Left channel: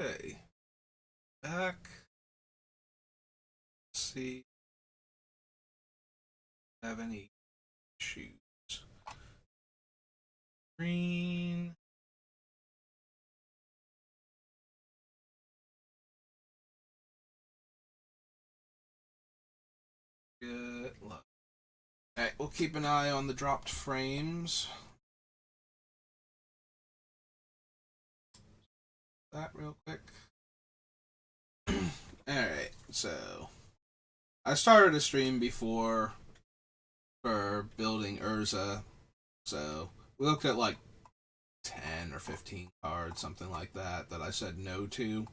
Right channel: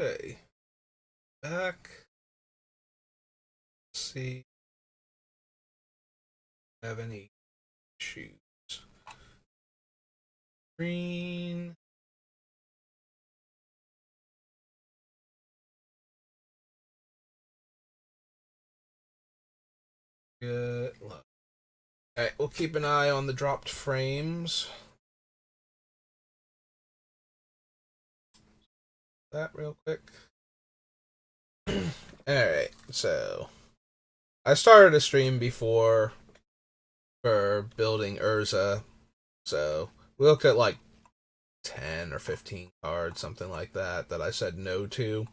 Okay, back. Let's see. Have any issues? Green. Good luck. Alright, we'll keep an eye on the dropped frames. That real quick. Alright, so I started a stream before for building Urza. So we looked at like 10 or 15 cards, something like that, that I said no to.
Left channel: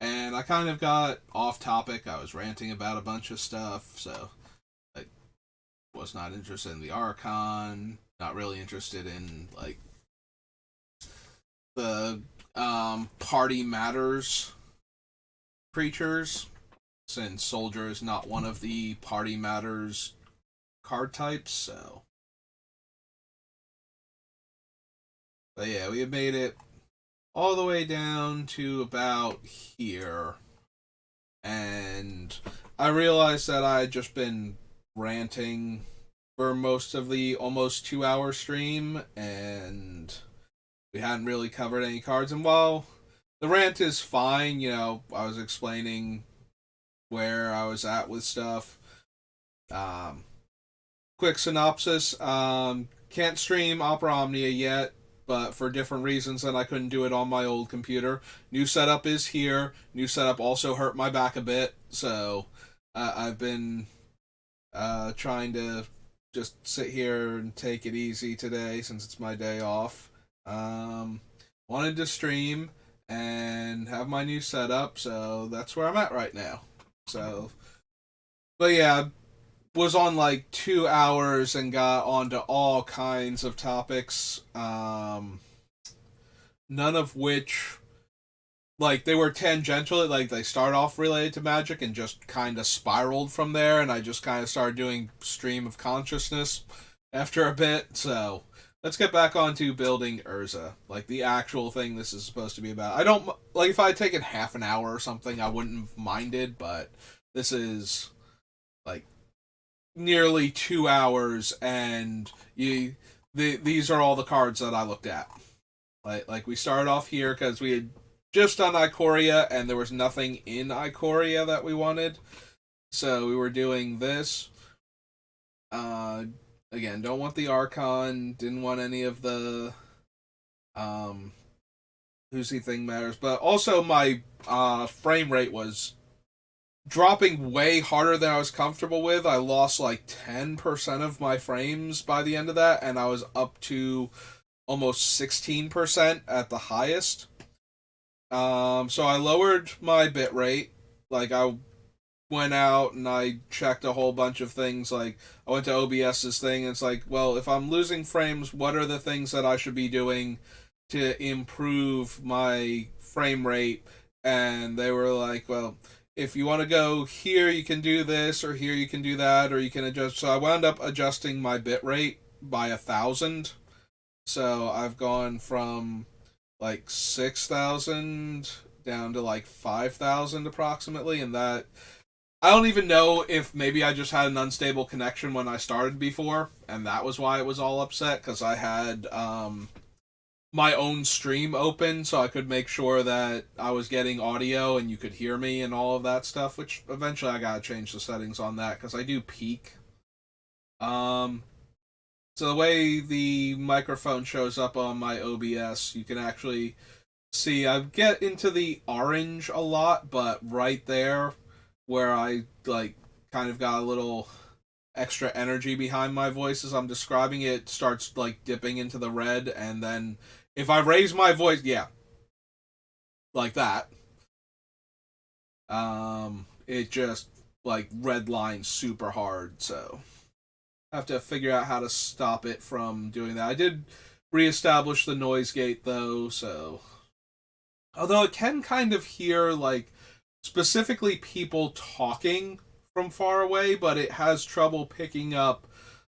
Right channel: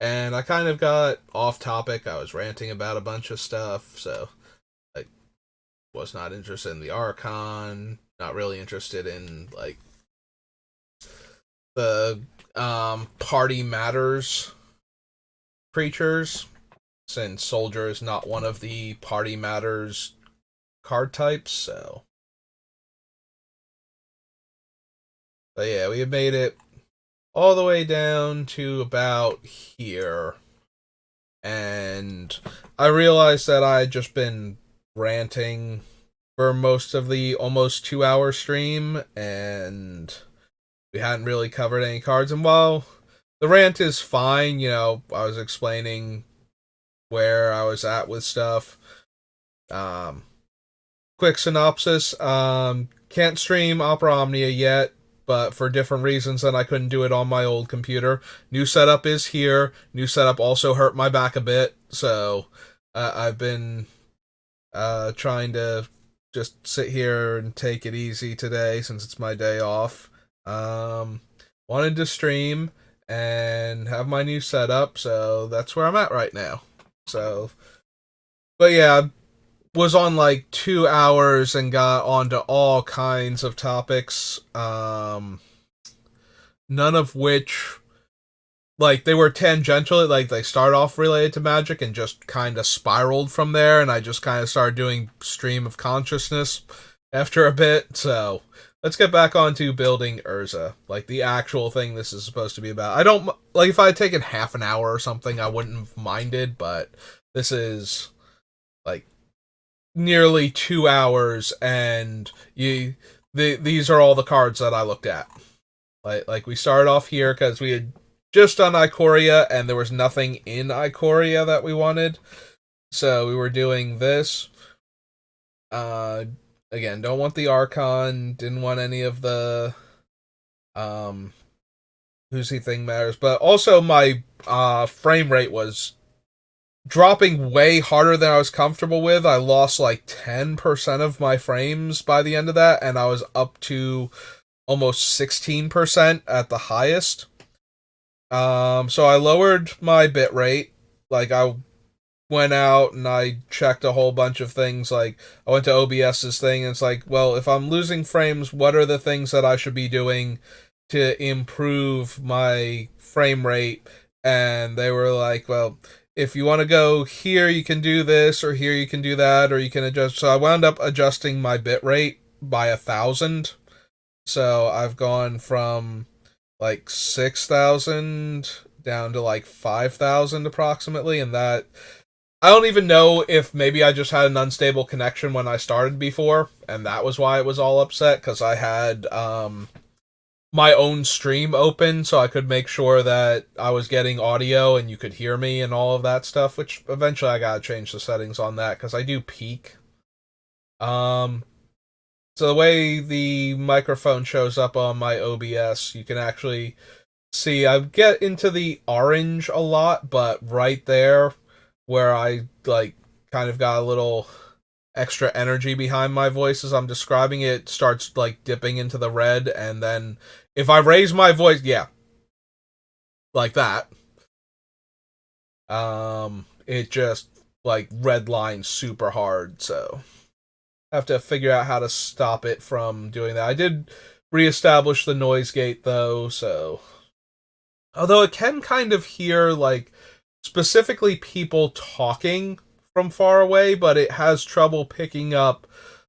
And I kind of got off topic. I was ranting about a bunch of stuff, so I was not interested in the Archon, not really interested in like the party matters creatures, since Soldier is not one of the party matters card types, so yeah, we have made it all the way down to about here. And I realized that I had just been ranting for most of the almost 2 hour stream, and we hadn't really covered any cards. And while the rant is fine, I was explaining where I was at with stuff. Um, Quick synopsis: can't stream Opera Omnia yet, but for different reasons than I couldn't do it on my old computer. New setup is here. New setup also hurt my back a bit, so I've been trying to just sit here and take it easy today since it's my day off. Um, Wanted to stream and have my new setup, so that's where I'm at right now. So, but yeah, was on like 2 hours and got onto all kinds of topics. None of which, like, they were tangential. Like, they start off related to magic and just kind of spiraled from there. And I just kind of started doing stream of consciousness after a bit. So let's get back onto building Urza, like the actual thing this is supposed to be about. I don't like if I had taken half an hour or something, I wouldn't have minded, but this is like nearly 2 hours, and these are all the cards that I looked at. Like we started off here because we had just done Ikoria, and there was nothing in Ikoria that we wanted, so we were doing this. Uh, Again, don't want the Archon, didn't want any of the um who's he thing matters, but also my frame rate was dropping way harder than I was comfortable with. I lost like 10% of my frames by the end of that, and I was up to almost 16% at the highest. So I lowered my bit rate. Like, I went out and I checked a whole bunch of things. Like, I went to OBS's thing, and it's like, well, if I'm losing frames, what are the things that I should be doing to improve my frame rate? And they were like, well, if you want to go here, you can do this, or here you can do that, or you can adjust. So I wound up adjusting my bit rate by 1,000. So I've gone from like 6,000 down to like 5,000 approximately, and that I don't even know if maybe I just had an unstable connection when I started before, and that was why it was all upset, because I had my own stream open so I could make sure that I was getting audio and you could hear me and all of that stuff, which eventually I gotta change the settings on that because I do peak. Um, so the way the microphone shows up on my OBS, you can actually see I get into the orange a lot, but right there where I like kind of got a little extra energy behind my voice as I'm describing it, starts like dipping into the red, and then if I raise my voice, yeah, like that, it just like red lines super hard, so I have to figure out how to stop it from doing that. I did reestablish the noise gate though, so although it can kind of hear like specifically people talking from far away, but it has trouble picking up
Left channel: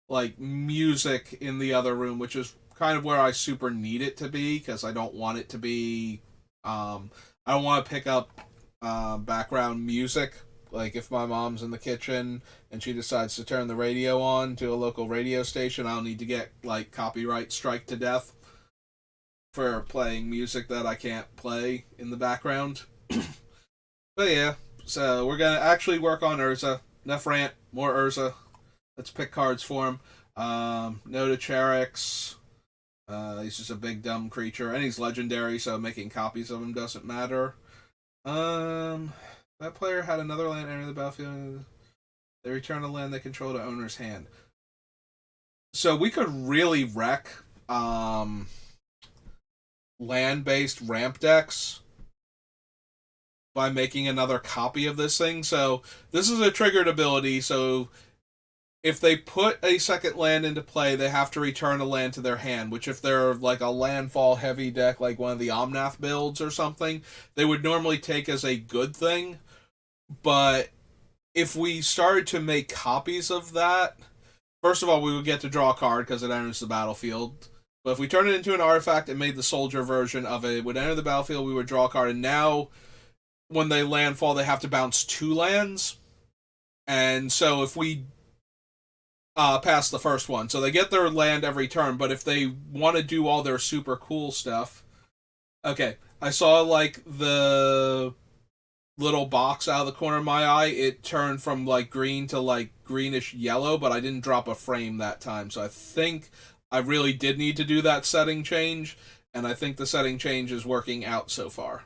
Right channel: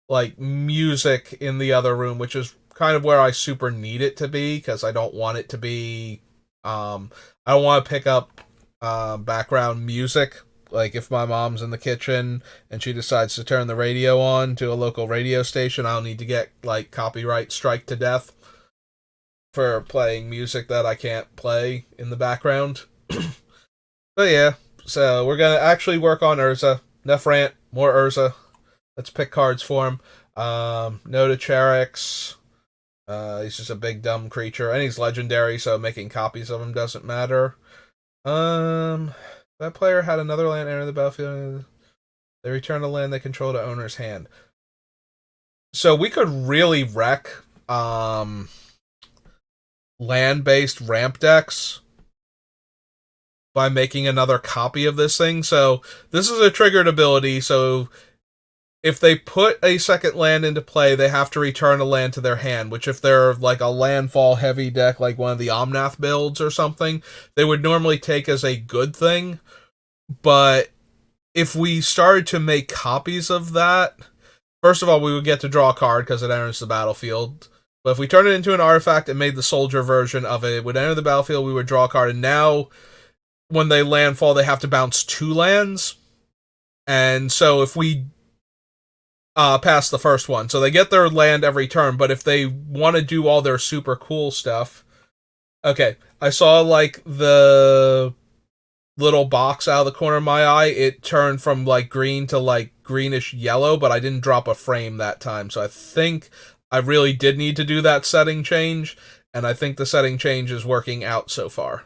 like music in the other room, which is kind of where I super need it to be because I don't want it to be I don't want to pick up background music. Like if my mom's in the kitchen and she decides to turn the radio on to a local radio station, I don't need to get like copyright strike to death for playing music that I can't play in the background. But yeah, so we're gonna actually work on Urza. Enough rant, more Urza. Let's pick cards for him. No to Charix. He's just a big dumb creature, and he's legendary, so making copies of him doesn't matter. Um, that player had another land enter the battlefield. They return a land they control to owner's hand. So we could really wreck land-based ramp decks by making another copy of this thing. So this is a triggered ability, so if they put a second land into play, they have to return a land to their hand, which if they're like a landfall heavy deck, like one of the Omnath builds or something, they would normally take as a good thing. But if we started to make copies of that, first of all, we would get to draw a card because it enters the battlefield. But if we turn it into an artifact and made the soldier version of it, it would enter the battlefield, we would draw a card, and now when they landfall, they have to bounce 2 lands. And so if we past the first one. So they get their land every turn, but if they want to do all their super cool stuff. Okay, I saw like the little box out of the corner of my eye. It turned from like green to like greenish yellow, but I didn't drop a frame that time. So I think I really did need to do that setting change, and I think the setting change is working out so far.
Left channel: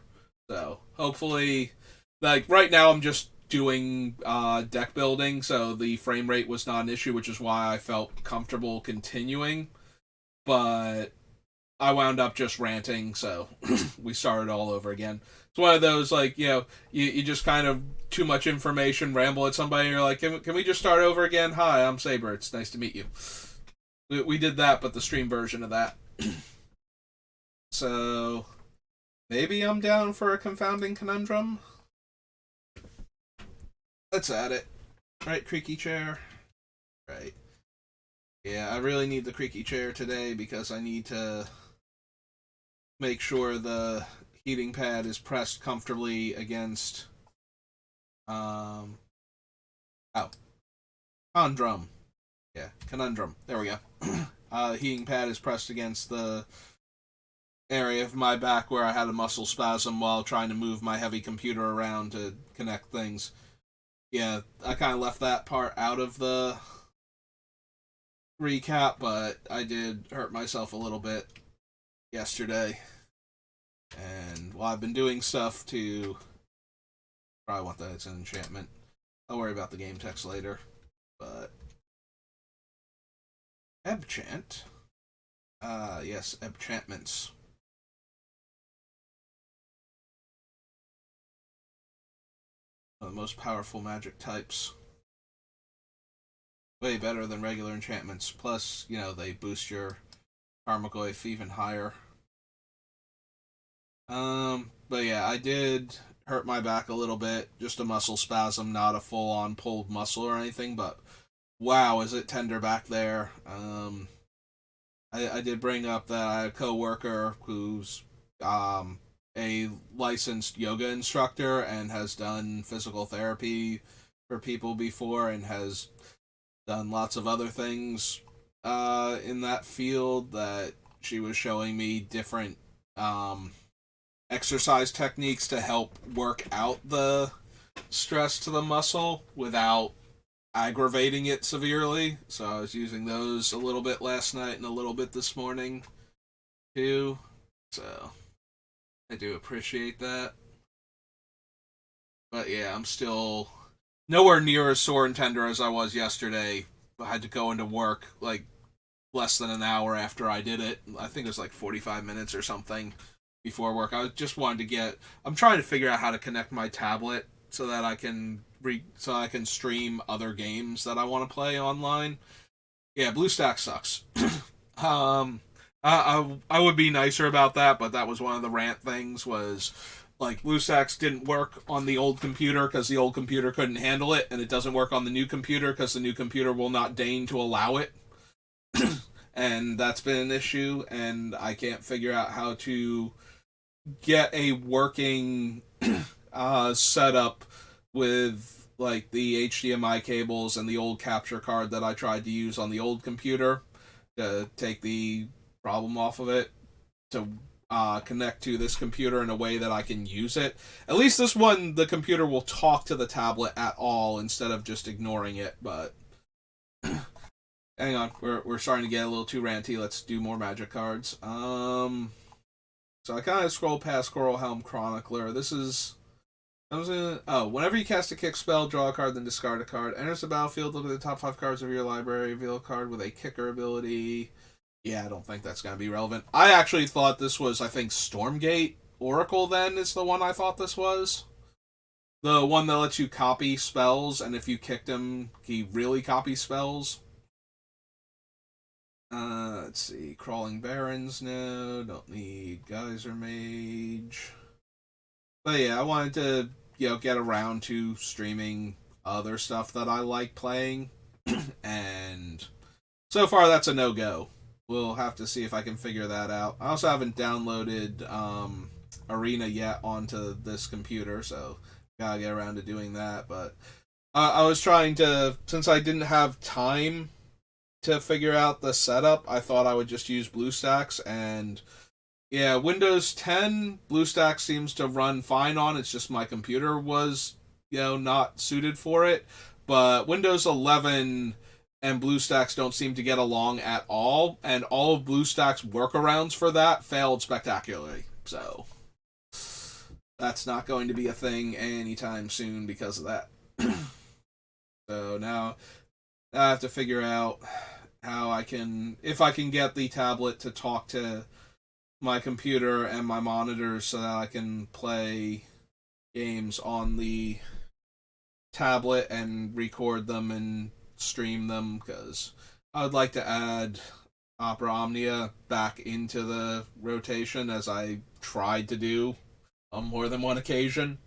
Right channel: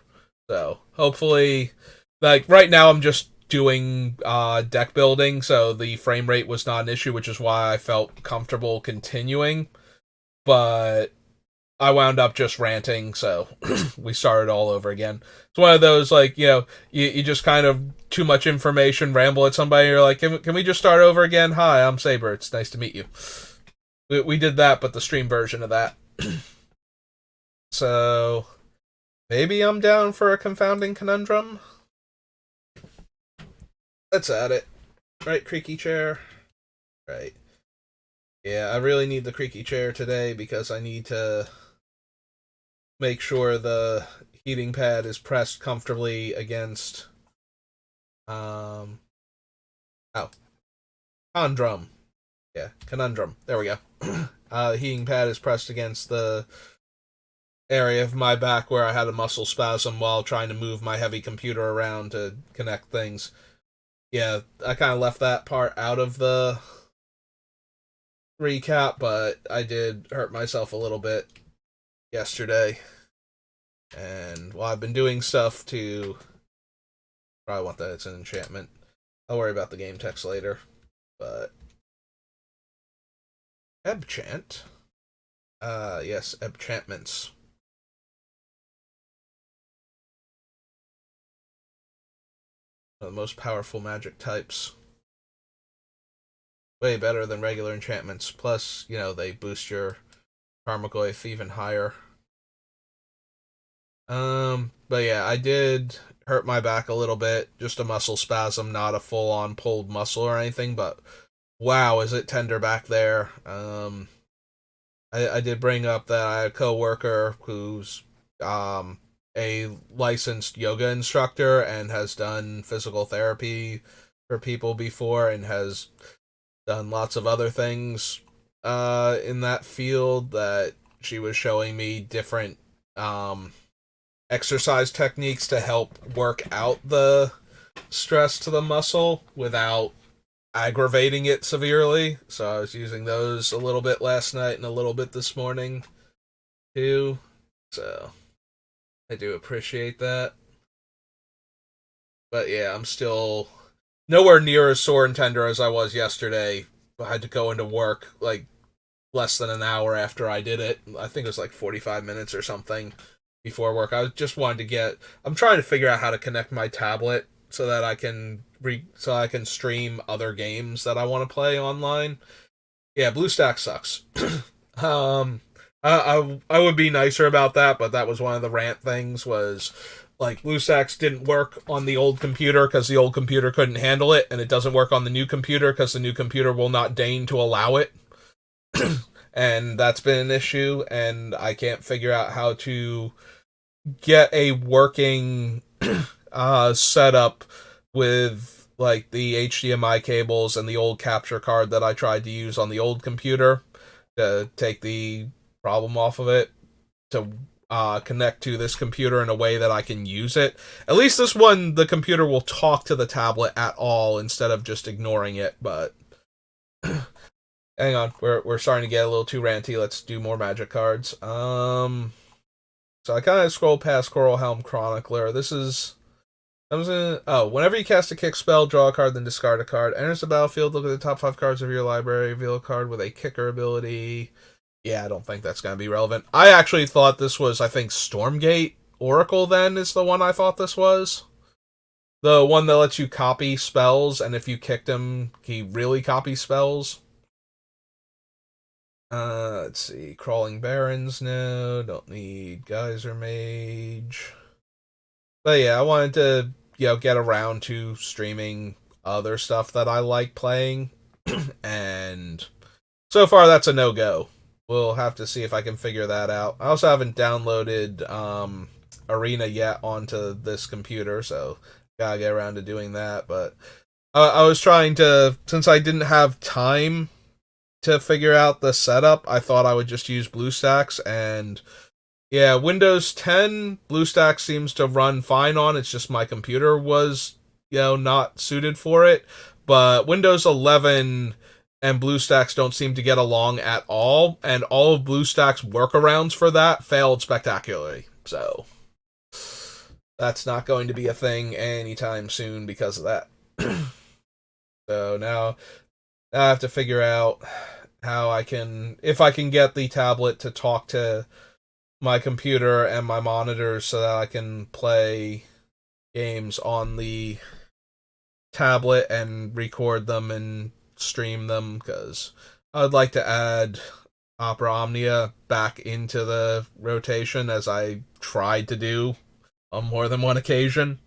So hopefully, like right now I'm just doing deck building, so the frame rate was not an issue, which is why I felt comfortable continuing. But I wound up just ranting, so we started all over again. It's one of those, like, you just kind of too much information, ramble at somebody, and you're like, can we just start over again? Hi, I'm Saber. It's nice to meet you. We did that, but the stream version of that. So, maybe I'm down for a confounding conundrum. Let's add it. Right, creaky chair. Right. Yeah, I really need the creaky chair today because I need to make sure the heating pad is pressed comfortably against oh, conundrum. Yeah, conundrum. There we go. The heating pad is pressed against the area of my back where I had a muscle spasm while trying to move my heavy computer around to connect things. Yeah, I kind of left that part out of the recap, but I did hurt myself a little bit yesterday. And while I've been doing stuff to probably want that as an enchantment. I'll worry about the game text later. But Ebchant. Yes, enchantments. One of the most powerful magic types. Way better than regular enchantments. Plus, they boost your Karmagoyf even higher. But yeah, I did hurt my back a little bit. Just a muscle spasm, not a full-on pulled muscle or anything, but wow, is it tender back there. I did bring up that I had a coworker who's a licensed yoga instructor and has done physical therapy for people before and has done lots of other things in that field, that she was showing me different exercise techniques to help work out the stress to the muscle without aggravating it severely. So I was using those a little bit last night and a little bit this morning too. So I do appreciate that. But yeah, I'm still nowhere near as sore and tender as I was yesterday. I had to go into work like less than an hour after I did it. I think it was like 45 minutes or something before work. I just wanted to I'm trying to figure out how to connect my tablet so that I can stream other games that I want to play online. Yeah, BlueStack sucks. I would be nicer about that, but that was one of the rant things, was like BlueStacks didn't work on the old computer because the old computer couldn't handle it, and it doesn't work on the new computer because the new computer will not deign to allow it. And that's been an issue, and I can't figure out how to get a working setup with like the HDMI cables and the old capture card that I tried to use on the old computer to take the problem off of it, to connect to this computer in a way that I can use it. At least this one, the computer will talk to the tablet at all instead of just ignoring it. But hang on, we're starting to get a little too ranty. Let's do more magic cards. So I kind of scrolled past Coral Helm Chronicler. This is whenever you cast a kick spell, draw a card, then discard a card. Enters the battlefield, look at the top 5 cards of your library, reveal a card with a kicker ability. Yeah, I don't think that's going to be relevant. I actually thought this was, I think, Stormgate Oracle then is the one I thought this was. The one that lets you copy spells, and if you kicked him, he really copies spells. Let's see. Crawling Barrens, no. Don't need Geyser Mage. But yeah, I wanted to, get around to streaming other stuff that I like playing. And so far, that's a no-go. We'll have to see if I can figure that out. I also haven't downloaded Arena yet onto this computer, so gotta get around to doing that. But I was trying to, since I didn't have time to figure out the setup, I thought I would just use BlueStacks, and yeah, Windows 10 BlueStacks seems to run fine on. It's just my computer was, not suited for it. But Windows 11 and BlueStacks don't seem to get along at all, and all of BlueStacks' workarounds for that failed spectacularly. So that's not going to be a thing anytime soon because of that. So now I have to figure out how if I can get the tablet to talk to my computer and my monitors so that I can play games on the tablet and record them and stream them, because I would like to add Opera Omnia back into the rotation, as I tried to do on more than one occasion.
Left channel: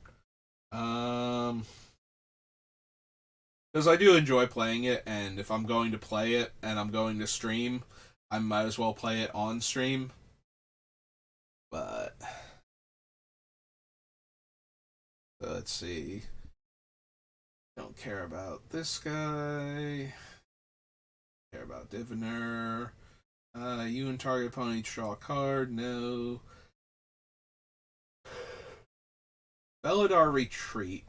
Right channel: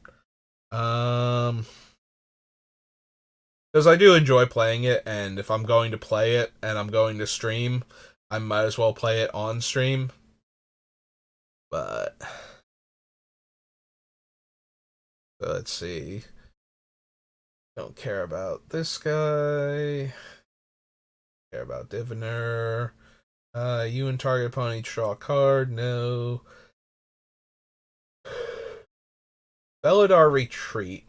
Because I do enjoy playing it, and if I'm going to play it and I'm going to stream, I might as well play it on stream. But let's see. Don't care about this guy. Care about Diviner. You and target opponent each draw a card. No. Belladar Retreat.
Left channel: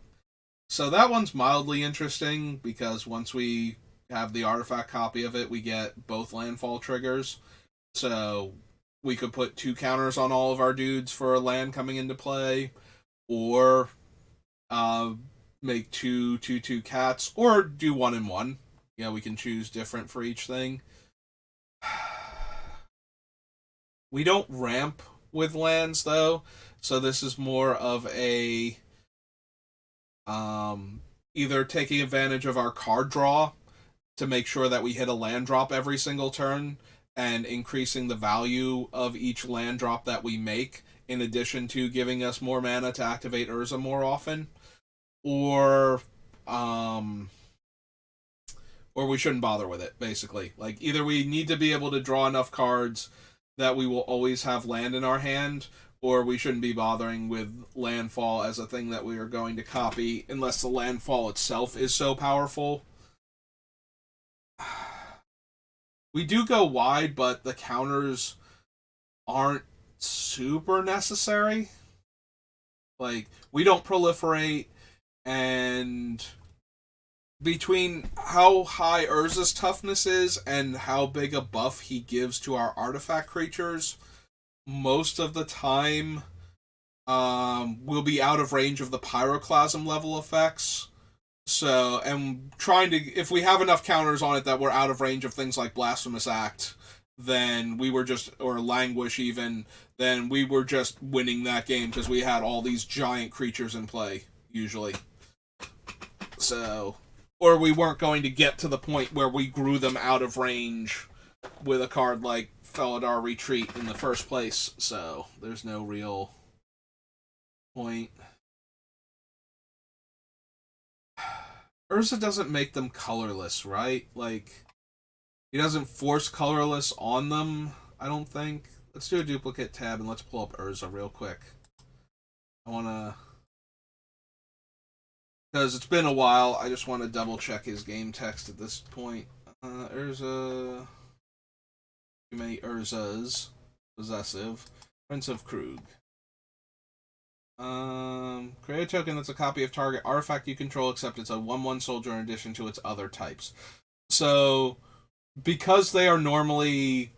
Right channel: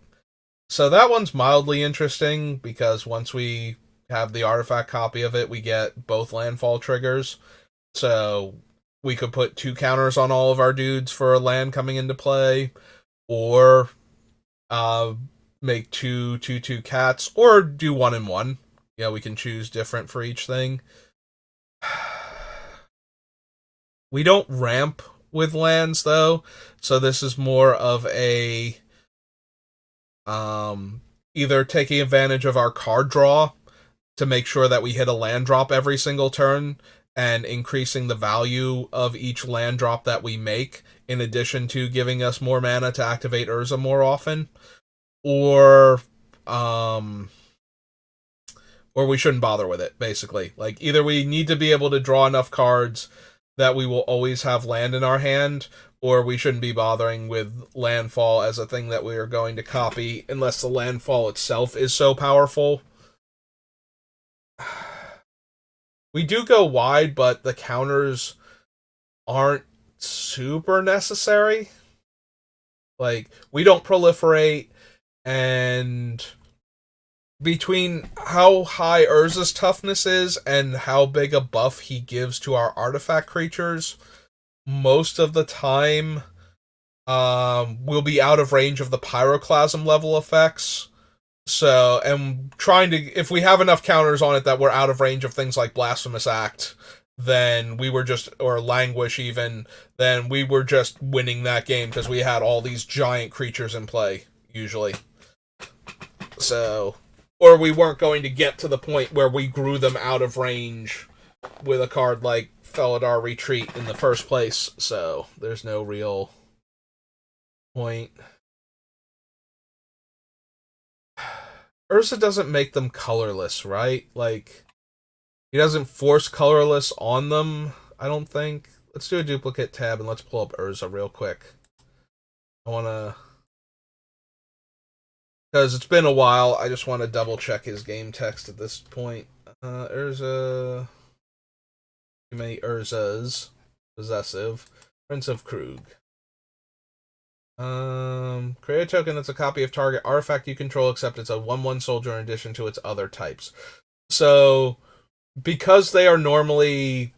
So that one's mildly interesting because once we have the artifact copy of it, we get both landfall triggers. So we could put 2 counters on all of our dudes for a land coming into play, or make 2/2/2 cats, or do 1 and 1. We can choose different for each thing. We don't ramp with lands though, so this is more of a either taking advantage of our card draw to make sure that we hit a land drop every single turn, and increasing the value of each land drop that we make, in addition to giving us more mana to activate Urza more often, or we shouldn't bother with it, basically. Like, either we need to be able to draw enough cards that we will always have land in our hand, or we shouldn't be bothering with landfall as a thing that we are going to copy unless the landfall itself is so powerful. We do go wide, but the counters aren't super necessary. Like, we don't proliferate, and between how high Urza's toughness is and how big a buff he gives to our artifact creatures, most of the time we'll be out of range of the pyroclasm level effects. So, and trying to, if we have enough counters on it that we're out of range of things like Blasphemous Act, then we were just, or Languish even, then we were just winning that game because we had all these giant creatures in play, usually. So, or we weren't going to get to the point where we grew them out of range with a card like Felidar Retreat in the first place, so there's no real point. Urza doesn't make them colorless, right? Like, he doesn't force colorless on them, I don't think. let's do a duplicate tab and let's pull up Urza real quick. I want to, because it's been a while. I just want to double check his game text at this point. Urza, too many Urzas. Possessive. Prince of Krug. Create a token that's a copy of target artifact you control, except it's a 1/1 soldier in addition to its other types. So, because they are normally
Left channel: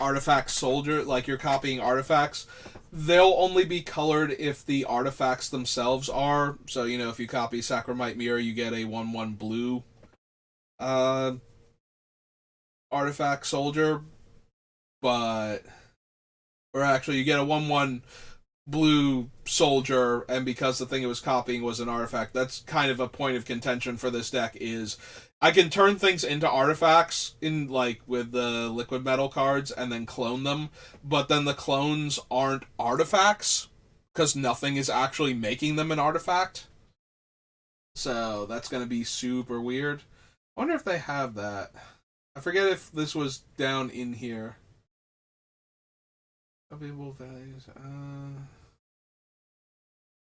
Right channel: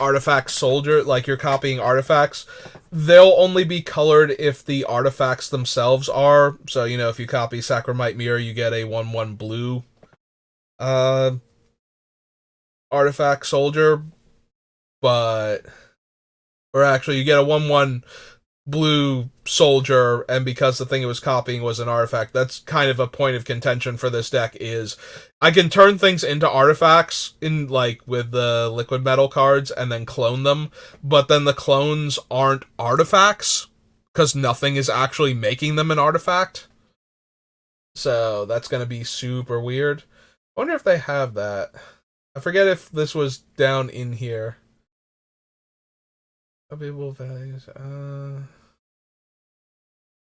artifact soldier, like you're copying artifacts, they'll only be colored if the artifacts themselves are. So, you know, if you copy Sacramite Mirror, you get a 1/1 blue uh, artifact soldier, but. Or actually, you get a 1/1 blue soldier, and because the thing it was copying was an artifact, that's kind of a point of contention for this deck. Is I can turn things into artifacts in like with the liquid metal cards and then clone them, but then the clones aren't artifacts because nothing is actually making them an artifact. So that's gonna be super weird. I wonder if they have that. I forget if this was down in here. Available values.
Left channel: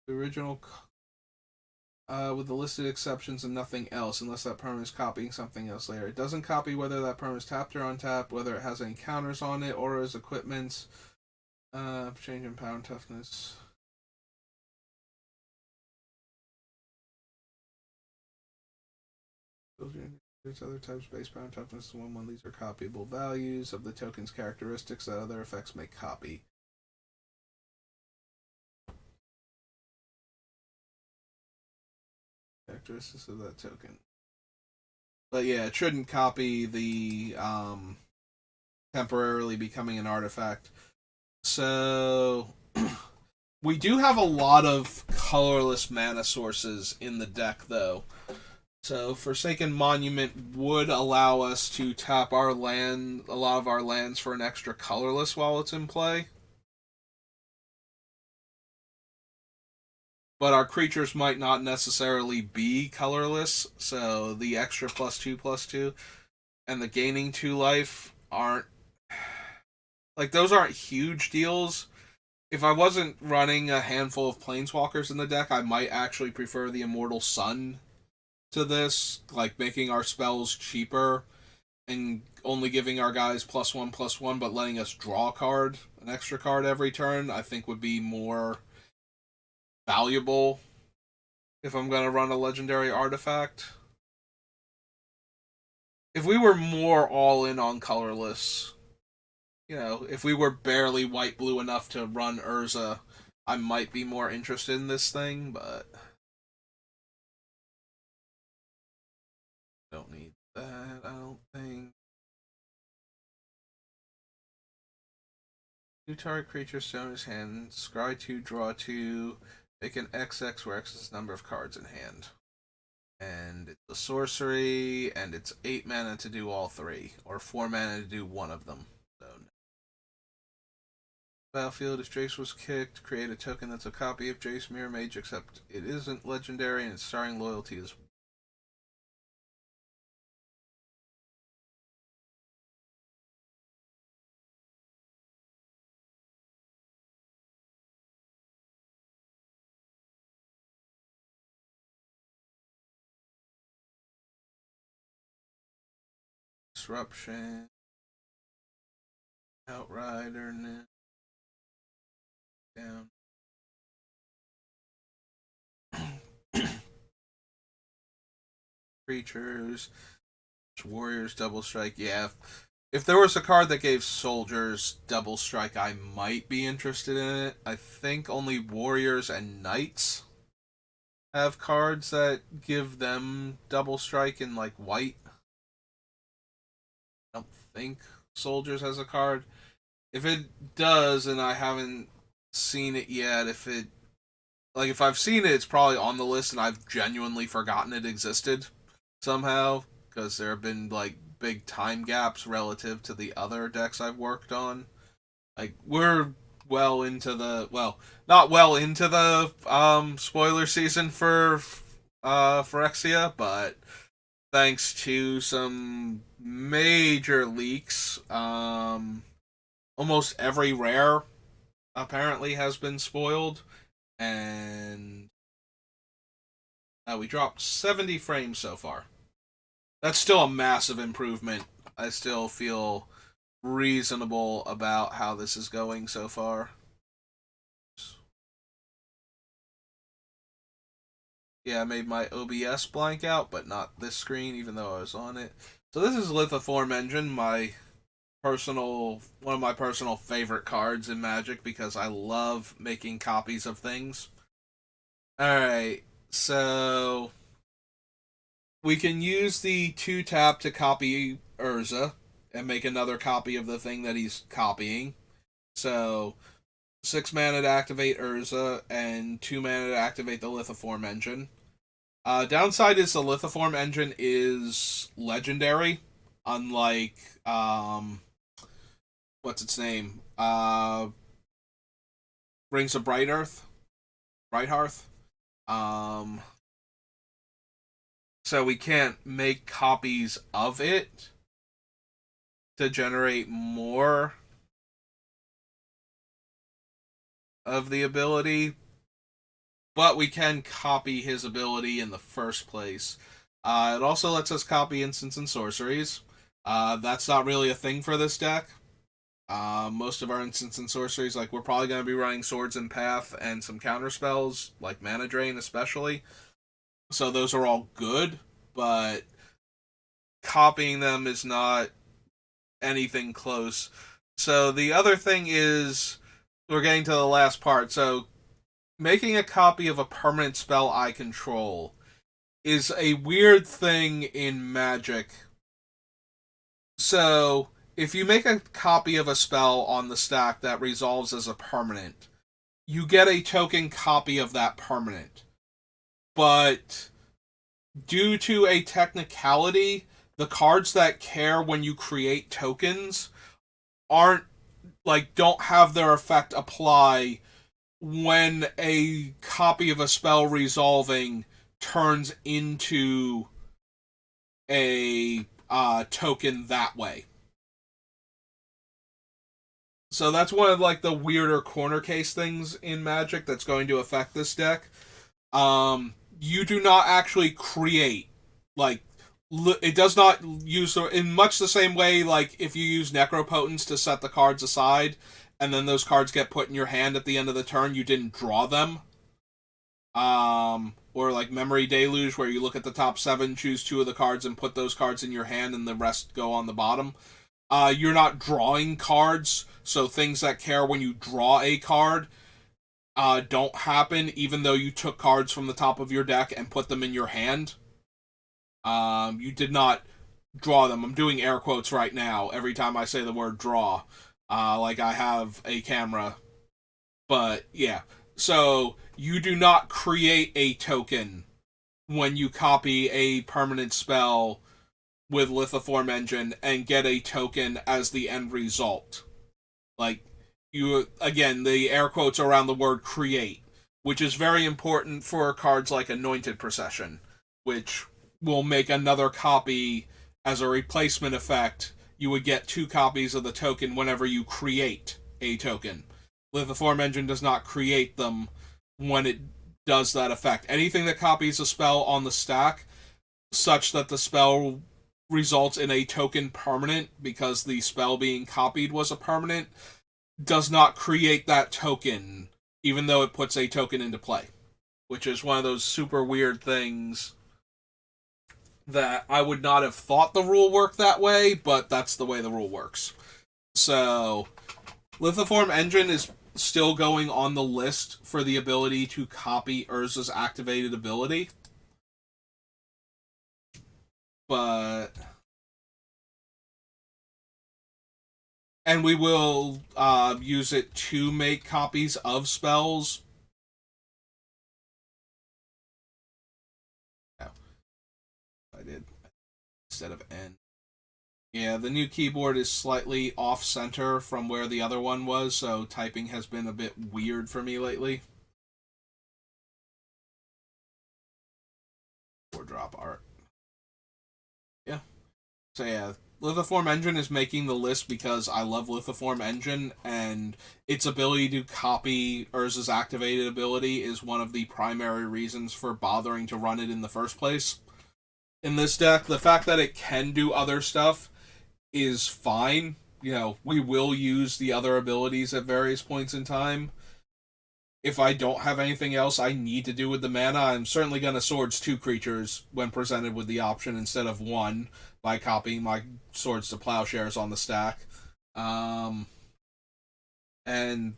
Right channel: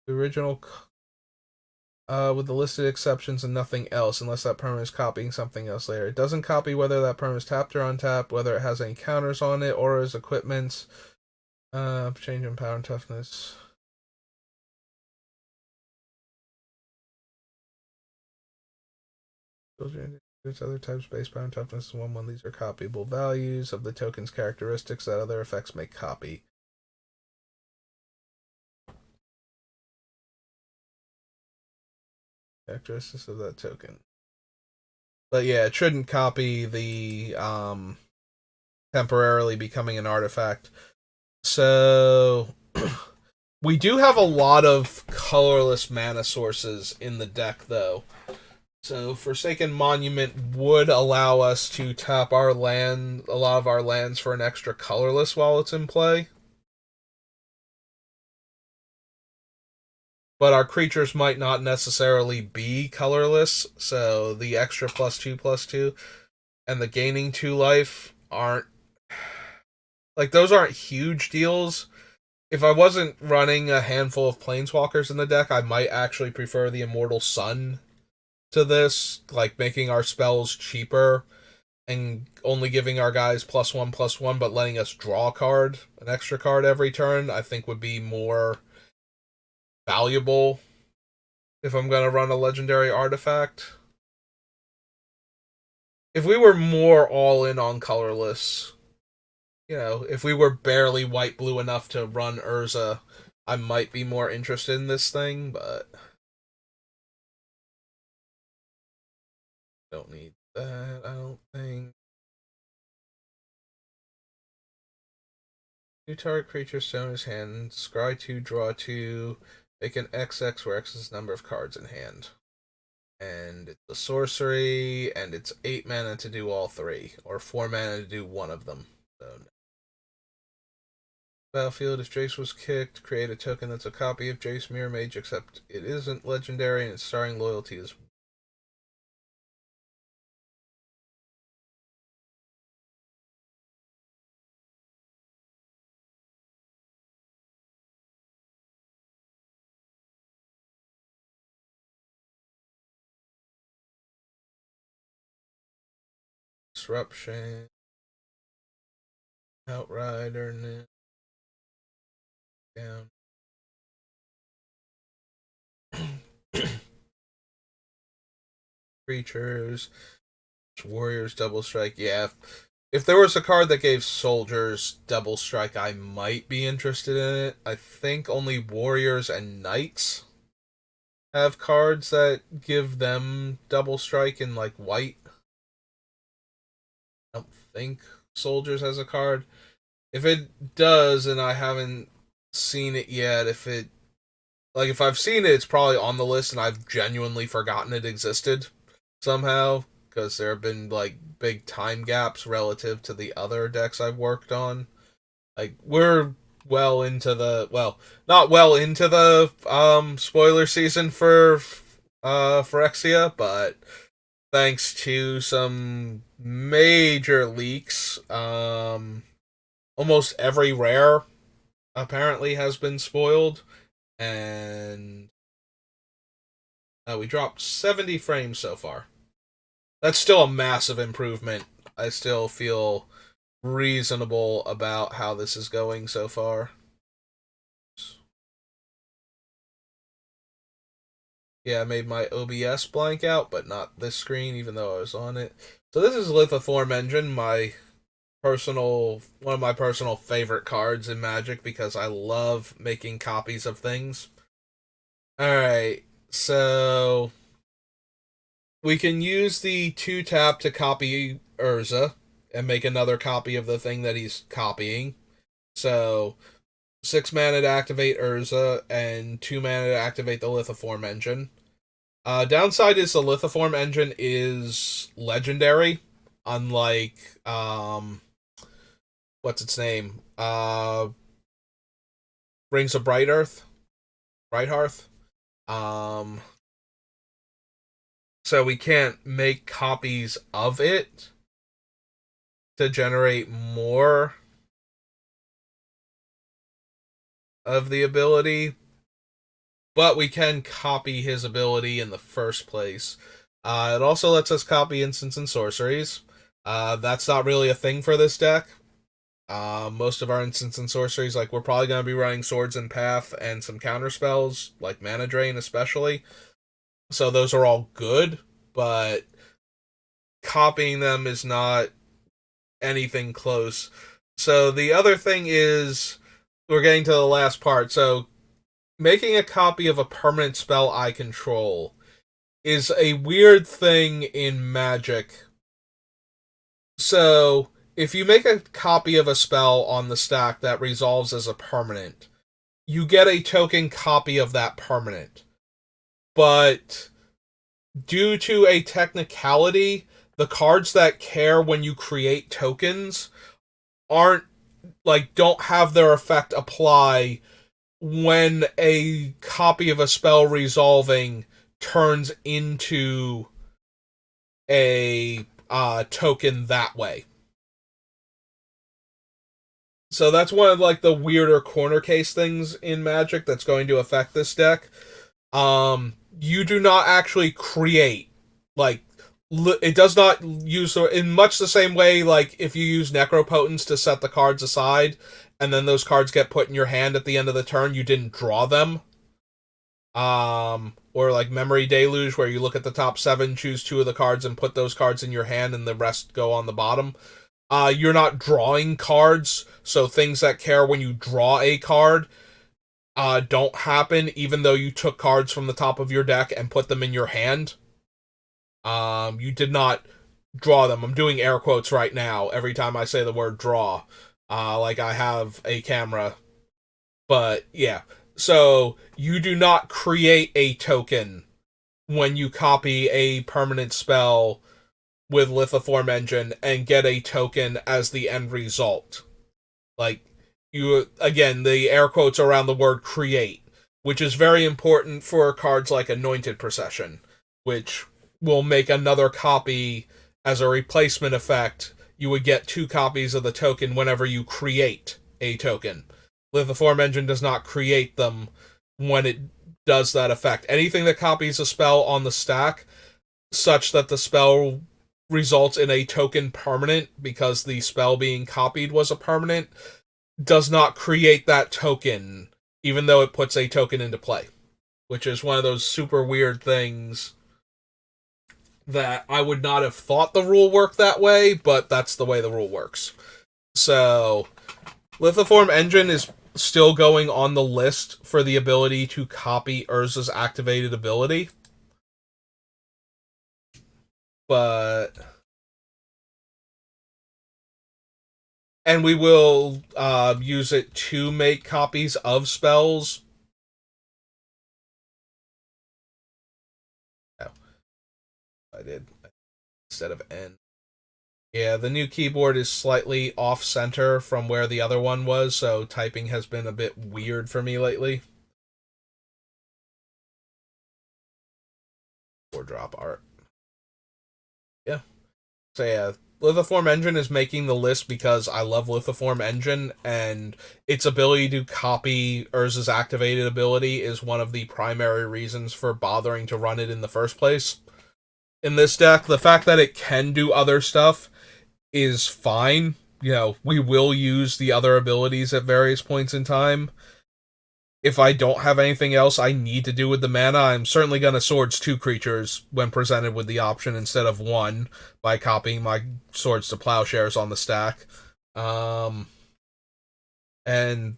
The original with the listed exceptions and nothing else, unless that permanent is copying something else later. It doesn't copy whether that permanent is tapped or untapped, whether it has any counters on it, or as equipment. Change in power and toughness. There's other types based power and toughness. 1/1. These are copyable values of the token's characteristics that other effects may copy. Characteristics of that token. But yeah, it shouldn't copy the temporarily becoming an artifact. So we do have a lot of colorless mana sources in the deck, though. So Forsaken Monument would allow us to tap a lot of our lands for an extra colorless while it's in play. But our creatures might not necessarily be colorless, so the extra +2/+2 and the gaining 2 life aren't like those aren't huge deals. If I wasn't running a handful of planeswalkers in the deck, I might actually prefer the Immortal Sun to this, like making our spells cheaper and only giving our guys +1/+1, but letting us draw a card, an extra card every turn, I think would be more valuable if I'm going to run a legendary artifact. If we were more all in on colorless, you know, if we were barely white blue enough to run Urza, I might be more interested in this thing, but don't need that, I don't think. Two target creature stone in his hand, scry 2, draw 2, make an XX where X is the number of cards in hand. And it's a sorcery, and it's 8 mana to do all 3, or 4 mana to do one of them. So, battlefield, if Jace was kicked, create a token that's a copy of Jace Mirror Mage, except it isn't legendary and its starting loyalty is disruption, outrider, down. Creatures, warriors, double strike. Yeah, if there was a card that gave soldiers double strike, I might be interested in it. I think only warriors and knights have cards that give them double strike in like white. I don't think soldiers has a card. If it does, and I haven't seen it yet, if I've seen it, it's probably on the list, and I've genuinely forgotten it existed somehow because there have been like big time gaps relative to the other decks I've worked on. Like we're not well into the spoiler season for Phyrexia, but thanks to some major leaks almost every rare apparently has been spoiled, and we dropped 70 frames so far. That's still a massive improvement. I still feel reasonable about how this is going so far. Yeah, I made my OBS blank out, but not this screen, even though I was on it. So this is Lithoform Engine, one of my personal favorite cards in Magic because I love making copies of things. Alright, so we can use the 2-tap to copy Urza and make another copy of the thing that he's copying. So 6 mana to activate Urza and 2 mana to activate the Lithoform Engine. Downside is the Lithoform Engine is legendary, unlike what's its name? Rings of Bright Hearth. Um, so we can't make copies of it to generate more of the ability, but we can copy his ability in the first place. It also lets us copy instants and sorceries. That's not really a thing for this deck. Most of our instants and sorceries, like we're probably going to be running Swords and Path and some counter spells, like Mana Drain especially. So those are all good, but copying them is not anything close. So the other thing is, we're getting to the last part. So making a copy of a permanent spell I control is a weird thing in Magic. So if you make a copy of a spell on the stack that resolves as a permanent, you get a token copy of that permanent. But due to a technicality, the cards that care when you create tokens aren't don't have their effect apply when a copy of a spell resolving turns into a token that way. So that's one of the weirder corner case things in Magic that's going to affect this deck. You do not actually create like it does not use in much the same way like if you use Necropotence to set the cards aside and then those cards get put in your hand at the end of the turn, you didn't draw them. Or like Memory Deluge, where you look at the top 7, choose 2 of the cards, and put those cards in your hand, and the rest go on the bottom. You're not drawing cards, so things that care when you draw a card don't happen, even though you took cards from the top of your deck and put them in your hand. You did not draw them. I'm doing air quotes right now every time I say the word draw. Like I have a camera. But yeah. So you do not create a token when you copy a permanent spell with Lithoform Engine and get a token as the end result. Like, you, again, the air quotes around the word create, which is very important for cards like Anointed Procession, which will make another copy as a replacement effect. You would get 2 copies of the token whenever you create a token. Lithoform Engine does not create them when it does that effect. Anything that copies a spell on the stack, such that the spell results in a token permanent because the spell being copied was a permanent, does not create that token, even though it puts a token into play. Which is one of those super weird things that I would not have thought the rule worked that way, but that's the way the rule works. So, Lithoform Engine is still going on the list for the ability to copy Urza's activated ability. But and we will use it to make copies of spells. Oh, I did instead of N. Yeah, the new keyboard is slightly off center from where the other one was, so typing has been a bit weird for me lately. Or drop art. Yeah. So yeah, Lithiform Engine is making the list because I love Lithiform Engine, and its ability to copy Urza's activated ability is one of the primary reasons for bothering to run it in the first place. In this deck, the fact that it can do other stuff is fine. We will use the other abilities at various points in time. If I don't have anything else I need to do with the mana, I'm certainly going to Swords 2 creatures when presented with the option instead of 1 by copying my Swords to Plowshares on the stack. And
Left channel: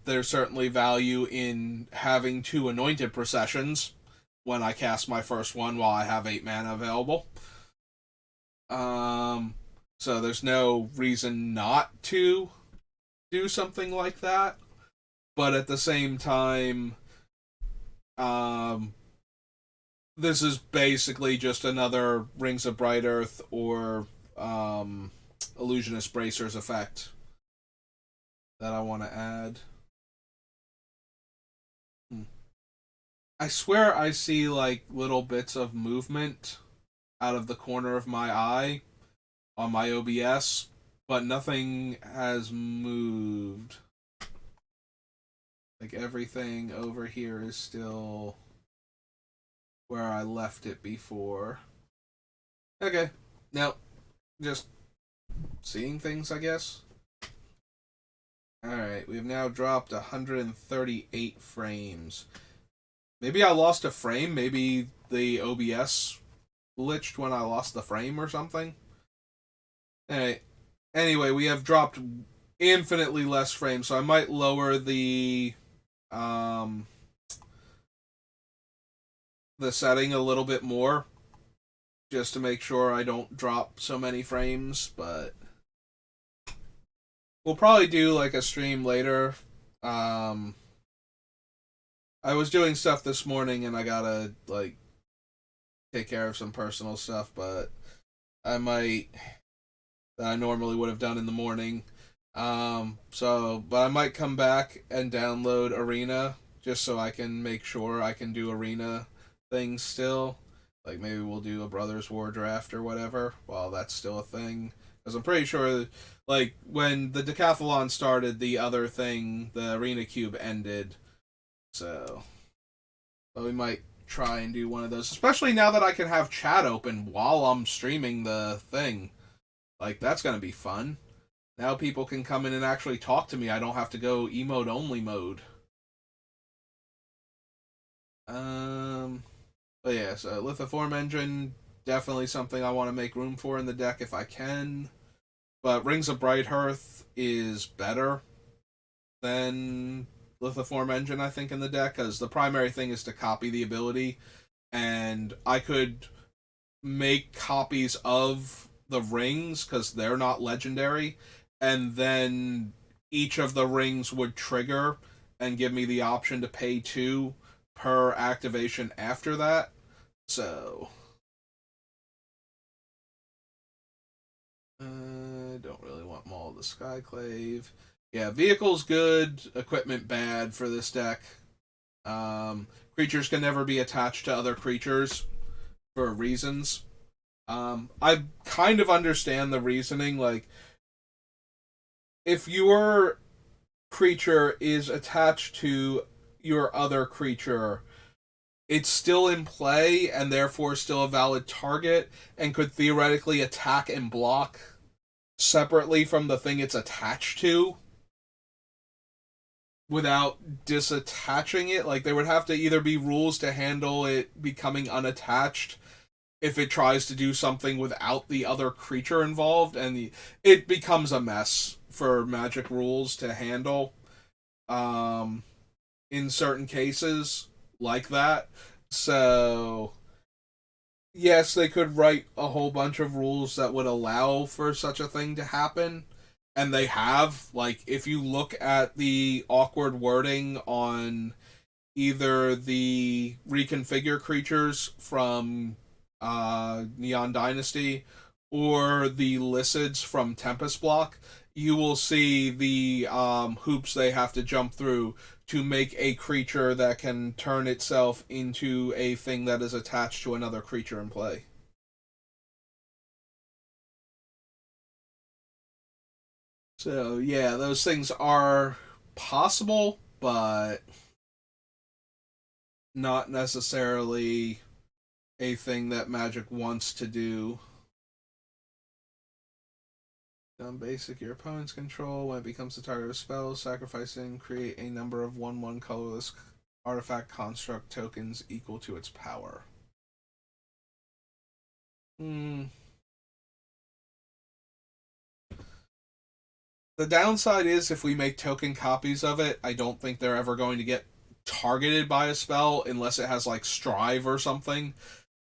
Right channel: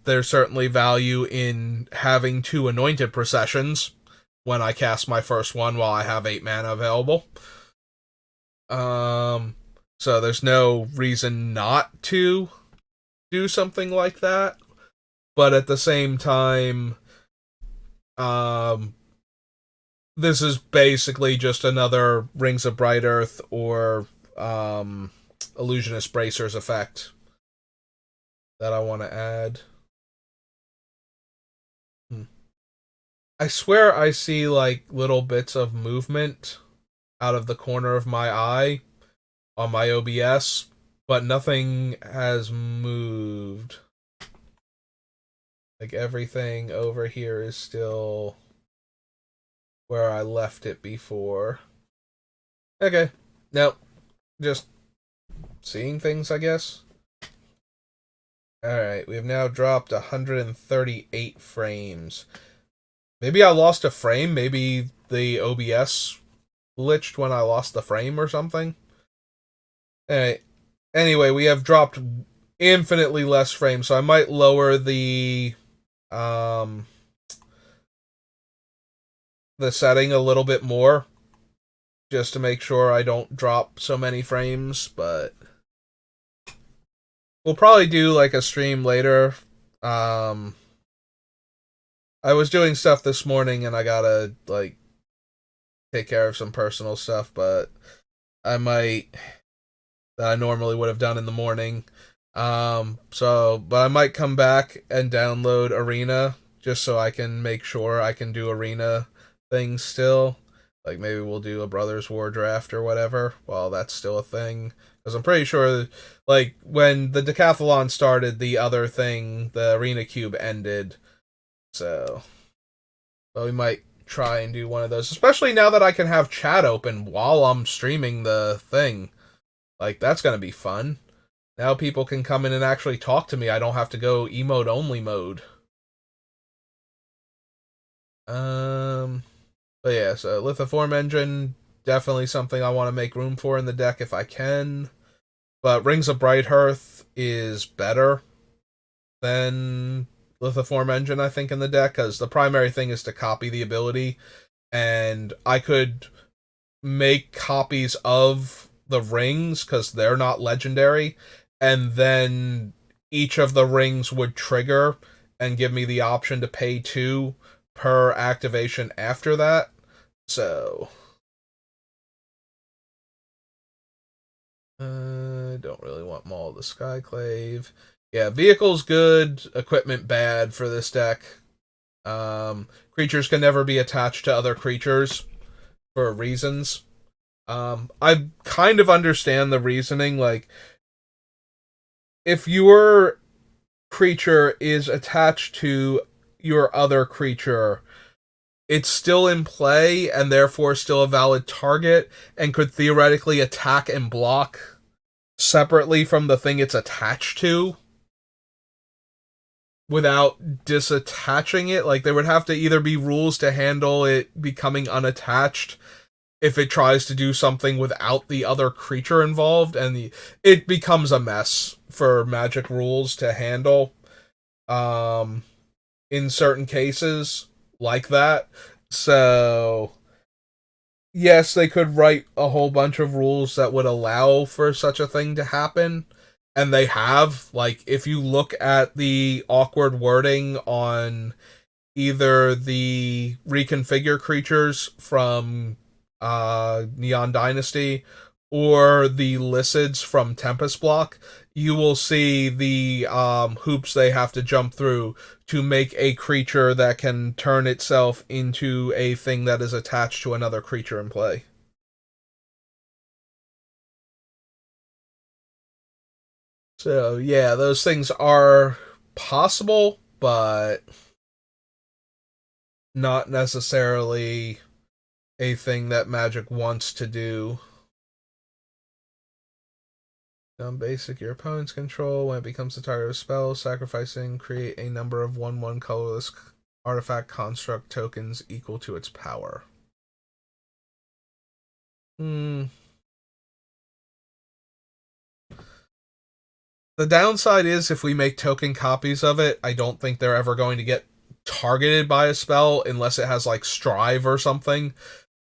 there's certainly value in having 2 Anointed Processions when I cast my first one while I have 8 mana available. So there's no reason not to do something like that. But at the same time, this is basically just another Rings of Bright Earth or Illusionist Bracers effect that I want to add. I swear I see like little bits of movement out of the corner of my eye on my OBS, but nothing has moved. Like everything over here is still where I left it before. Okay. Nope. Just seeing things, I guess. Alright, we've now dropped 138 frames. Maybe I lost a frame. Maybe the OBS glitched when I lost the frame or something. Alright. Anyway, we have dropped infinitely less frames, so I might lower the setting a little bit more just to make sure I don't drop so many frames, but we'll probably do like a stream later. I was doing stuff this morning and I gotta like take care of some personal stuff, but I normally would have done in the morning. But I might come back and download Arena just so I can make sure I can do Arena things still. Like maybe we'll do a Brothers War draft or whatever while that's still a thing. Because I'm pretty sure, like, when the Decathlon started, the other thing, the Arena Cube, ended. So, but we might try and do one of those. Especially now that I can have chat open while I'm streaming the thing. Like, that's going to be fun. Now people can come in and actually talk to me. I don't have to go emote only mode. But yeah, so Lithiform Engine, definitely something I want to make room for in the deck if I can. But Rings of Bright Hearth is better than Lithiform Engine, I think, in the deck, because the primary thing is to copy the ability, and I could make copies of the rings, because they're not legendary, and then each of the rings would trigger and give me the option to pay 2 per activation after that. So don't really want Maul of the Skyclave. Yeah, vehicle's good, equipment bad for this deck. Creatures can never be attached to other creatures for reasons. I kind of understand the reasoning. Like, if your creature is attached to your other creature, it's still in play and therefore still a valid target and could theoretically attack and block separately from the thing it's attached to without disattaching it. Like, there would have to either be rules to handle it becoming unattached if it tries to do something without the other creature involved, and it becomes a mess for Magic rules to handle in certain cases like that. So yes, they could write a whole bunch of rules that would allow for such a thing to happen, and they have. Like, if you look at the awkward wording on either the reconfigure creatures from Neon Dynasty or the Lycids from Tempest Block, you will see the hoops they have to jump through to make a creature that can turn itself into a thing that is attached to another creature in play. So yeah, those things are possible, but not necessarily a thing that Magic wants to do. Basic, your opponent's control. When it becomes the target of a spell, sacrificing, create a number of 1/1 colorless artifact construct tokens equal to its power. Hmm. The downside is if we make token copies of it, I don't think they're ever going to get targeted by a spell unless it has like Strive or something.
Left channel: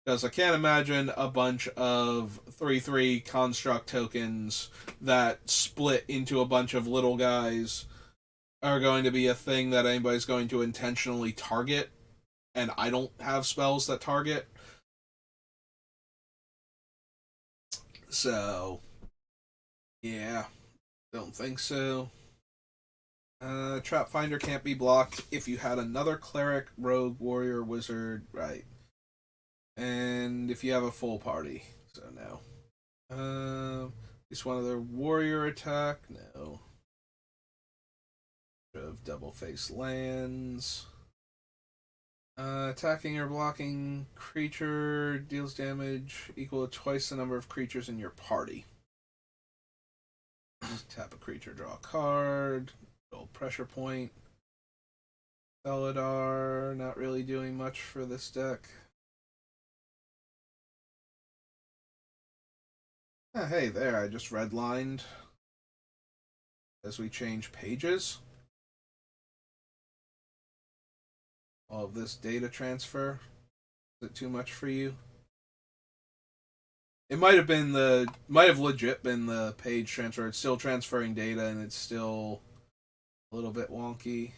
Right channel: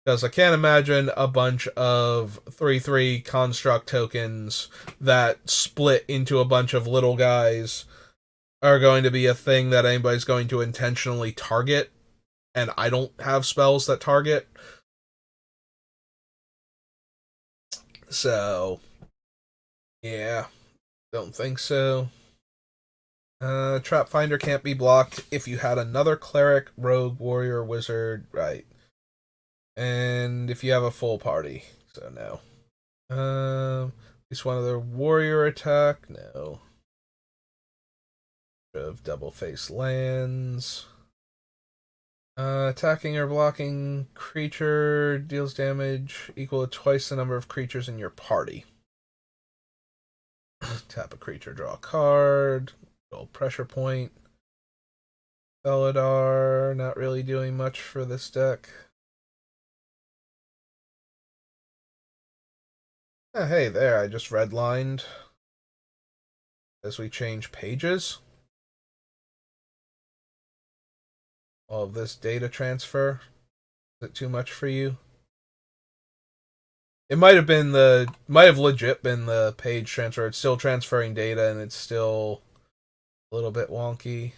Because I can't imagine a bunch of 3/3 construct tokens that split into a bunch of little guys are going to be a thing that anybody's going to intentionally target. And I don't have spells that target. So, yeah, don't think so. Trap Finder can't be blocked if you had another cleric, rogue, warrior, wizard, right? And if you have a full party, so no. At least one other warrior attack, no. Of double face lands. Attacking or blocking creature deals damage equal to twice the number of creatures in your party. Tap a creature, draw a card. Roll pressure point. Felidar, not really doing much for this deck. Hey, there, I just redlined as we change pages. All of this data transfer. Is it too much for you? It might have legit been the page transfer. It's still transferring data and it's still a little bit wonky.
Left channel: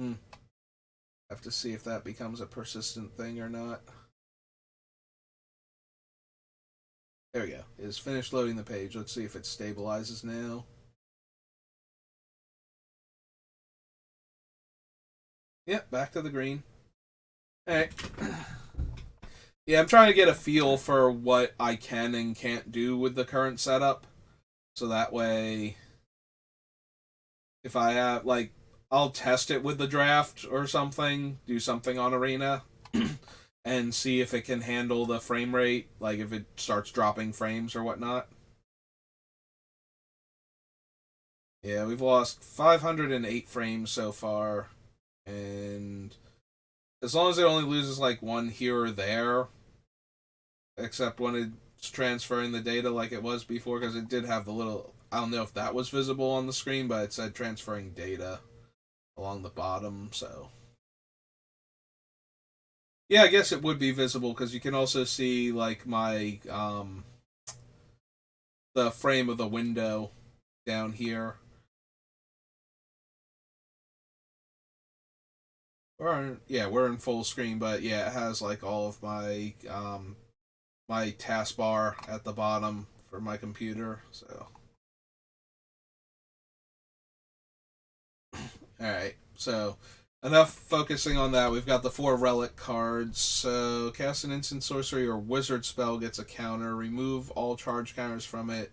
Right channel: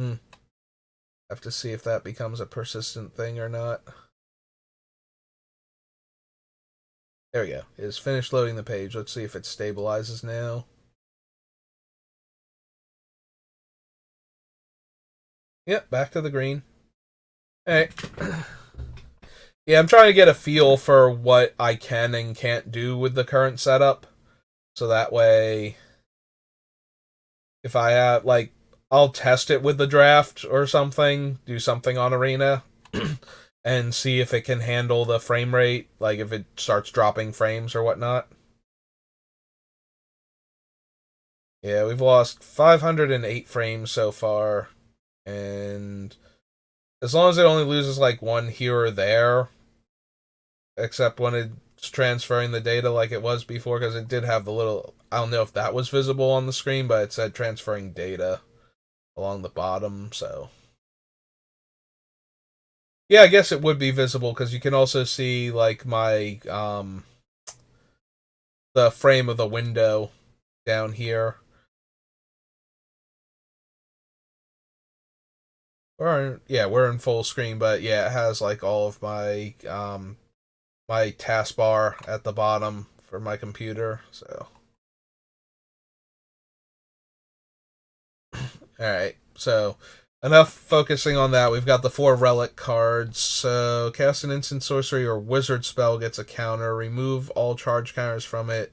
Have to see if that becomes a persistent thing or not. There we go. It is finished loading the page. Let's see if it stabilizes now. Yep, back to the green. Alright. Yeah, I'm trying to get a feel for what I can and can't do with the current setup. So that way, if I have, like, I'll test it with the draft or something, do something on Arena, and see if it can handle the frame rate, like if it starts dropping frames or whatnot. Yeah, we've lost 508 frames so far, and as long as it only loses like one here or there, except when it's transferring the data like it was before, because it did have the little, I don't know if that was visible on the screen, but it said transferring data along the bottom, so. Yeah, I guess it would be visible, because you can also see like my, the frame of the window down here. We're in full screen, but yeah, it has like all of my my taskbar at the bottom for my computer. So, all right. So, enough focusing on that. We've got the 4 relic cards. So, cast an instant sorcery or wizard spell gets a counter. Remove all charge counters from it.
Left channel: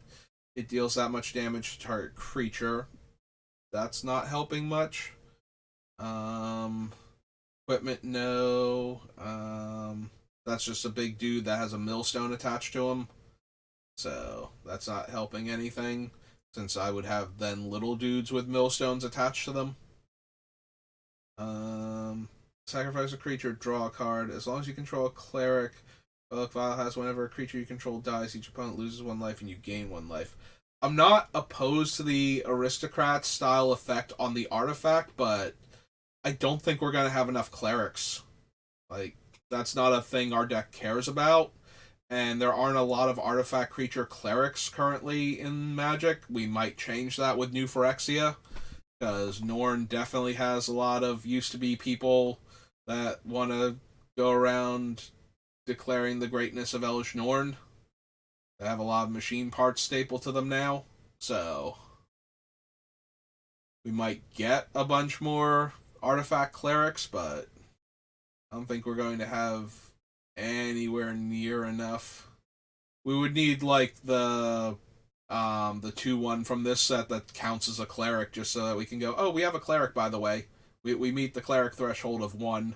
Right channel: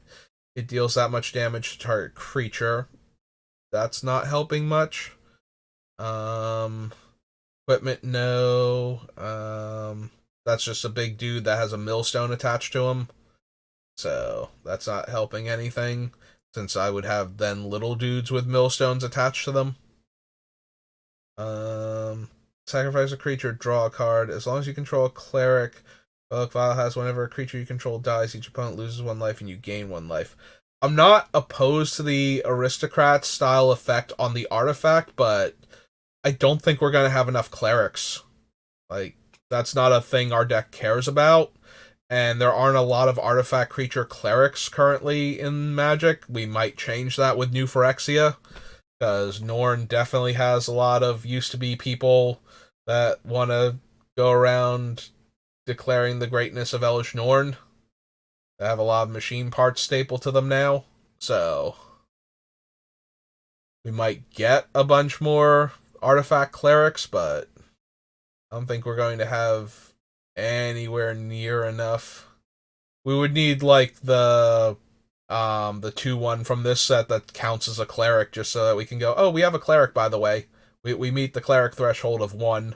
It deals that much damage to target creature. That's not helping much. Um, Equipment, no. That's just a big dude that has a millstone attached to him. So that's not helping anything, since I would have then little dudes with millstones attached to them. Um, Sacrifice a creature, draw a card. As long as you control a cleric, Relic Vial has whenever a creature you control dies, each opponent loses 1 life and you gain 1 life. I'm not opposed to the aristocrat style effect on the artifact, but I don't think we're gonna have enough clerics. Like, that's not a thing our deck cares about. And there aren't a lot of artifact creature clerics currently in Magic. We might change that with New Phyrexia, because Norn definitely has a lot of used to be people that want to go around declaring the greatness of Elish Norn. They have a lot of machine parts stapled to them now. So we might get a bunch more artifact clerics, but I don't think we're going to have anywhere near enough. We would need like the The 2/1 from this set that counts as a cleric, just so that we can go, oh, we have a cleric, by the way. We meet the cleric threshold of 1.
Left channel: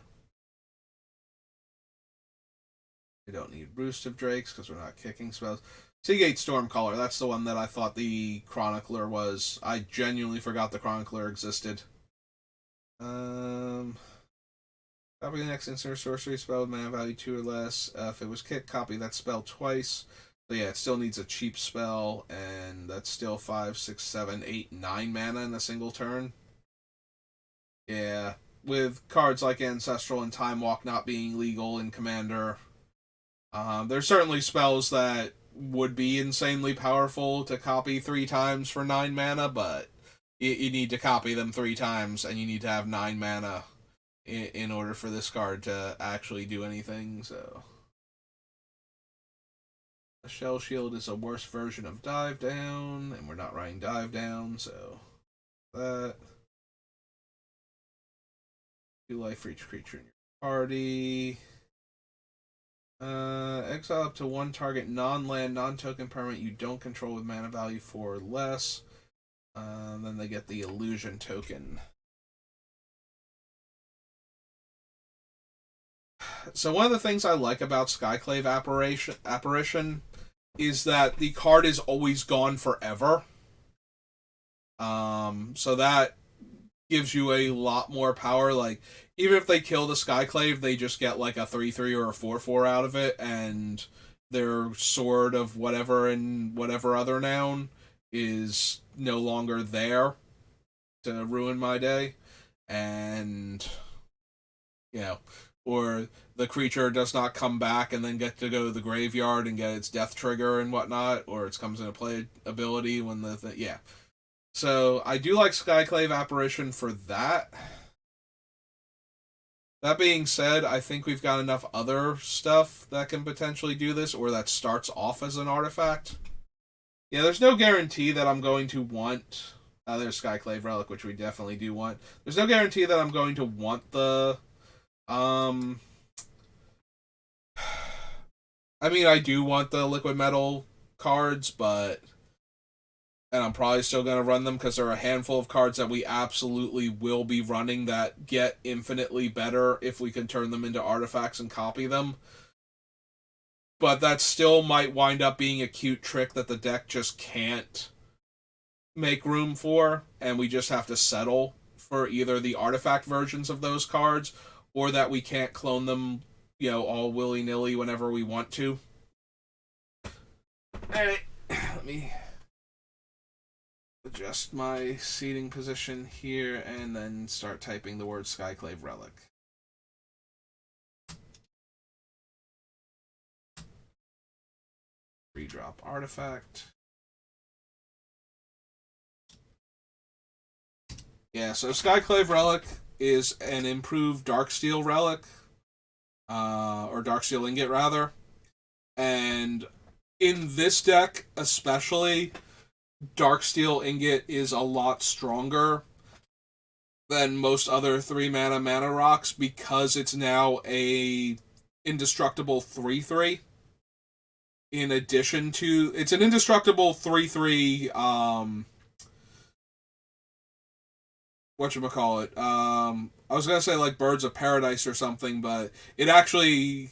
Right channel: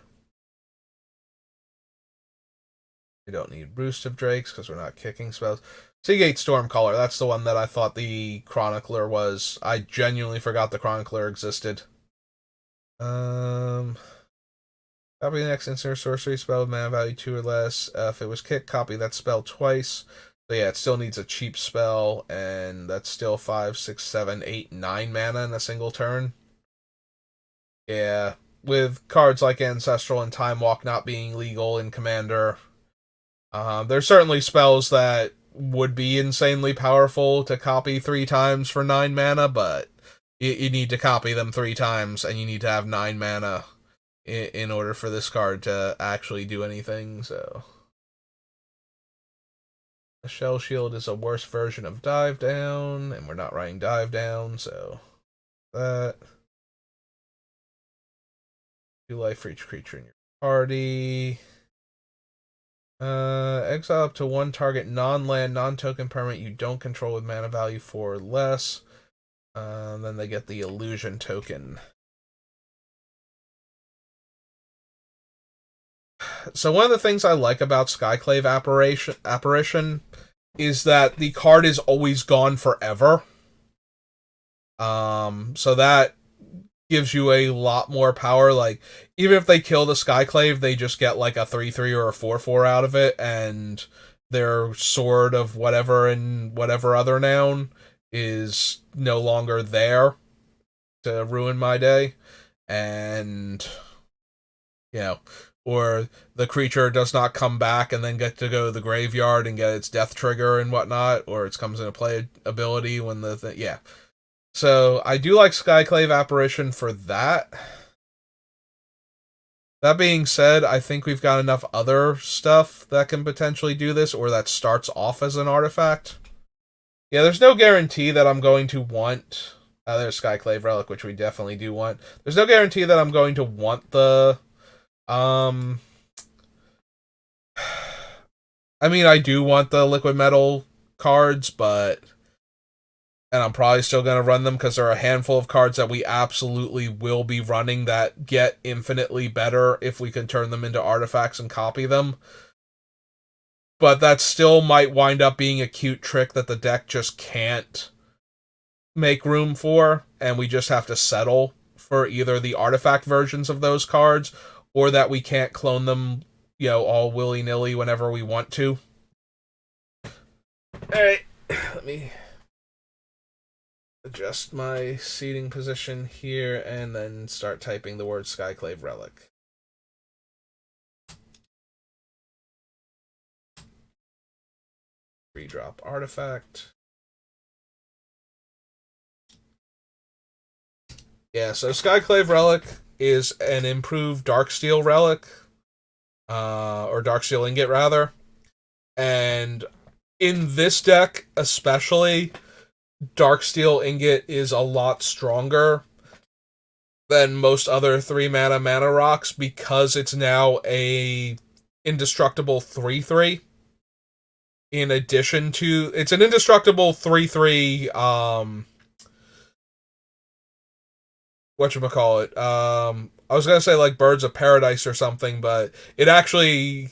We don't need Roost of Drakes because we're not kicking spells. Seagate Stormcaller, that's the one that I thought the Chronicler was. I genuinely forgot the Chronicler existed. Copy the next instant sorcery spell with mana value 2 or less. If it was kicked, copy that spell twice. So yeah, it still needs a cheap spell, and that's still 5, 6, 7, 8, 9 mana in a single turn. Yeah, with cards like Ancestral and Time Walk not being legal in Commander, there's certainly spells that would be insanely powerful to copy 3 times for 9 mana, but you need to copy them 3 times, and you need to have 9 mana in order for this card to actually do anything, so... The Shell Shield is a worse version of Dive Down, and we're not writing Dive Down, so... That... 2 life for each creature in your party... exile up to 1 target non-land, non-token permanent you don't control with mana value 4 or less. Then they get the illusion token. So one of the things I like about Skyclave Apparition is that the card is always gone forever. So that gives you a lot more power. Like, even if they kill the Skyclave, they just get like a 3/3 or a 4/4 out of it, and their sword of whatever and whatever other noun is no longer there to ruin my day. And, you know, or the creature does not come back and then get to go to the graveyard and get its death trigger and whatnot, or it comes into play ability when yeah. So I do like Skyclave Apparition for that. That being said, I think we've got enough other stuff that can potentially do this, or that starts off as an artifact. Yeah, there's no guarantee that I'm going to want... there's Skyclave Relic, which we definitely do want. There's no guarantee that I'm going to want the... I mean, I do want the liquid metal cards, but... And I'm probably still going to run them because there are a handful of cards that we absolutely will be running that get infinitely better if we can turn them into artifacts and copy them. But that still might wind up being a cute trick that the deck just can't make room for, and we just have to settle for either the artifact versions of those cards or that we can't clone them, all willy-nilly whenever we want to. Alright, let me adjust my seating position here and then start typing the word Skyclave Relic. Redrop artifact. Yeah, so Skyclave Relic is an improved Darksteel Relic, or Darksteel Ingot, rather. And in this deck, especially, Darksteel Ingot is a lot stronger than most other 3-mana rocks because it's now a indestructible 3/3. In addition to... It's an indestructible 3/3, whatchamacallit, I was gonna say like Birds of Paradise or something, but it actually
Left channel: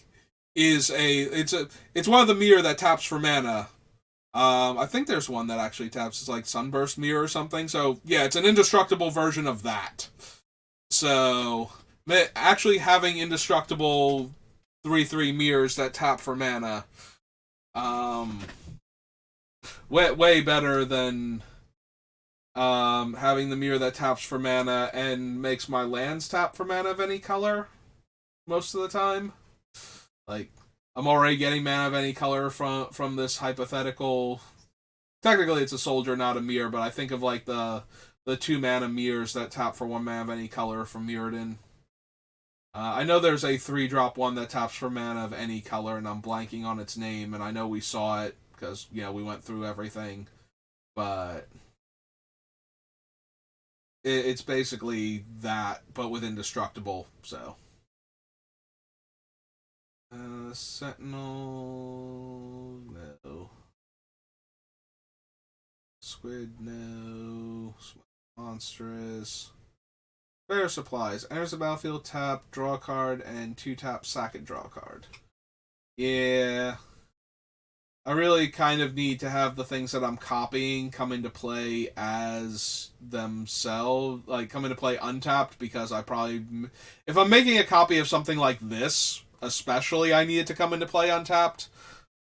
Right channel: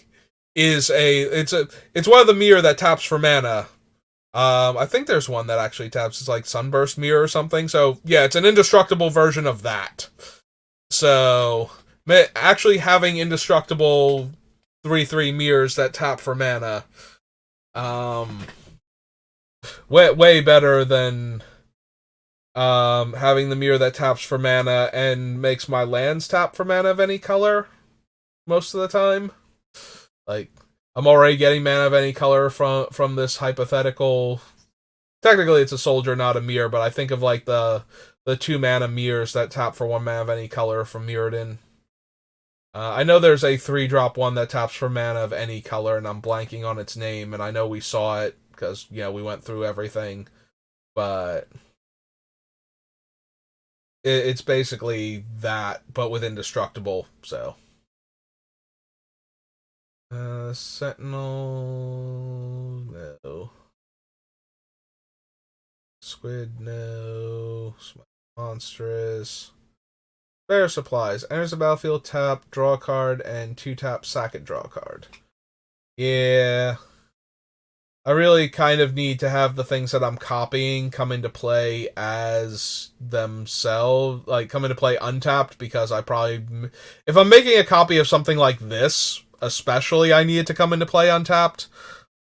is it's one of the mirror that taps for mana. I think there's one that actually taps, it's like Sunburst Mirror or something. So yeah, it's an indestructible version of that. So actually having indestructible 3/3 mirrors that tap for mana, way better than having the mirror that taps for mana and makes my lands tap for mana of any color most of the time. Like, I'm already getting mana of any color from this hypothetical... Technically, it's a soldier, not a mirror, but I think of, like, the 2-mana mirrors that tap for 1 mana of any color from Mirrodin. I know there's a 3-drop one that taps for mana of any color, and I'm blanking on its name, and I know we saw it, because, we went through everything, but... It's basically that, but with indestructible, so... Sentinel... No. Squid, no. Monstrous. Spare supplies. Enters the battlefield, tap, draw a card, and 2-tap, sack it, draw a card. Yeah. I really kind of need to have the things that I'm copying come into play as themselves, like come into play untapped, because I probably, if I'm making a copy of something like this, especially, I need it to come into play untapped.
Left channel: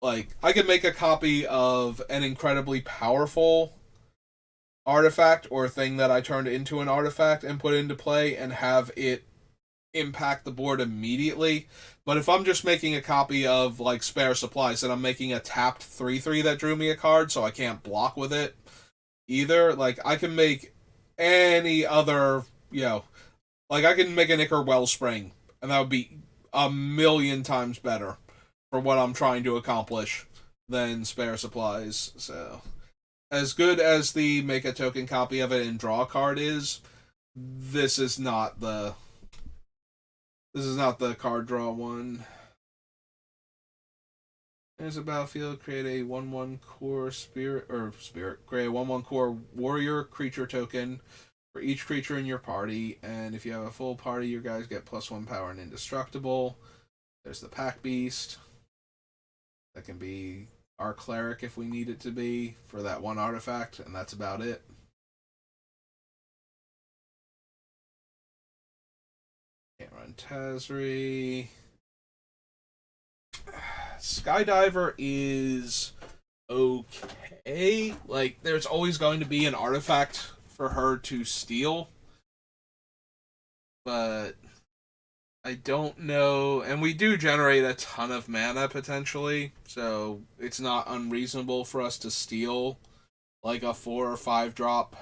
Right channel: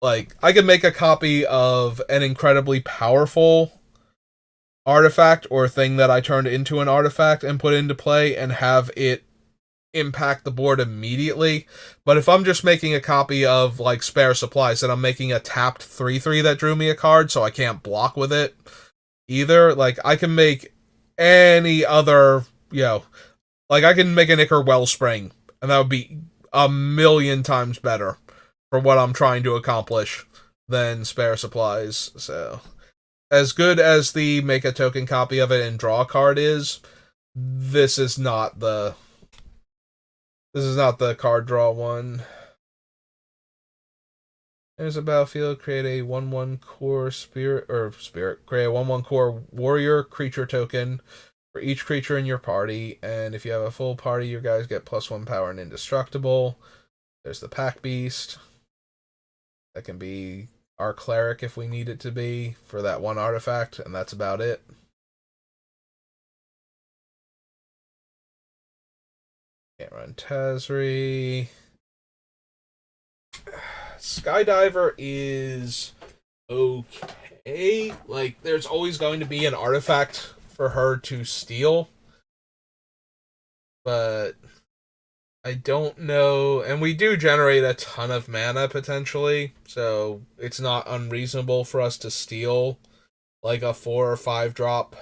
Like, I could make a copy of an incredibly powerful artifact or thing that I turned into an artifact and put into play and have it impact the board immediately. But if I'm just making a copy of like spare supplies, then I'm making a tapped 3/3 that drew me a card, so I can't block with it either. Like, I can make any other, like I can make an Ichor Wellspring, and that would be a million times better for what I'm trying to accomplish than spare supplies. So, as good as the make a token copy of it and draw a card is, this is not the card draw one. There's a battlefield. Create a 1/1 core spirit. Create a 1/1 core warrior creature token for each creature in your party. And if you have a full party, you guys get +1 power and indestructible. There's the Pack Beast. That can be our cleric if we need it to be for that one artifact, and that's about it. Can't run Tazri. Skydiver is okay. Like, there's always going to be an artifact for her to steal, but I don't know. And we do generate a ton of mana potentially, so it's not unreasonable for us to steal like a 4 or 5 drop,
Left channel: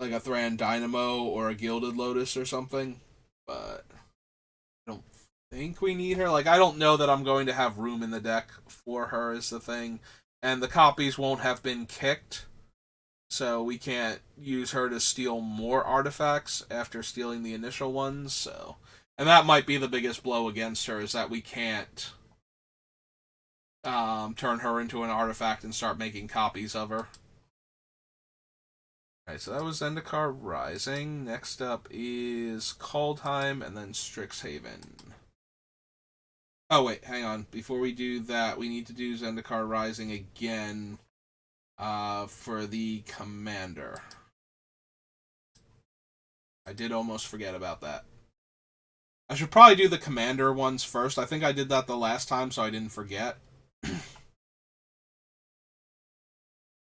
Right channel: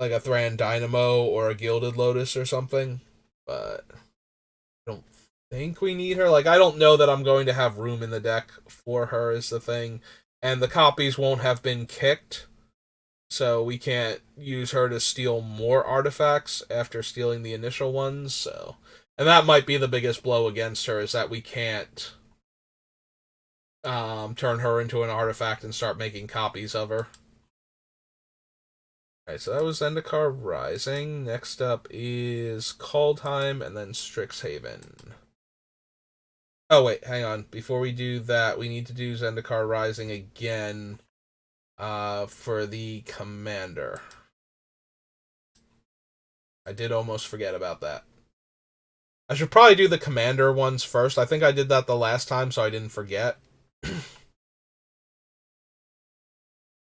like a Thran Dynamo or a Gilded Lotus or something. But I don't think we need her. Like, I don't know that I'm going to have room in the deck for her is the thing. And the copies won't have been kicked, so we can't use her to steal more artifacts after stealing the initial ones. So, and that might be the biggest blow against her, is that we can't turn her into an artifact and start making copies of her. Alright, so that was Zendikar Rising. Next up is Kaldheim and then Strixhaven. Oh, wait, hang on. Before we do that, we need to do Zendikar Rising again for the Commander. I did almost forget about that. I should probably do the Commander ones first. I think I did that the last time, so I didn't forget.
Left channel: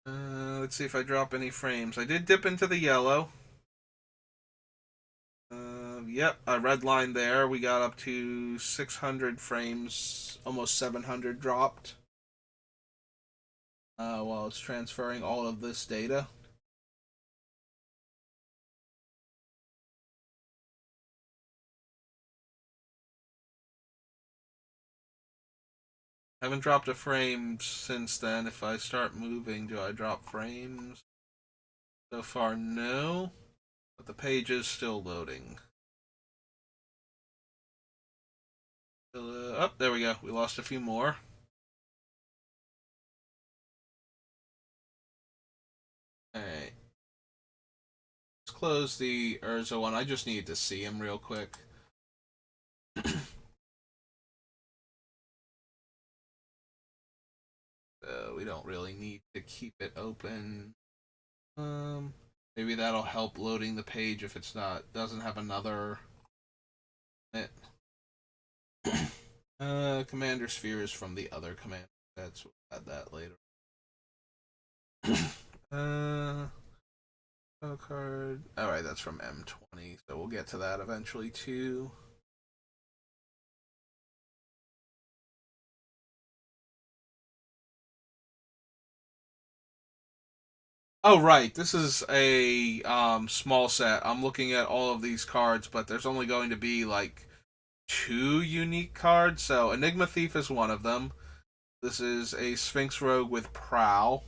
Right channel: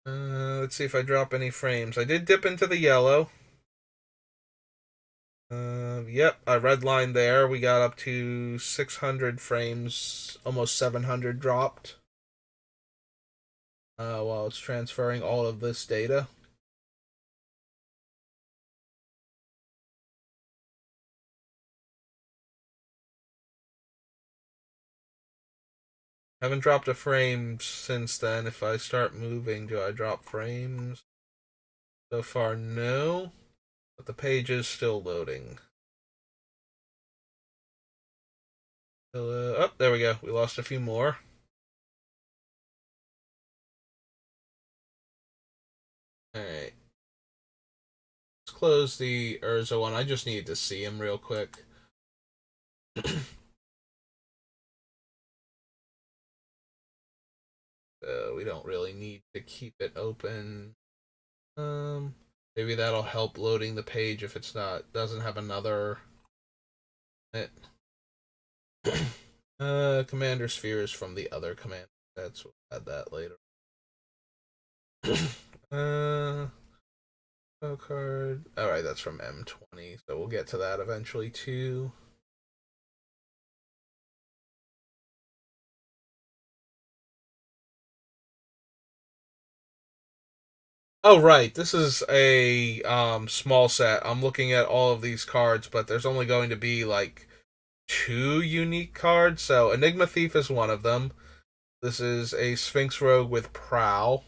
Let's see if I drop any frames. I did dip into the yellow. Yep, a red line there. We got up to 600 frames, almost 700 dropped. While it's transferring all of this data. Haven't dropped a frame since then. If I start moving, do I drop frames? So far, no. But the page is still loading. Oh, there we go. We lost a few more. Alright. Let's close the Urza one. I just needed to see him real quick. So we don't really need to keep it open. Maybe that'll help loading the page if it's doesn't have another. Commander Sphere is from the other command. We'll add that later. Card. Alright, that's from M20, so we'll get to that eventually too. Oh, right. This is a small set. I'm looking at all of these cards, but there's only going to be like 2 unique cards. So Enigma Thief is one of them. This is a Sphinx Rogue with Prowl.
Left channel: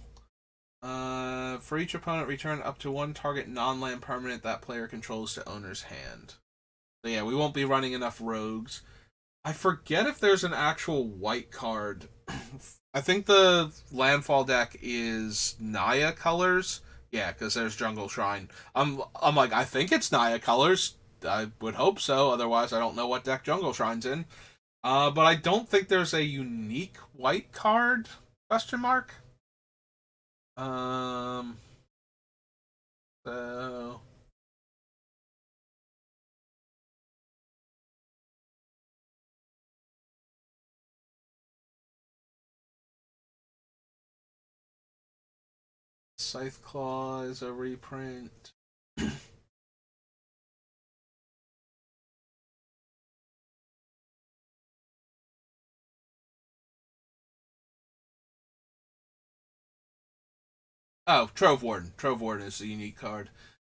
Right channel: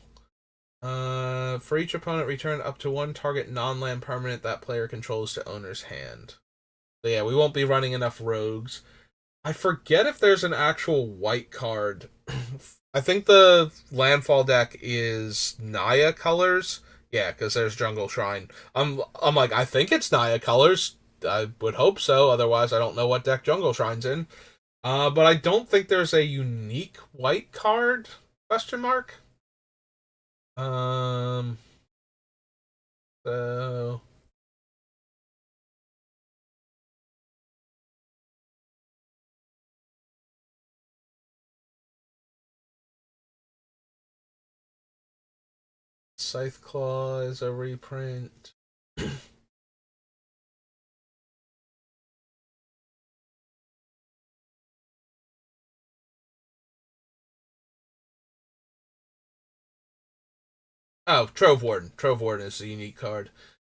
For each opponent, return up to 1 target non-land permanent that player controls to owner's hand. So yeah, we won't be running enough rogues. I forget if there's an actual white card. I think the landfall deck is Naya colors. Yeah, because there's Jungle Shrine. I'm like, I think it's Naya colors. I would hope so. Otherwise, I don't know what deck Jungle Shrine's in. But I don't think there's a unique white card? Question mark. Um. So Scythe Claw is a reprint. Oh, Trove Warden. Trove Warden is a unique card.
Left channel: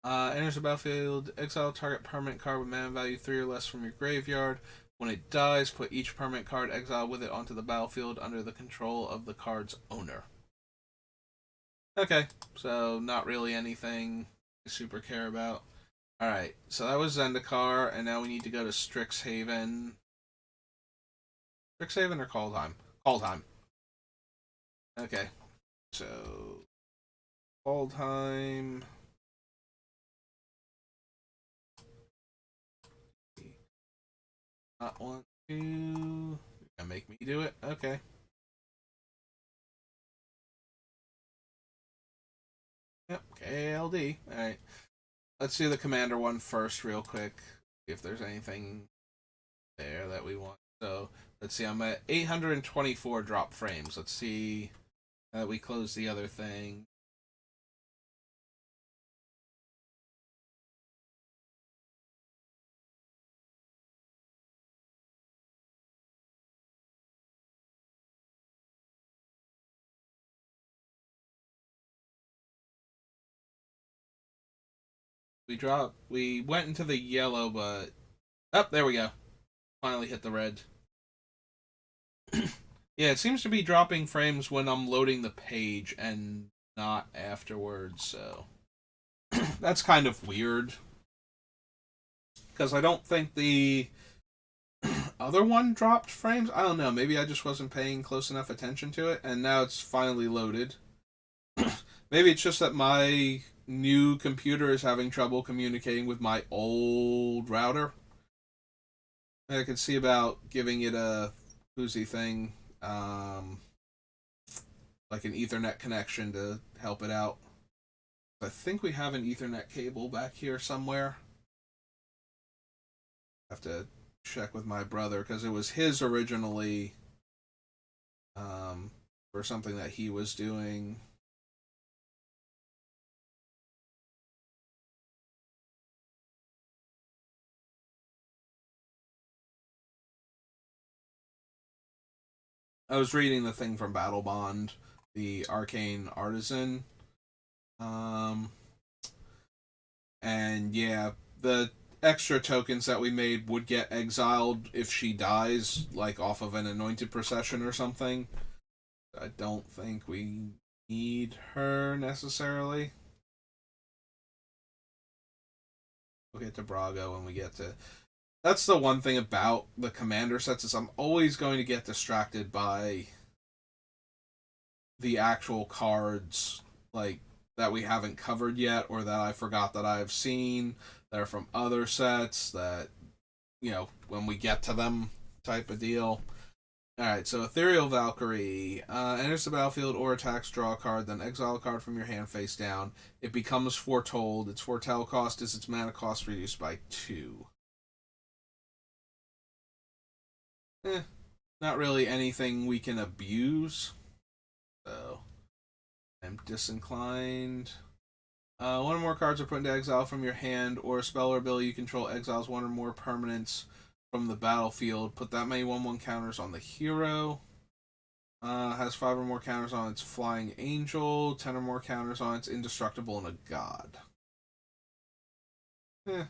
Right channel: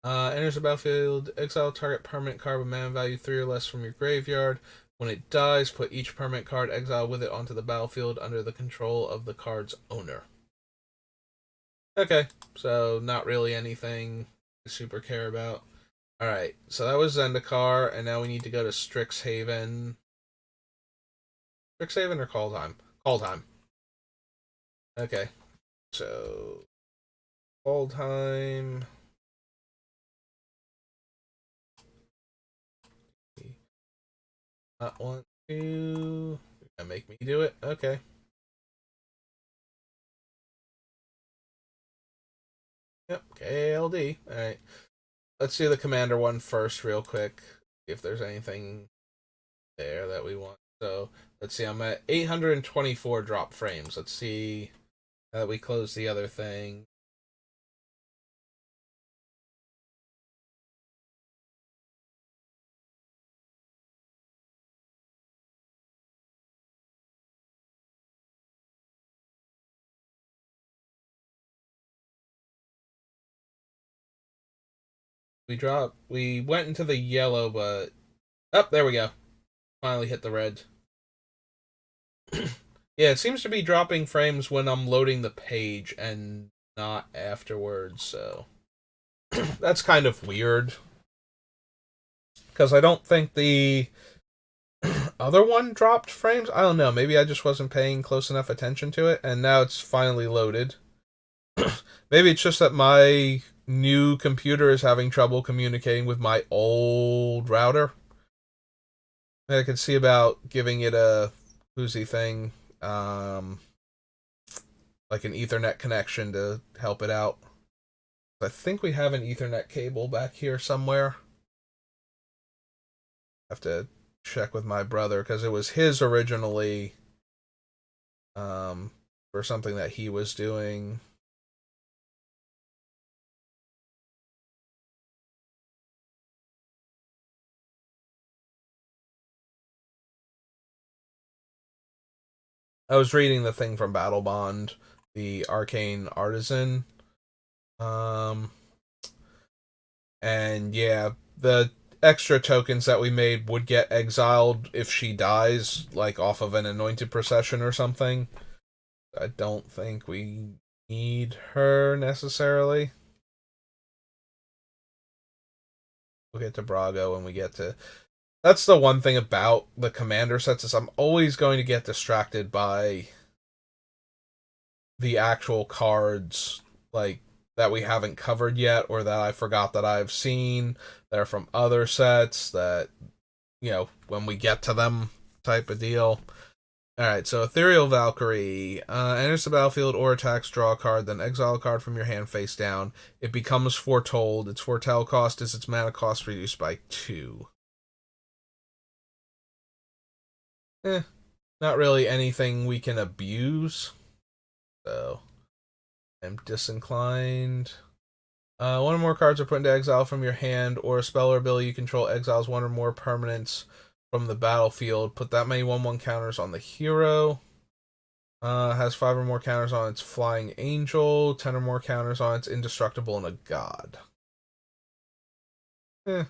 Enters the battlefield, exile target permanent card with mana value 3 or less from your graveyard. When it dies, put each permanent card exiled with it onto the battlefield under the control of the card's owner. Okay, so not really anything to super care about. Alright, so that was Zendikar, and now we need to go to Strixhaven. Strixhaven or Kaldheim? Kaldheim. Okay, so Kaldheim. Not want to. Make me do it? Okay. Yep, KLD. Alright. Let's do the commander one first, real quick. See if there's anything there that we want. So, let's see. I'm at 824 drop frames. Let's see that we close the other thing. We went into the yellow, but. Oh, there we go. Finally hit the red. Yeah, it seems to be dropping frames when I'm loading the page and not afterwards, so. That's kind of weird. Because I don't think the other one dropped frames. I don't know. Maybe I just wasn't paying close enough attention to it, and now it's finally loaded. Maybe it's just that my new computer is having trouble communicating with my old router. I could see about giving it a whoosy thing, like an Ethernet connection to help it out. I think we have an Ethernet cable back here somewhere. I have to check with my brother because it was his originally, for something that he was doing. I was reading the thing from Battle Bond, the Arcane Artisan. Um, and yeah, the extra tokens that we made would get exiled if she dies, like off of an anointed procession or something. I don't think we need her necessarily. We'll get to Brago when we get to. That's the one thing about the commander sets is I'm always going to get distracted by the actual cards like that we haven't covered yet or that I forgot that I've seen that are from other sets that when we get to them type of deal. Alright, so Ethereal Valkyrie enters the battlefield or attacks, draw a card, then exile a card from your hand face down. It becomes foretold. Its foretell cost is its mana cost reduced by 2. Eh, not really anything we can abuse. So, I'm disinclined. One or more cards are put into exile from your hand, or a spell or ability you control exiles one or more permanents from the battlefield. Put that many 1/1 counters on the hero. Has 5 or more counters on its flying angel, 10 or more counters on its indestructible and a god. Eh.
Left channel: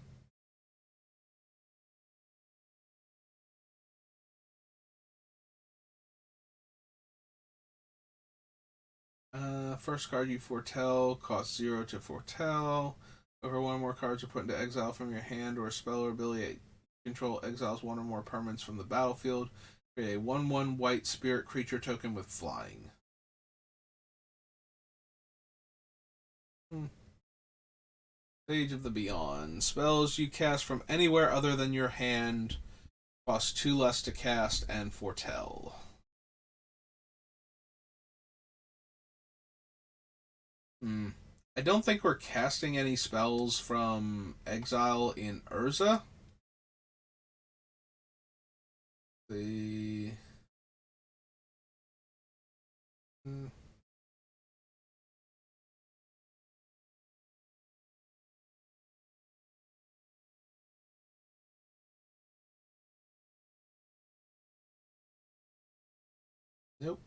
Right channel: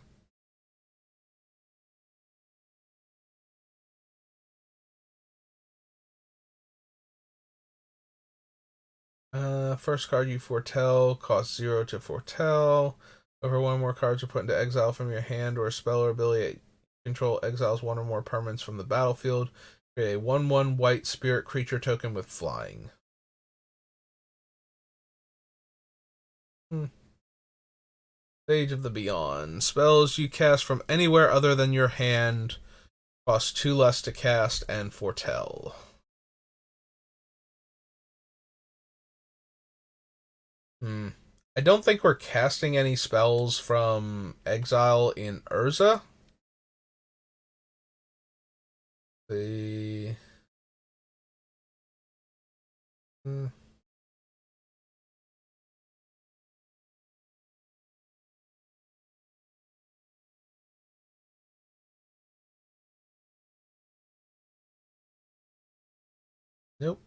First card you foretell costs 0 to foretell. Over one or more cards are put into exile from your hand, or a spell or ability control exiles one or more permanents from the battlefield. Create a 1/1 white spirit creature token with flying. Sage of the Beyond. Spells you cast from anywhere other than your hand cost 2 less to cast and foretell. I don't think we're casting any spells from exile in Urza. The Nope.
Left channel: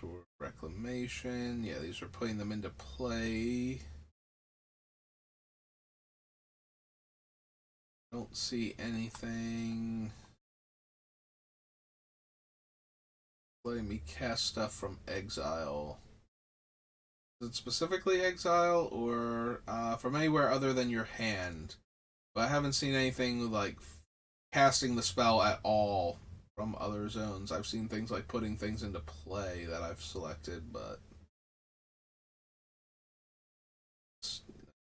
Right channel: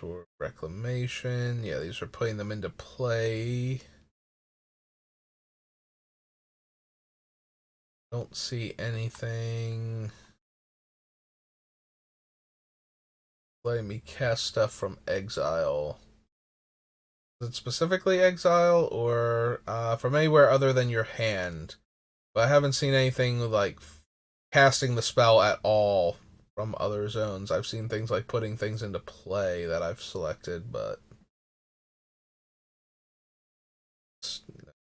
For reclamation. Yeah, these are putting them into play. Don't see anything. Letting me cast stuff from exile. Is it specifically exile or from anywhere other than your hand? But I haven't seen anything like casting the spell at all from other zones. I've seen things like putting things into play that I've selected, but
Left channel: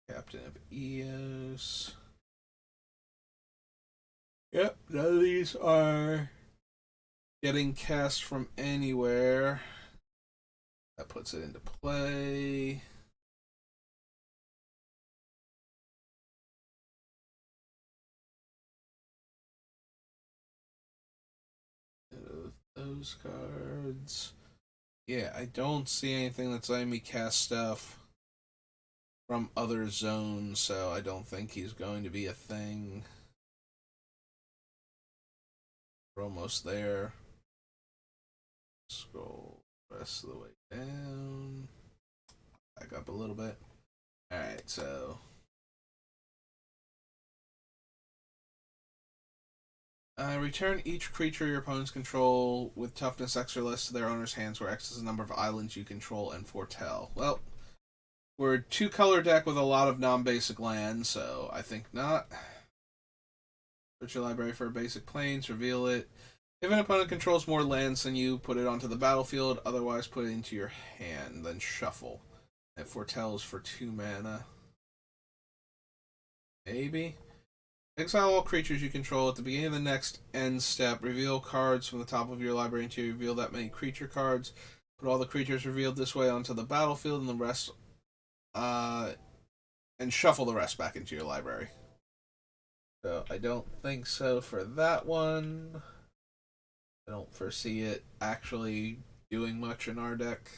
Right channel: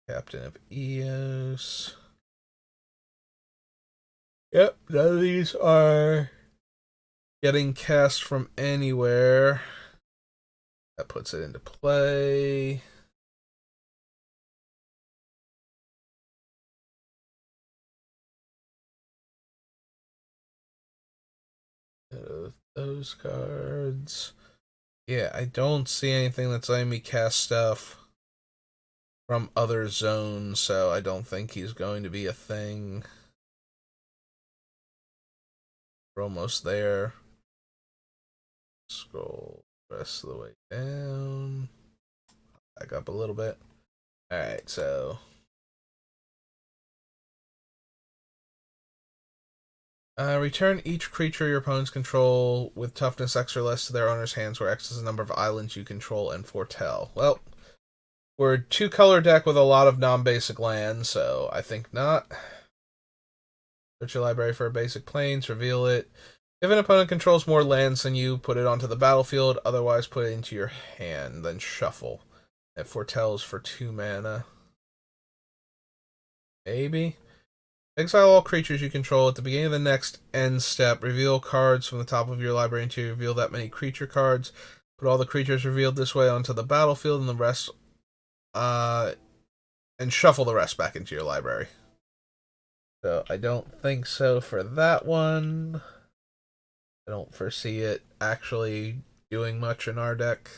Captain of Eos. Yep, none of these are getting cast from anywhere. That puts it into play. Those cards. Yeah, I don't see anything that's letting me cast stuff from other zones, so I don't think he's going to be a thing. We're almost there. Scroll the rest of the way down. Back up a little bit. Alright, so return each creature your opponents control with toughness X or less to their owner's hands, where X is the number of islands you control and foretell. Well, we're a 2-color deck with a lot of non-basic lands, so I think not. Search your library for a basic plains, reveal it. If an opponent controls more lands than you, put it onto the battlefield, otherwise put it into your hand, then shuffle. It foretells for 2 mana. Maybe. Exile all creatures you control at the beginning of the next end step. Reveal cards from the top of your library until you reveal that many creature cards. Put all the creatures revealed this way onto the battlefield and the rest, and shuffle the rest back into your library. So I don't think so for that one. I don't foresee it actually doing much in our deck.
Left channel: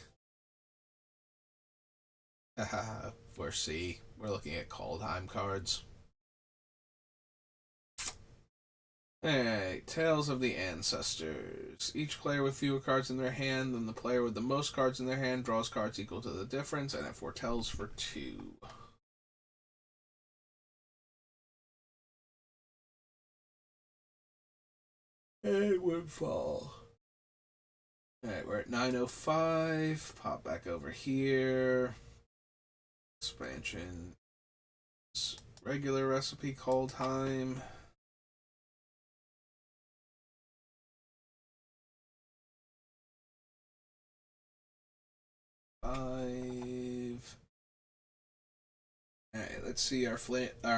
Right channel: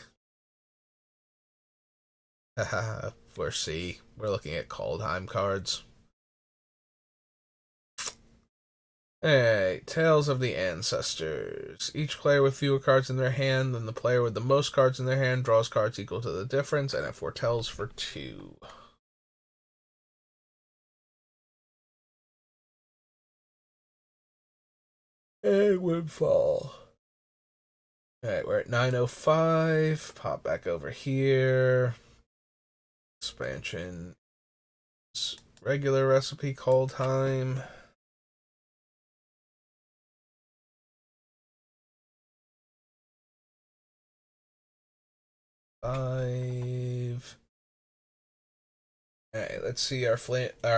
Haha, foresee. We're looking at Kaldheim cards. Alright, Tales of the Ancestors. Each player with fewer cards in their hand than the player with the most cards in their hand draws cards equal to the difference, and it foretells for 2. And Windfall. Alright, we're at 905. Pop back over here. Expansion. Regular recipe Kaldheim. Five. Alright, let's see our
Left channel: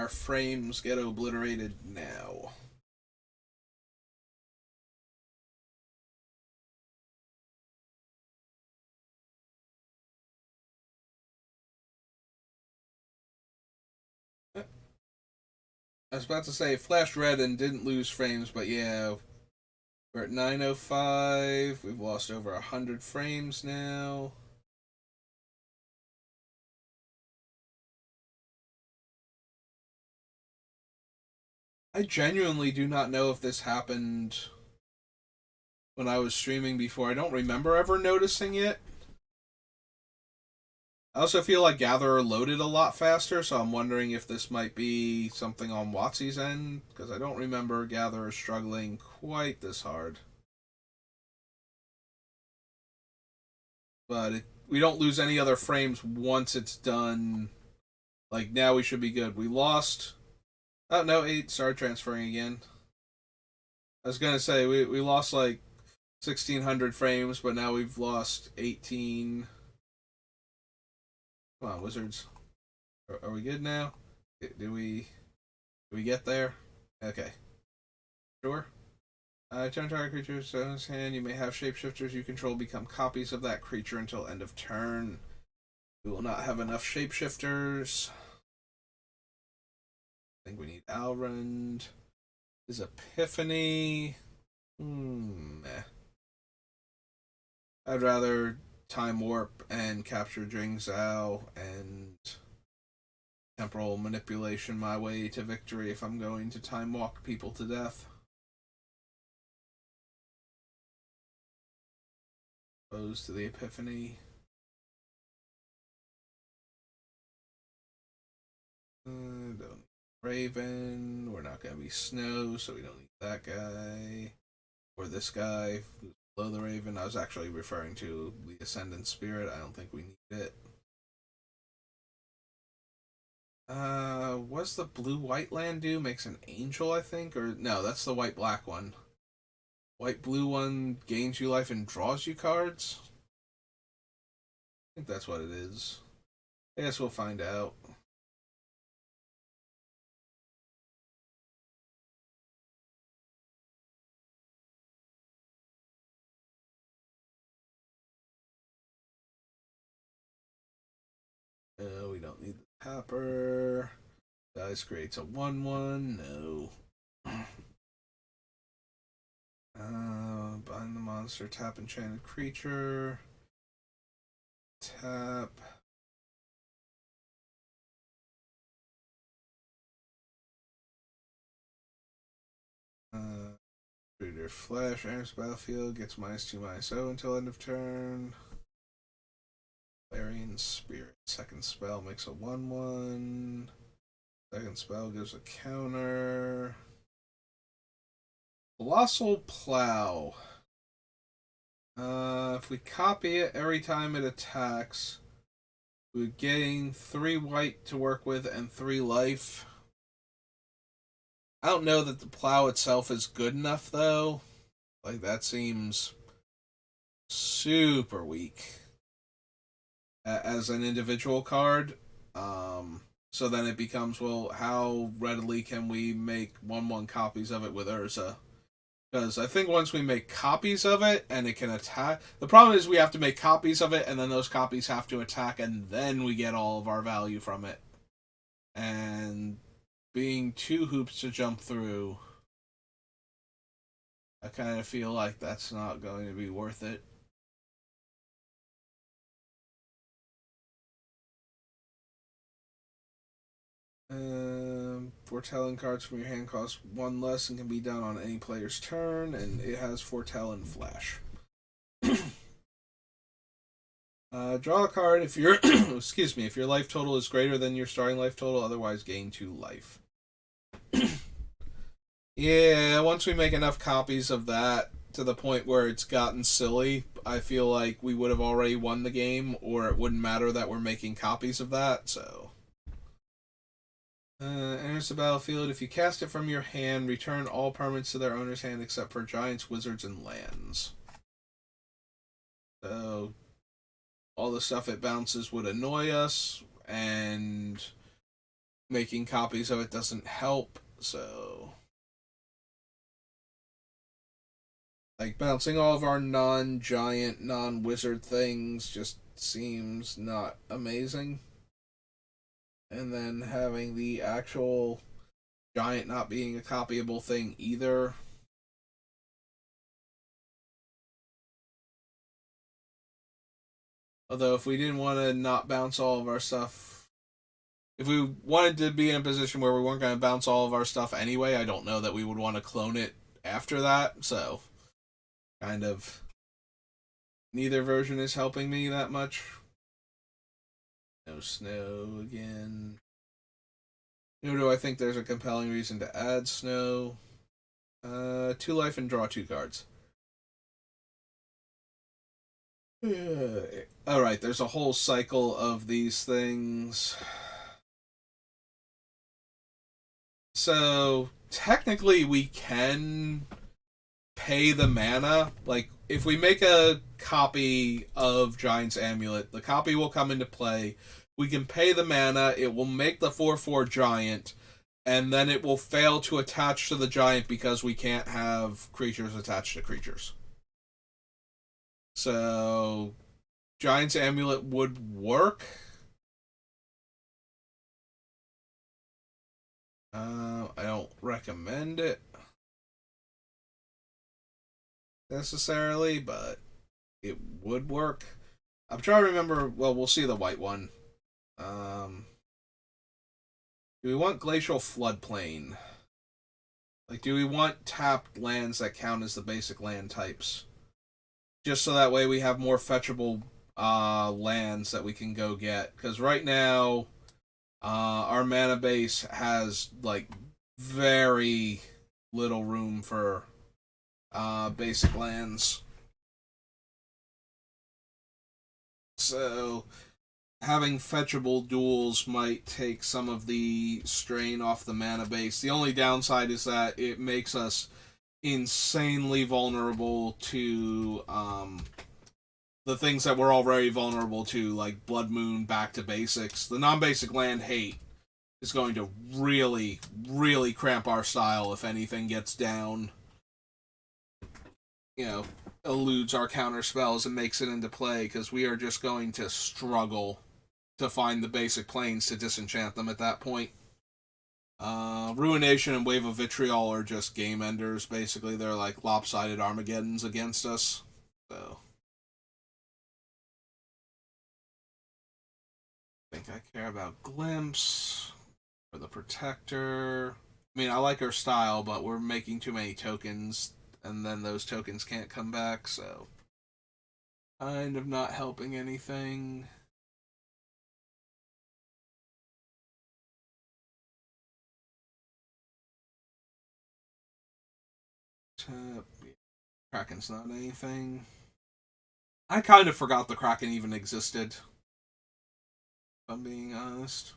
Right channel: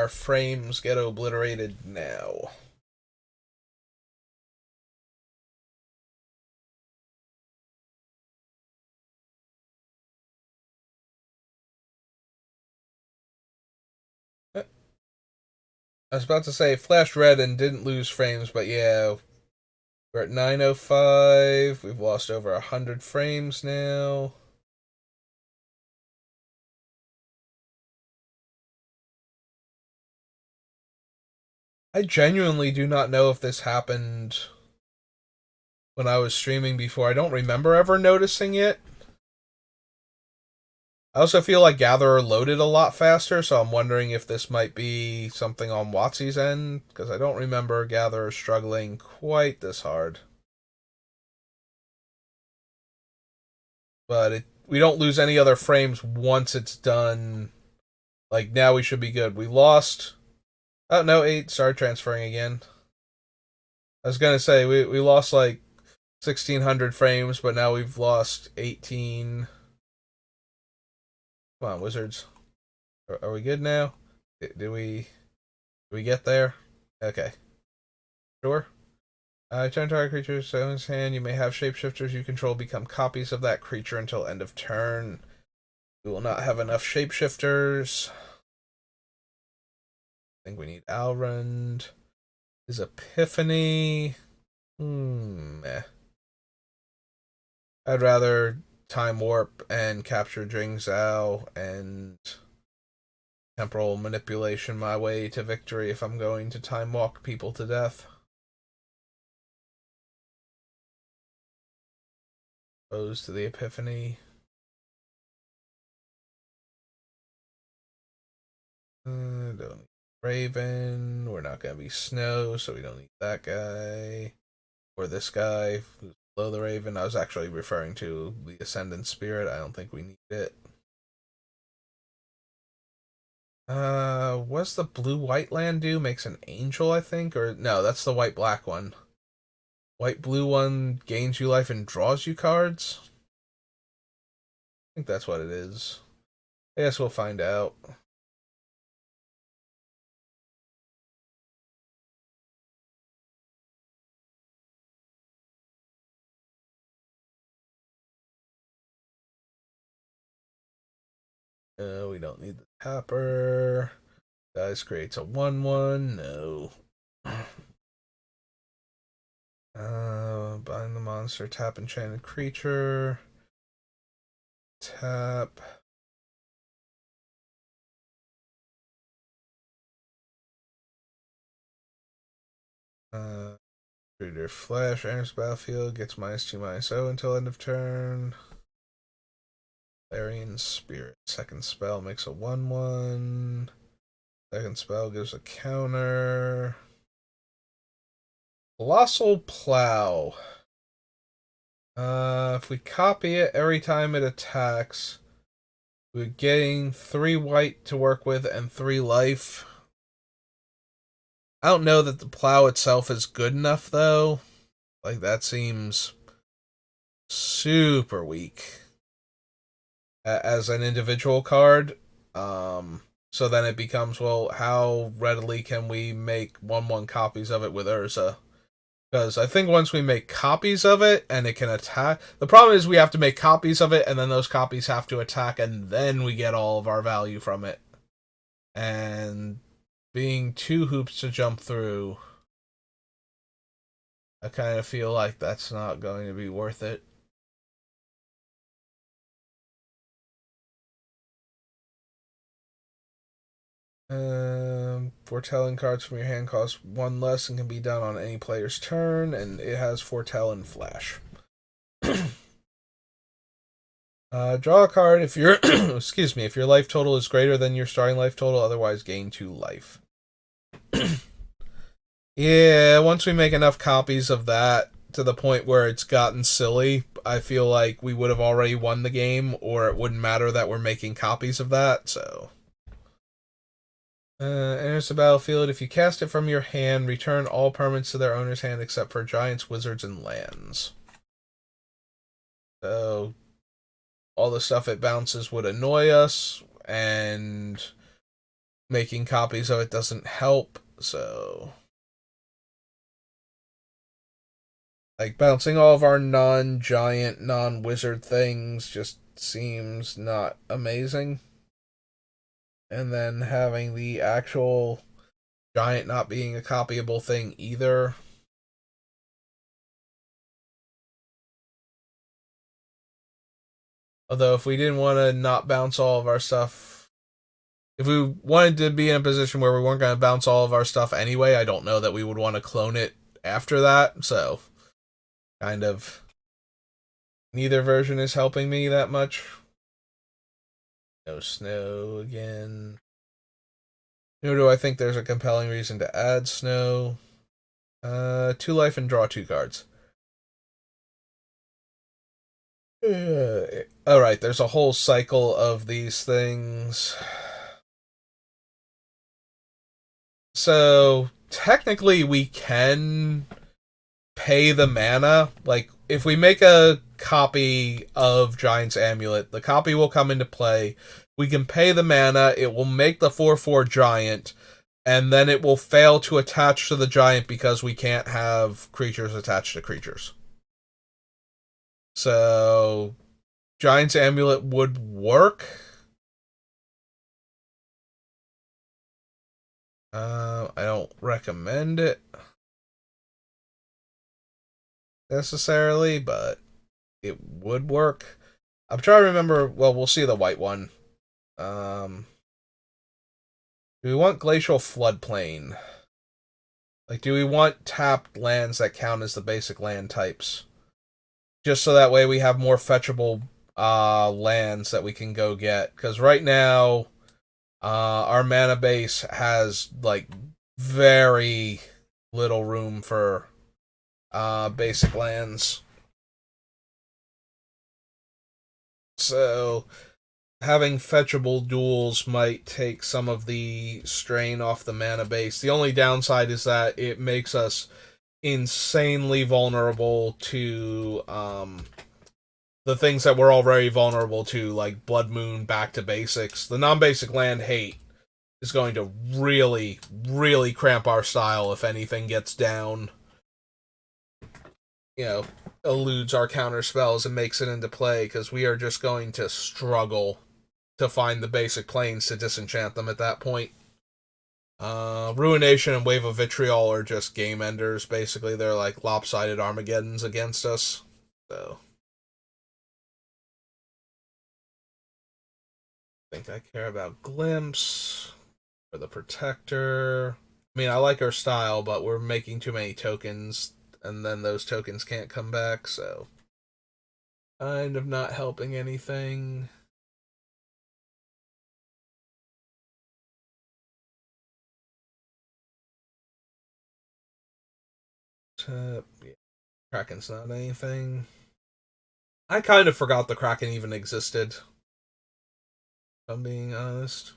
frames get obliterated now. I was about to say flashed red and didn't lose frames, but yeah, we're at 905. We've lost over 100 frames now. I genuinely do not know if this happened when I was streaming before. I don't remember ever noticing it. I also feel like Gatherer loaded a lot faster, so I'm wondering if this might be something on WotC's end, because I don't remember Gatherer struggling quite this hard. But we don't lose any other frames once it's done. Like now we should be good. We lost. Oh no, 8 started transferring again. I was gonna say we lost like 1,600 frames, but now we've lost 18. Come on, wizards. Are we good now? Do we get there? Okay. Sure. Turn target creature's owner's hand. You may have shapeshifters you control become copies of that creature until end of turn. We will not have enough shapeshifters. I think we need Alrund. His Epiphany. Eh. I'd rather Time Warp and capture Jing Zhao and temporal manipulation my way to victory if I'm going to time walk people to death. Opposed to the Epiphany. Don't need Raven. We're not gonna be Snow, so we don't need that guy. Or this guy who's below the Raven. I was actually referring to the Ascendant Spirit. I don't think we need it. What's the blue-white land do? Makes an angel, I think? Or no, that's the white-black one. White-blue one gains you life and draws you cards? I think that's what it is. I guess we'll find out. We don't need the tapper. Dice creates a 1/1. No. Bind the monster, tap enchanted creature. Tap. Reader Flash enters battlefield, gets -2/-0 until end of turn. Clarion Spirit. Second spell makes a 1/1. Second spell gives a counter. Colossal Plow. If we copy it every time it attacks, we're getting 3 white to work with and 3 life. I don't know that the plow itself is good enough, though. Like, that seems super weak as an individual card. So then it becomes, well, how readily can we make 1/1 copies of it with Urza? Because I think once we make copies of it and it can attack, the problem is we have to make copies of it and then those copies have to attack and then we get all of our value from it. And being 2 hoops to jump through, I kind of feel like that's not going to be worth it. Foretelling cards from your hand cost 1 less and can be done on any player's turn, and it has Foretell and Flash. Draw a card if your excuse me, if your life total is greater than your starting life total, otherwise gain 2 life. Yeah, once we make enough copies of that to the point where it's gotten silly, I feel like we would have already won the game, or it wouldn't matter that we're making copies of that, so. Enters the battlefield. If you cast it from your hand, return all permanents to their owner's hand except for giants, wizards, and lands. So, all the stuff it bounces would annoy us, and making copies of it doesn't help, so. Like, bouncing all of our non-giant, non-wizard things just seems not amazing. And then having the actual giant not being a copyable thing either. Although, if we didn't want to not bounce all of our stuff, if we wanted to be in a position where we weren't going to bounce all of our stuff anyway, I don't know that we would want to clone it after that. So, kind of, neither version is helping me that much. No snow again. Nor do I think there's a compelling reason to add snow. 2 life and draw 2 cards. Alright, there's a whole cycle of these things. So, technically, we can pay the mana. Like, if we make a copy of Giant's Amulet, the copy will come into play. We can pay the mana, it will make the 4/4 Giant, and then it will fail to attach to the Giant because we can't have creatures attached to creatures. So, Giant's Amulet would work. I don't recommend it necessarily, but it would work. I'm trying to remember. Well, we'll see the white one. Um, do we want Glacial Floodplain? Like, do we want tapped lands that count as the basic land types? Just so that way we have more fetchable lands that we can go get. Because right now, our mana base has, like, very little room for basic lands. So having fetchable duels might take some of the strain off the mana base. The only downside is that it makes us insanely vulnerable to the things that we're already vulnerable to, like Blood Moon back to basics. The non-basic land hate is going to really, really cramp our style if anything gets down. You know, eludes our counter spells and makes it into play, because we are just going to struggle to find the basic planes to disenchant them at that point. Ruination and Wave of Vitriol are just game enders, basically. They're like lopsided Armageddons against us. So, I think I care about Glimpse for the Protector. I mean, I like our style, but we're making too many tokens, and then those tokens can't come back, so kind of not helping anything. Yeah, Kraken's not anything. I kind of forgot the Kraken even existed, if I'm being honest.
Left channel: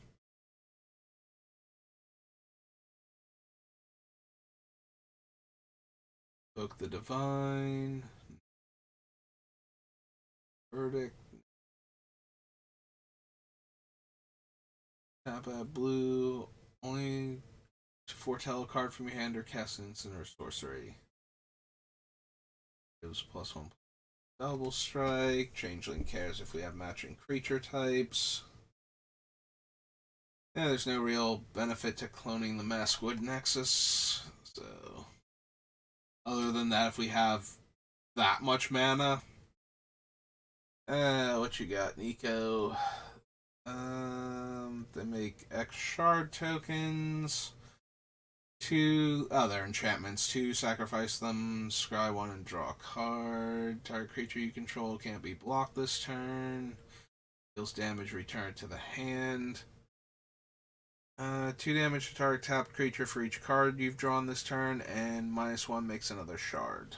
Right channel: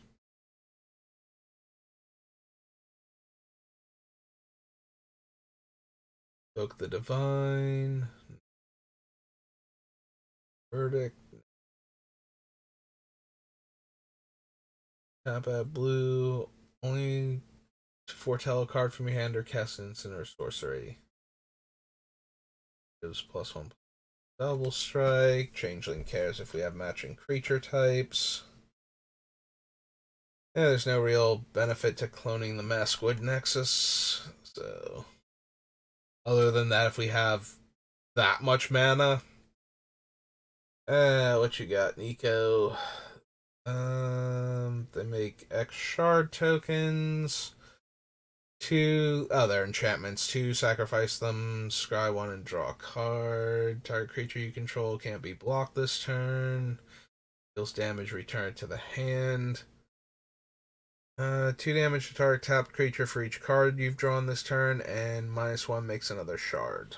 Book the Divine. Verdict. Tap at blue. Only foretell a card from your hand or cast an instant or sorcery. Gives +1. Double strike. Changeling cares if we have matching creature types. Yeah, there's no real benefit to cloning the Maskwood Nexus. So, other than that, if we have that much mana, what you got, Nico? They make X shard tokens. They're enchantments. Two, sacrifice them, scry one, and draw a card. Target creature you control can't be blocked this turn. Deals damage, return to the hand. 2 damage to target tapped creature for each card you've drawn this turn, and -1 makes another shard.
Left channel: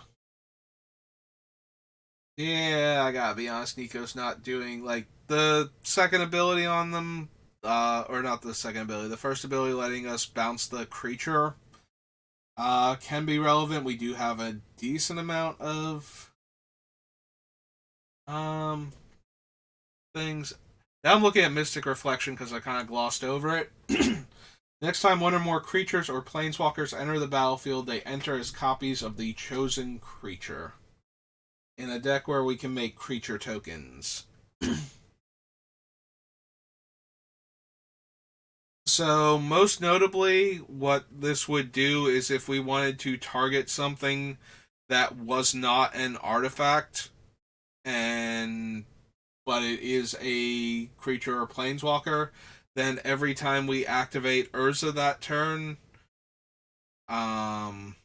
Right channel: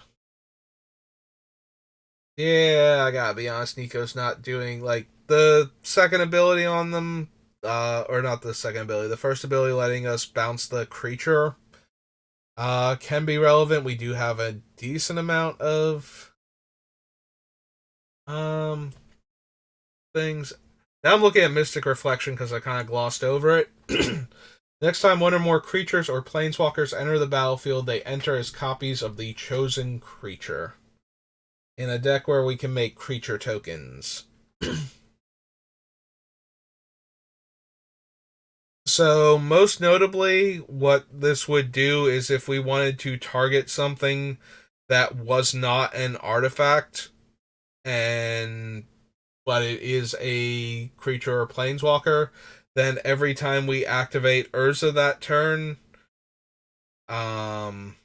Yeah, I gotta be honest, Nico's not doing, like, the second ability on them, or not the second ability, the first ability letting us bounce the creature, can be relevant. We do have a decent amount of, um, things. Now I'm looking at Mystic Reflection because I kind of glossed over it. Next time one or more creatures or planeswalkers enter the battlefield, they enter as copies of the chosen creature. In a deck where we can make creature tokens. So, most notably, what this would do is if we wanted to target something that was not an artifact, and but it is a creature or planeswalker, then every time we activate Urza that turn, um,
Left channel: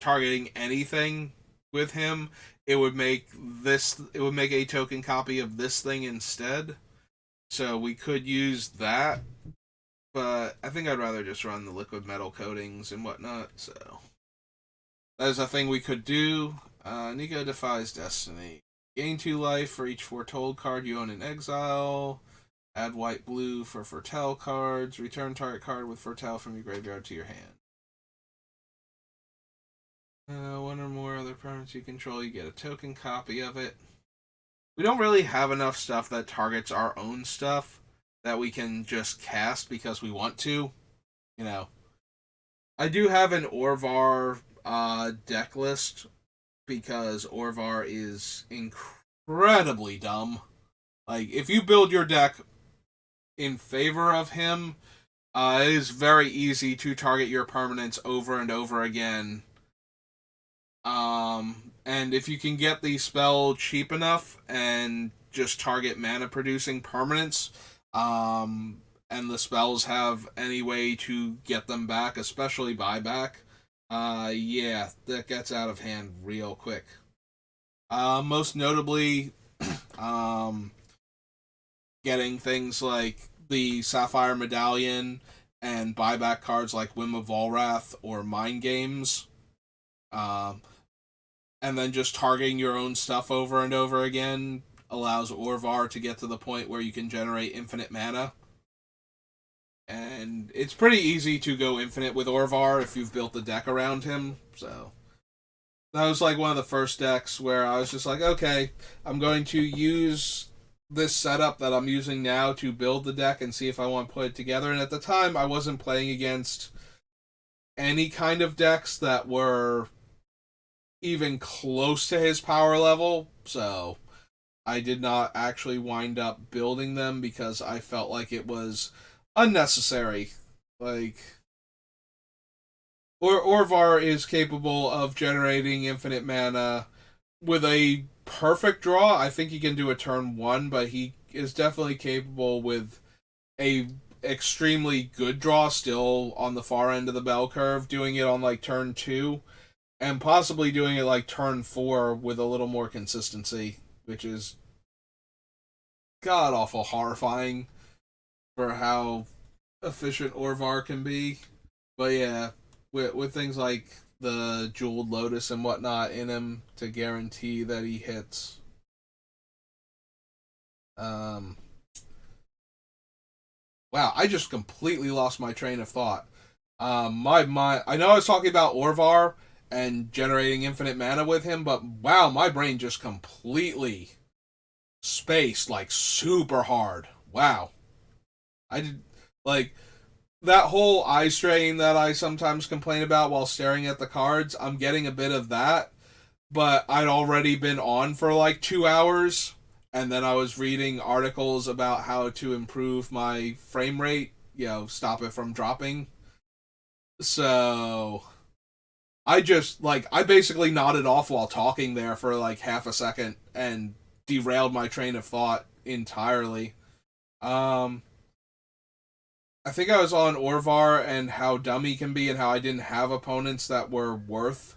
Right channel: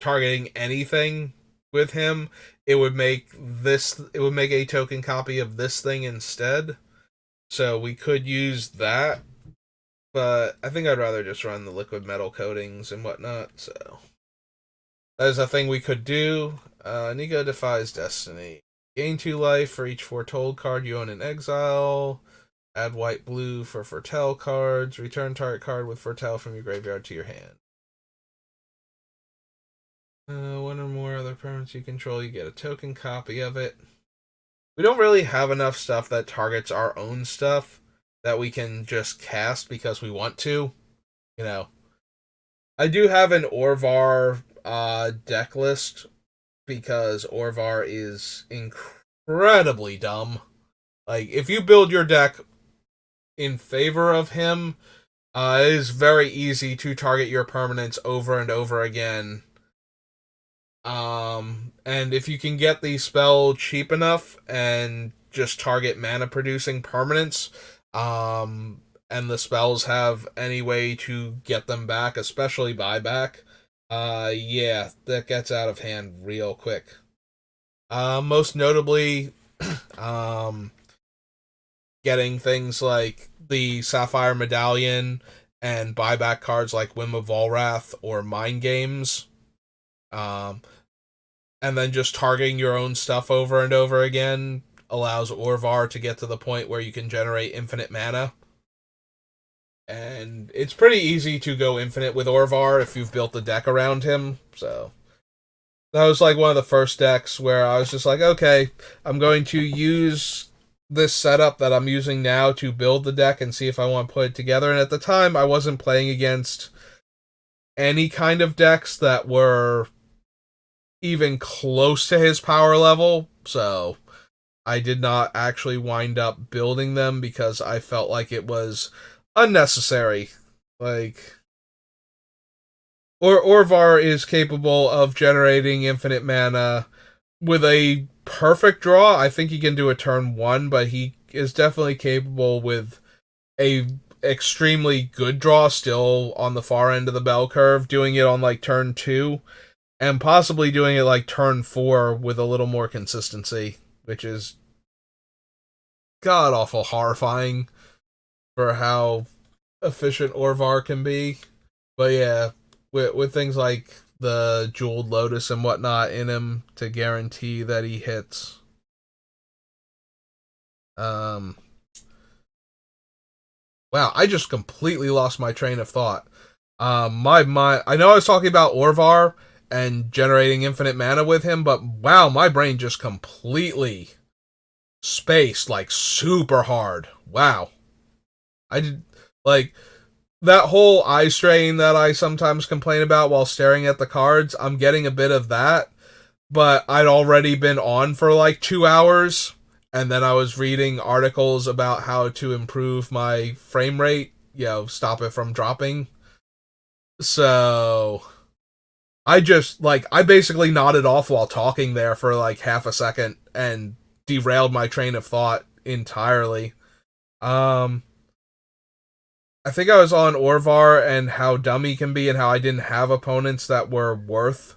targeting anything with him, it would make a token copy of this thing instead. So we could use that, but I think I'd rather just run the liquid metal coatings and whatnot. So that is a thing we could do. Nico defies destiny. Gain 2 life for each foretold card you own in exile. Add white blue for foretell cards. Return target card with foretell from your graveyard to your hand. One or more other permanents you control, you get a token copy of it. We don't really have enough stuff that targets our own stuff that we can just cast because we want to. You know, I do have an Orvar deck list because Orvar is incredibly dumb. Like, if you build your deck in favor of him, it is very easy to target your permanents over and over again. And if you can get the spell cheap enough and just target mana producing permanents, and the spells have any way to get them back, especially buyback, yeah, that gets out of hand real quick. Most notably, um, getting things like the Sapphire Medallion and buyback cards like Whim of Volrath or Mind Games. Um, and then just targeting your own stuff over and over again allows Orvar to get to the point where you can generate infinite mana. And it's pretty easy to go infinite with Orvar if you've built the deck around him. So that was like one of the first decks where I was just like, okay, I'm going to use this setup that I'm using now to build the deck and see if I want to put it together. And at the time, I wasn't playing against any kind of decks that were even close to his power level, so I did not actually wind up building them because I felt like it was unnecessary. Like, Orvar is capable of generating infinite mana with a perfect draw. I think he can do a turn one, but he is definitely capable with a extremely good draw still on the far end of the bell curve, doing it on like turn two and possibly doing it like turn four with a little more consistency, which is god awful horrifying for how efficient Orvar can be. But yeah, with things like the Jeweled Lotus and whatnot in him to guarantee that he hits. Um, wow, I just completely lost my train of thought. My I know I was talking about Orvar and generating infinite mana with him, but wow, my brain just completely spaced like super hard. Wow. I did like that whole eye strain that I sometimes complain about while staring at the cards. I'm getting a bit of that, but I'd already been on for like 2 hours, and then I was reading articles about how to improve my frame rate, stop it from dropping. So I basically nodded off while talking there for like half a second and derailed my train of thought entirely. Um, I think I was on Orvar and how dumb he can be and how I didn't have opponents that were worth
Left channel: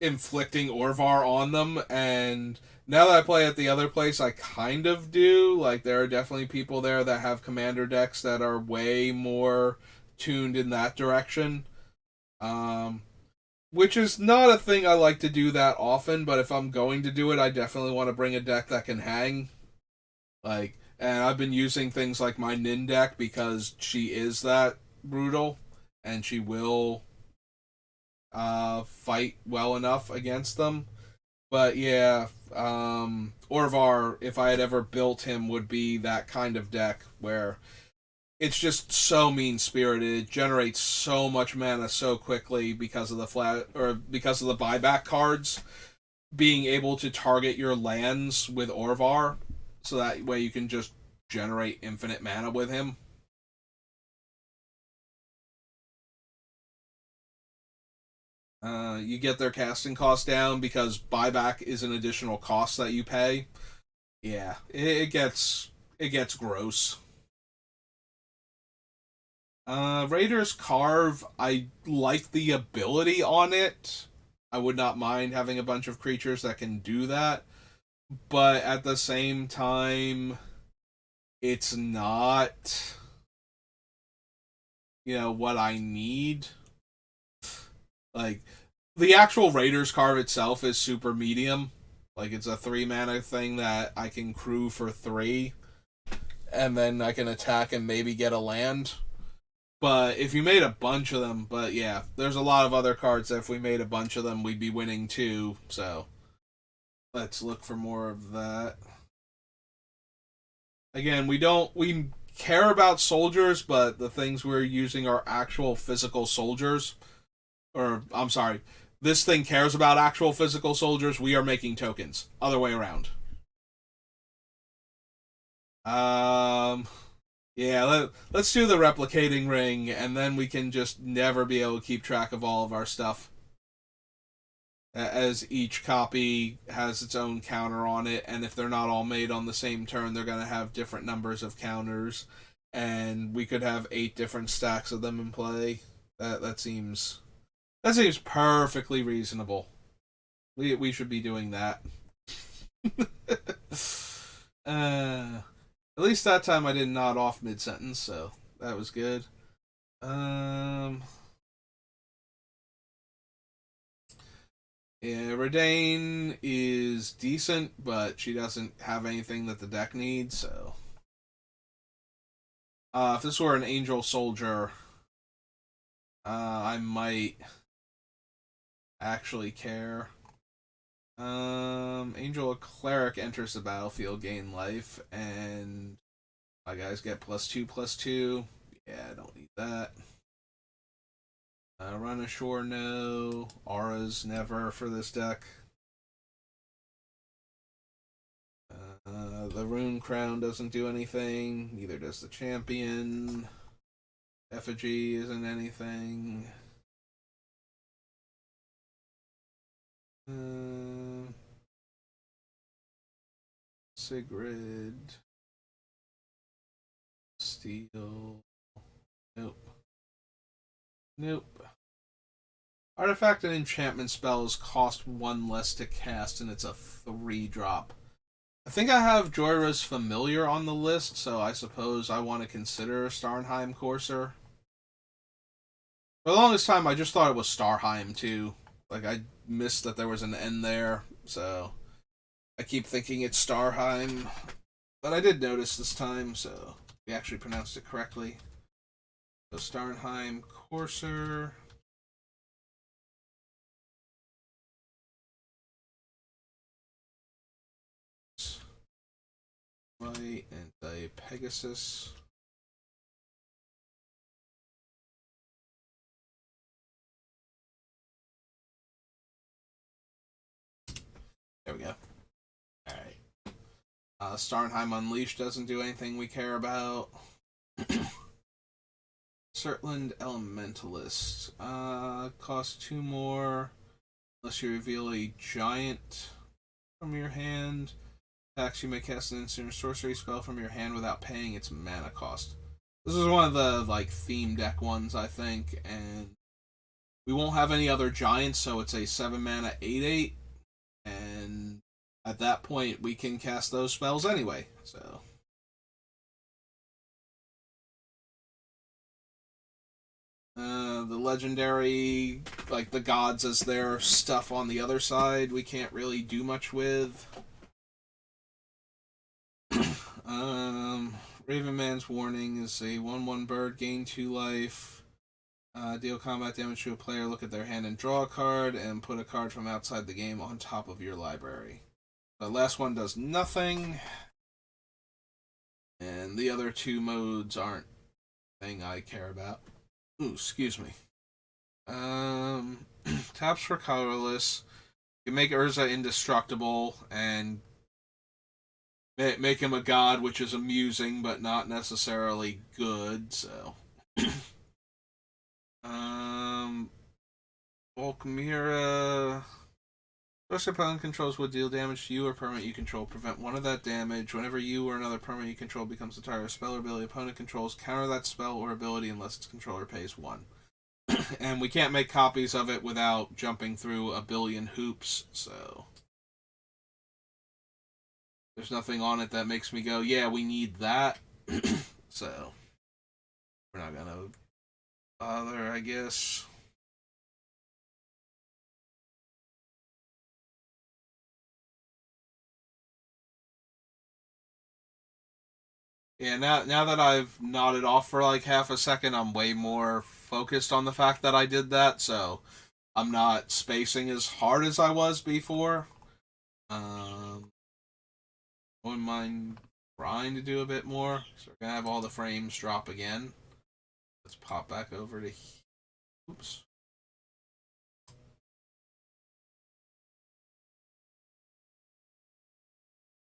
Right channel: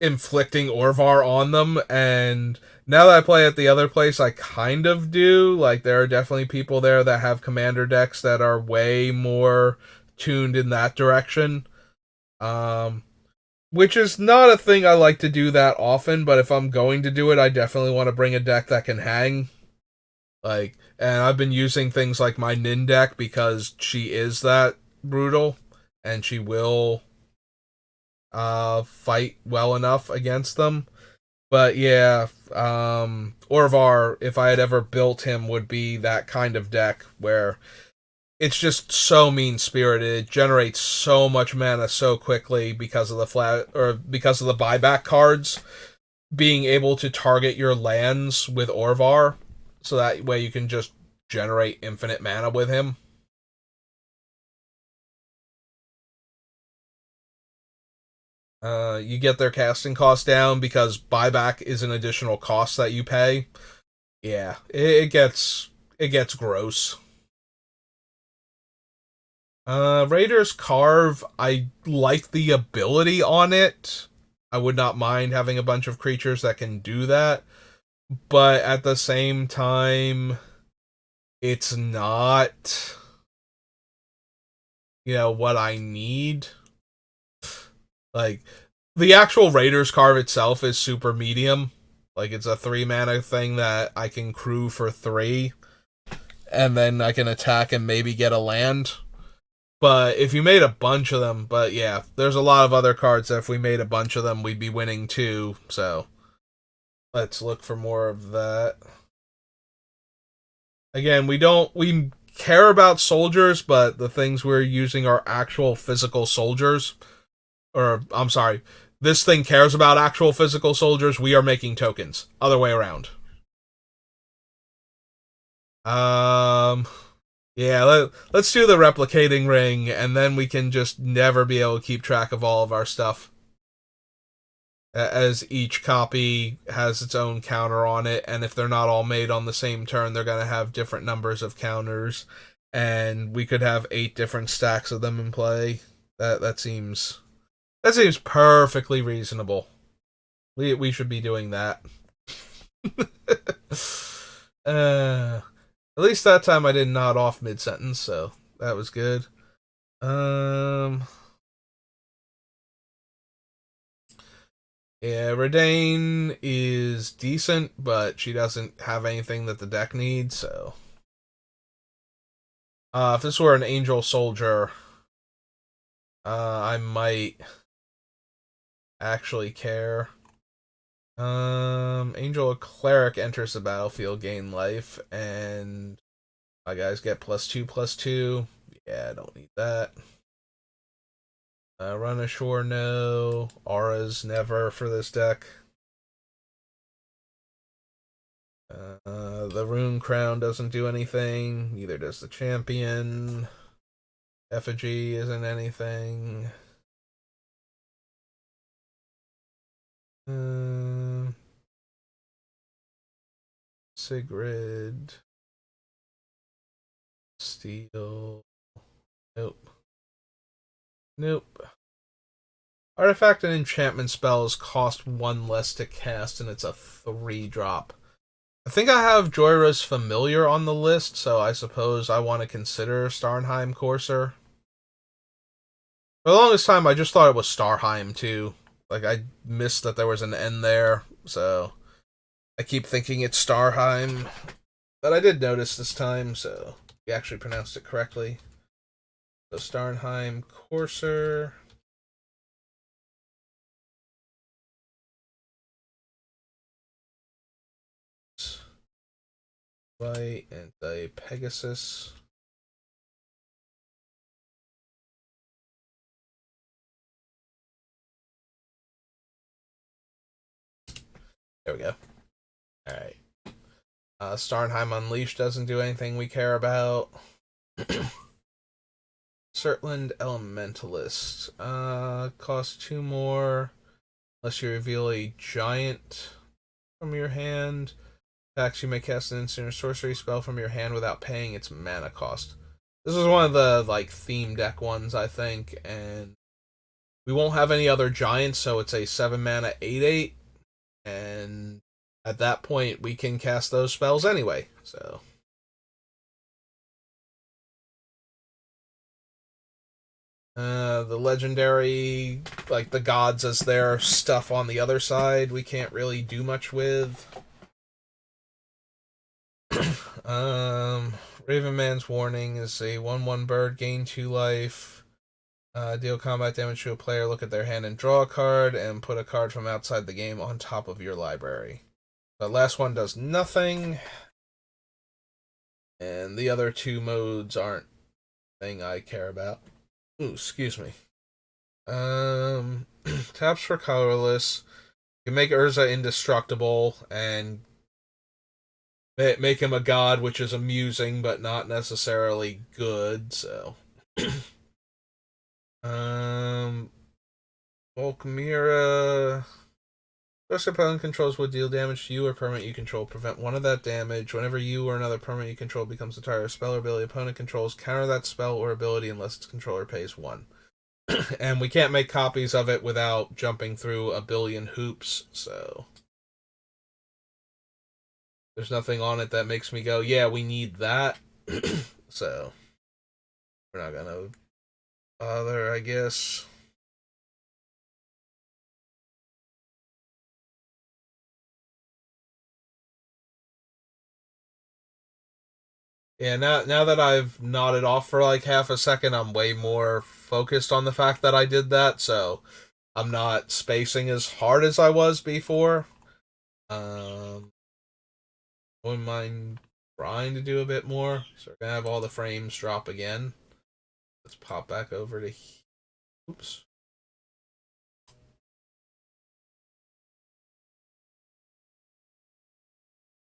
inflicting Orvar on them. And now that I play at the other place, I kind of do. Like, there are definitely people there that have commander decks that are way more tuned in that direction. Um, which is not a thing I like to do that often, but if I'm going to do it, I definitely want to bring a deck that can hang. Like, and I've been using things like my Nin deck because she is that brutal, and she will fight well enough against them. But yeah, Orvar, if I had ever built him, would be that kind of deck where it's just so mean spirited. It generates so much mana so quickly because of the buyback cards being able to target your lands with Orvar, so that way you can just generate infinite mana with him. You get their casting cost down because buyback is an additional cost that you pay. Yeah, it gets gross. Raiders Carve, I like the ability on it. I would not mind having a bunch of creatures that can do that, but at the same time, it's not, what I need. Like, the actual Raiders Carve itself is super medium. Like it's a 3 mana thing that I can crew for 3, and then I can attack and maybe get a land. But if you made a bunch of them, but yeah, there's a lot of other cards that if we made a bunch of them, we'd be winning too. So let's look for more of that. Again, we care about soldiers, but the things we're using are actual physical soldiers. Or I'm sorry, this thing cares about actual physical soldiers. We are making tokens. Other way around. Um, yeah, let's do the replicating ring, and then we can just never be able to keep track of all of our stuff. As each copy has its own counter on it, and if they're not all made on the same turn, they're going to have different numbers of counters, and we could have 8 different stacks of them in play. That seems perfectly reasonable. We should be doing that. At least that time I didn't nod off mid sentence, so that was good. Um, yeah, Redane is decent, but she doesn't have anything that the deck needs. So, if this were an Angel Soldier, I might actually care. Angel Cleric enters the battlefield, gain life, and my guys get +2/+2. Yeah, I don't need that. Run ashore, no. Auras, never for this deck. The Rune Crown doesn't do anything. Neither does the Champion. Effigy isn't anything. Uh, Sigrid. Steel. Nope. Nope. Artifact and enchantment spells cost 1 less to cast, and it's a 3-drop. I think I have Joyra's Familiar on the list, so I suppose I want to consider Starnheim Courser. For the longest time, I just thought it was Starheim, too. Like, I missed that there was an N there, so I keep thinking it's Starheim. But I did notice this time, so we actually pronounced it correctly. So Starnheim Courser. White and a Pegasus. There we go. Alright. Starnheim Unleashed doesn't do anything we care about. Surtland Elementalist. Costs 2 more. Unless you reveal a giant from your hand. Attacks, you may cast an instant or sorcery spell from your hand without paying its mana cost. This is one of the theme deck ones, I think, and we won't have any other giants, so it's a 7 mana 8/8, and at that point we can cast those spells anyway. So the legendary, the gods as their stuff on the other side, we can't really do much with. Ravenman's Warning is a 1/1 bird, gain 2 life. Deal combat damage to a player, look at their hand and draw a card, and put a card from outside the game on top of your library. The last one does nothing, and the other 2 modes aren't thing I care about. Ooh, excuse me. Taps for colorless. You can make Urza indestructible and make him a god, which is amusing but not necessarily good. So, Volkmira. Special opponent controls would deal damage to you or permanent you control. Prevent 1 of that damage. Whenever you or another permanent you control becomes the target of spell or ability opponent controls, counter that spell or ability unless its controller pays 1. And we can't make copies of it without jumping through a billion hoops, so there's nothing on it that makes me go, yeah, we need that. So we're not gonna bother, I guess. Yeah, now that I've nodded off for like half a second, I'm way more focused on the fact that I did that, so I'm not spacing as hard as I was before. I wouldn't mind trying to do a bit more. So we're gonna have all the frames drop again. Let's pop back over to. Oops.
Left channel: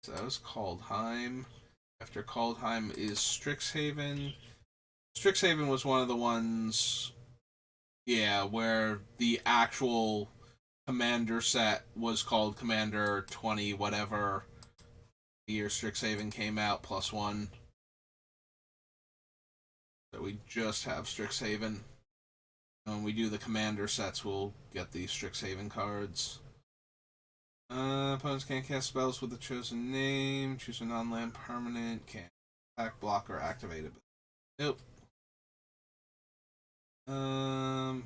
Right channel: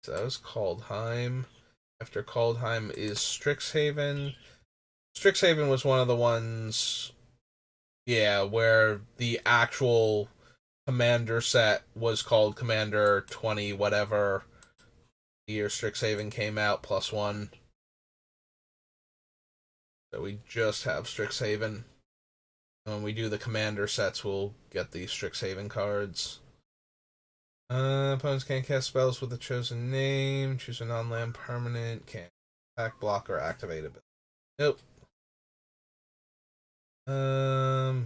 So that was Kaldheim. After Kaldheim is Strixhaven. Strixhaven was one of the ones, yeah, where the actual commander set was called Commander 20 whatever the year Strixhaven came out plus one. So we just have Strixhaven. When we do the commander sets, we'll get these Strixhaven cards. Opponents can't cast spells with a chosen name. Choose a non-land permanent. Can't attack, block, or activate it. Nope. No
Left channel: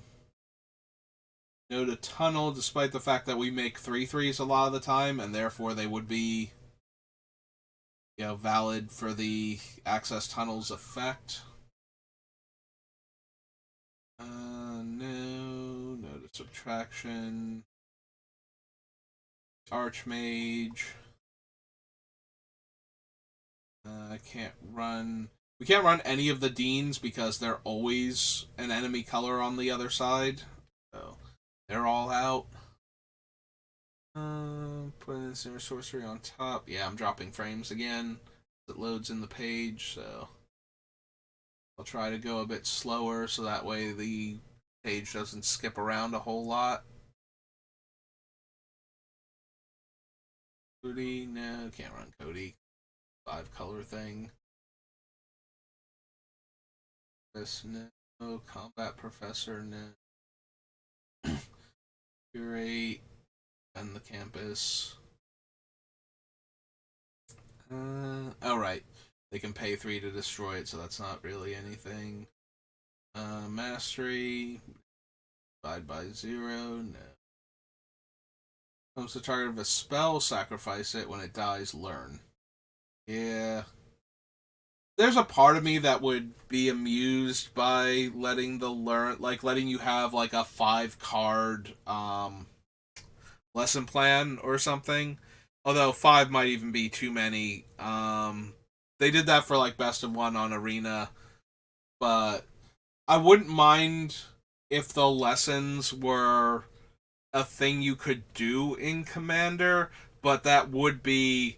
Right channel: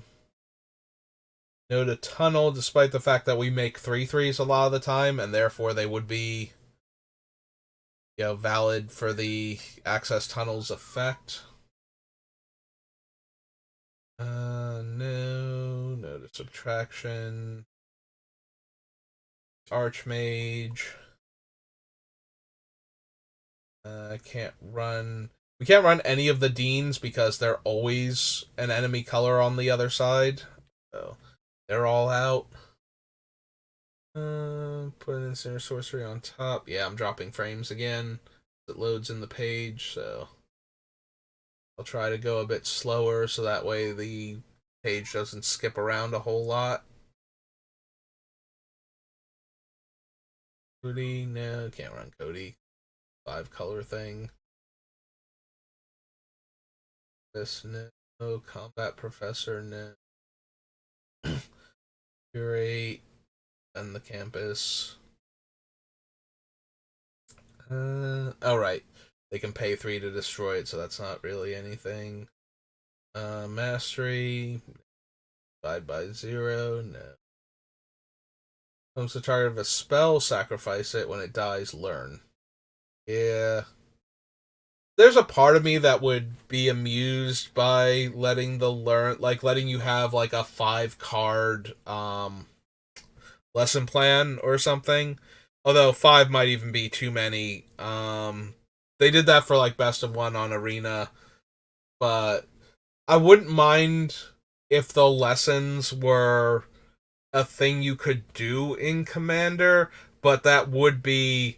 to tunnel, despite the fact that we make 3/3s a lot of the time, and therefore they would be, valid for the access tunnels effect. No to subtraction. Archmage. I can't run. We can't run any of the Deans because they're always an enemy color on the other side. So they're all out. Put an instant sorcery on top. Yeah, I'm dropping frames again. It loads in the page, so I'll try to go a bit slower so that way the page doesn't skip around a whole lot. Cody, no, can't run Cody. 5-color thing. This, no. Combat Professor, no. Curate, and the campus. Oh, right. They can pay 3 to destroy it, so that's not really anything. Mastery, divide by 0, no. Comes the target of a spell, sacrifice it. When it dies, learn. Yeah. There's a part of me that would be amused by letting the learn, like letting you have like a 5 card lesson plan or something. Although 5 might even be too many. They did that for like best of one on Arena, but I wouldn't mind if the lessons were a thing you could do in Commander, but that would be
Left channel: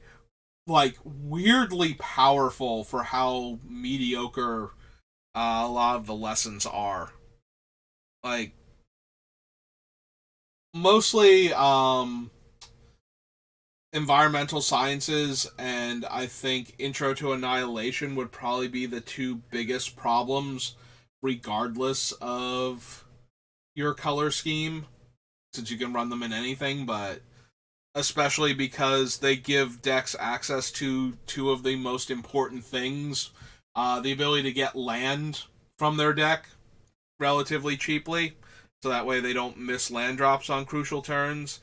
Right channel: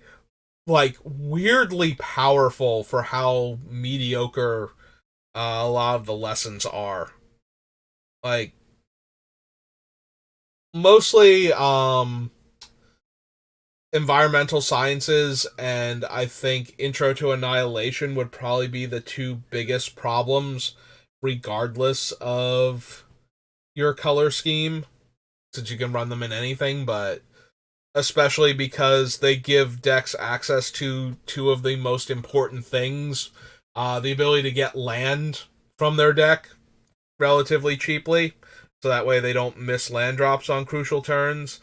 like weirdly powerful for how mediocre a lot of the lessons are. Like mostly environmental sciences and I think Intro to Annihilation would probably be the two biggest problems regardless of your color scheme since you can run them in anything, but especially because they give decks access to two of the most important things, the ability to get land from their deck relatively cheaply, so that way they don't miss land drops on crucial turns.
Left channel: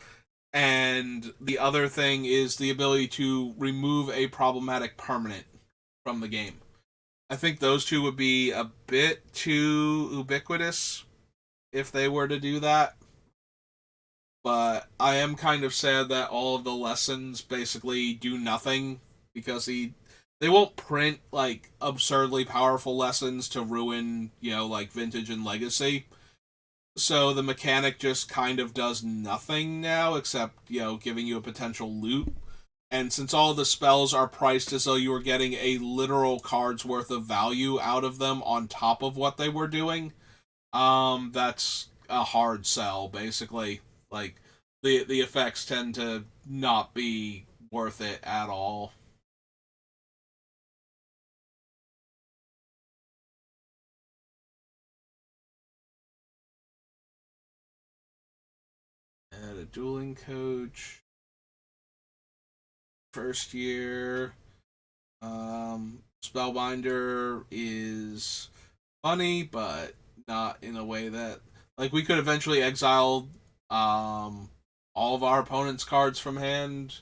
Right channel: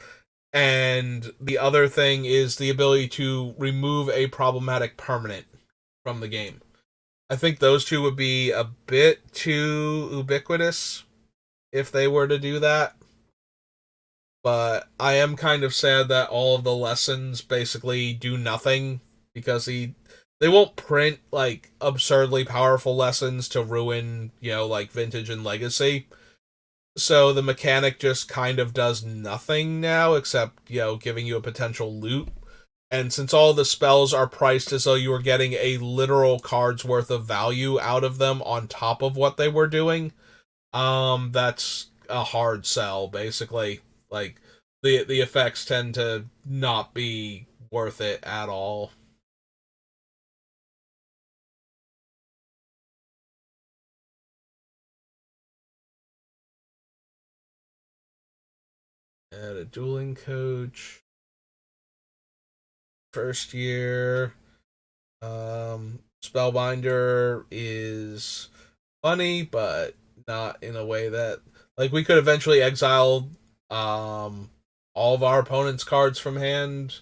And the other thing is the ability to remove a problematic permanent from the game. I think those two would be a bit too ubiquitous if they were to do that. But I am kind of sad that all of the lessons basically do nothing because they won't print like absurdly powerful lessons to ruin, like Vintage and Legacy. So the mechanic just kind of does nothing now except, giving you a potential loot. And since all the spells are priced as though you were getting a literal card's worth of value out of them on top of what they were doing, that's a hard sell basically. Like the effects tend to not be worth it at all. And a dueling coach, first year. Spellbinder is funny, but not in a way that like we could eventually exile all of our opponent's cards from hand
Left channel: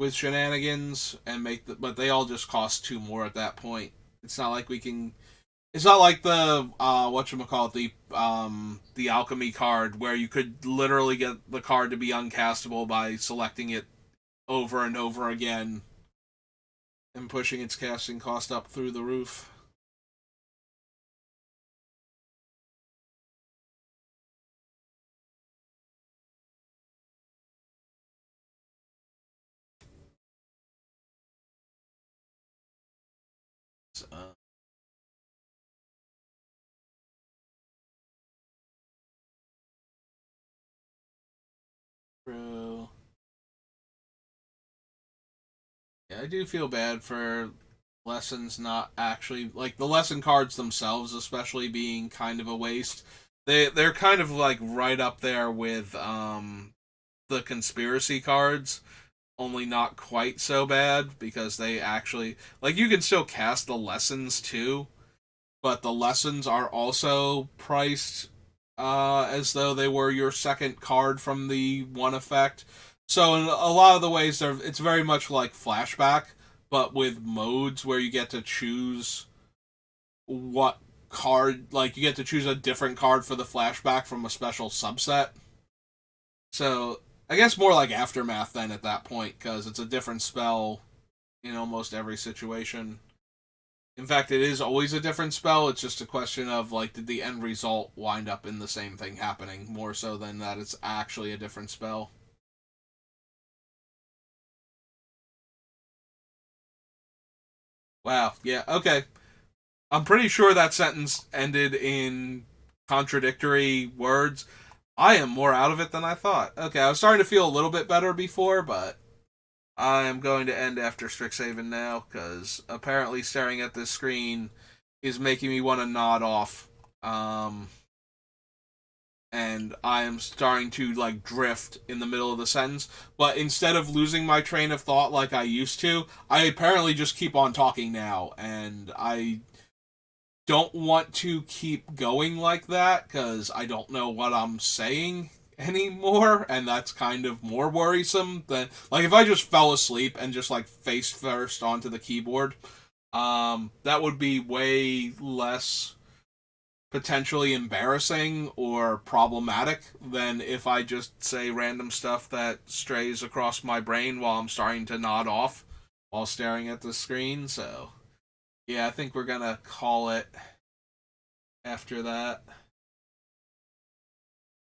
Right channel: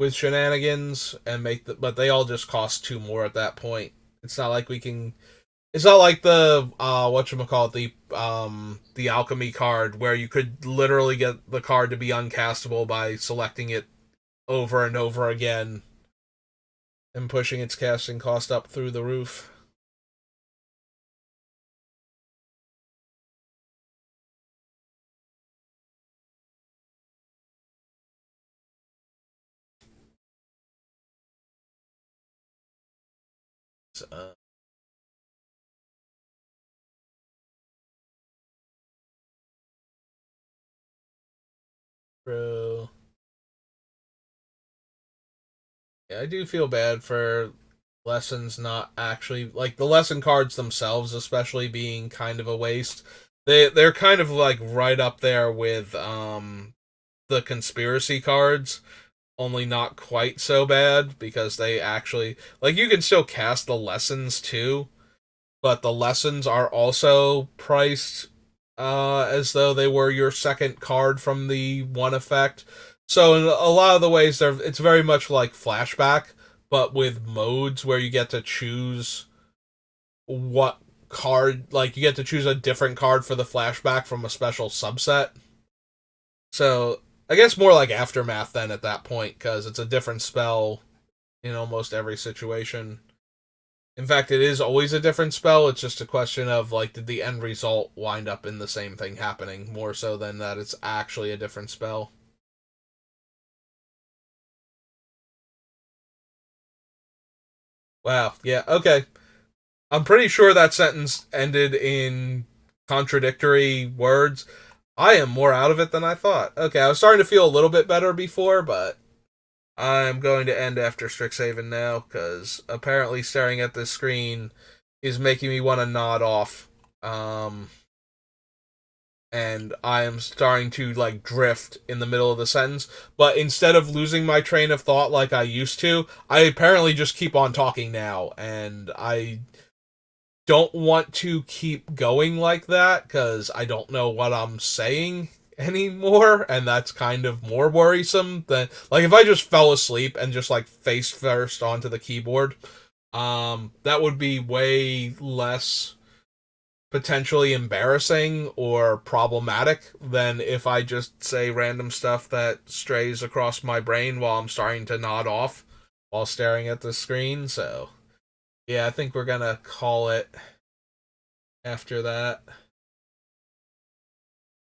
with shenanigans and but they all just cost two more at that point. It's not like we can. It's not like the whatchamacallit, the alchemy card where you could literally get the card to be uncastable by selecting it over and over again and pushing its casting cost up through the roof. So, true. Yeah, I do feel bad for lessons not actually like the lesson cards themselves, especially being kind of a waste. They're kind of like right up there with the conspiracy cards, only not quite so bad because they actually like you can still cast the lessons too, but the lessons are also priced as though they were your second card from the one effect. So in a lot of the ways, it's very much like flashback, but with modes where you get to choose what card, like you get to choose a different card for the flashback from a special subset. So I guess more like aftermath then at that point because it's a different spell in almost every situation. In fact, it is always a different spell. It's just a question of like, did the end result wind up in the same thing happening more so than that it's actually a different spell. Wow. Yeah. Okay. I'm pretty sure that sentence ended in contradictory words. I am more out of it than I thought. Okay, I was starting to feel a little bit better before, but I'm going to end after Strixhaven now because apparently staring at this screen is making me want to nod off. Um, and I am starting to like drift in the middle of the sentence. But instead of losing my train of thought like I used to, I apparently just keep on talking now, and I don't want to keep going like that because I don't know what I'm saying anymore, and that's kind of more worrisome than like if I just fell asleep and just like face first onto the keyboard. That would be way less potentially embarrassing or problematic than if I just say random stuff that strays across my brain while I'm starting to nod off while staring at the screen. So, yeah, I think we're gonna call it after that.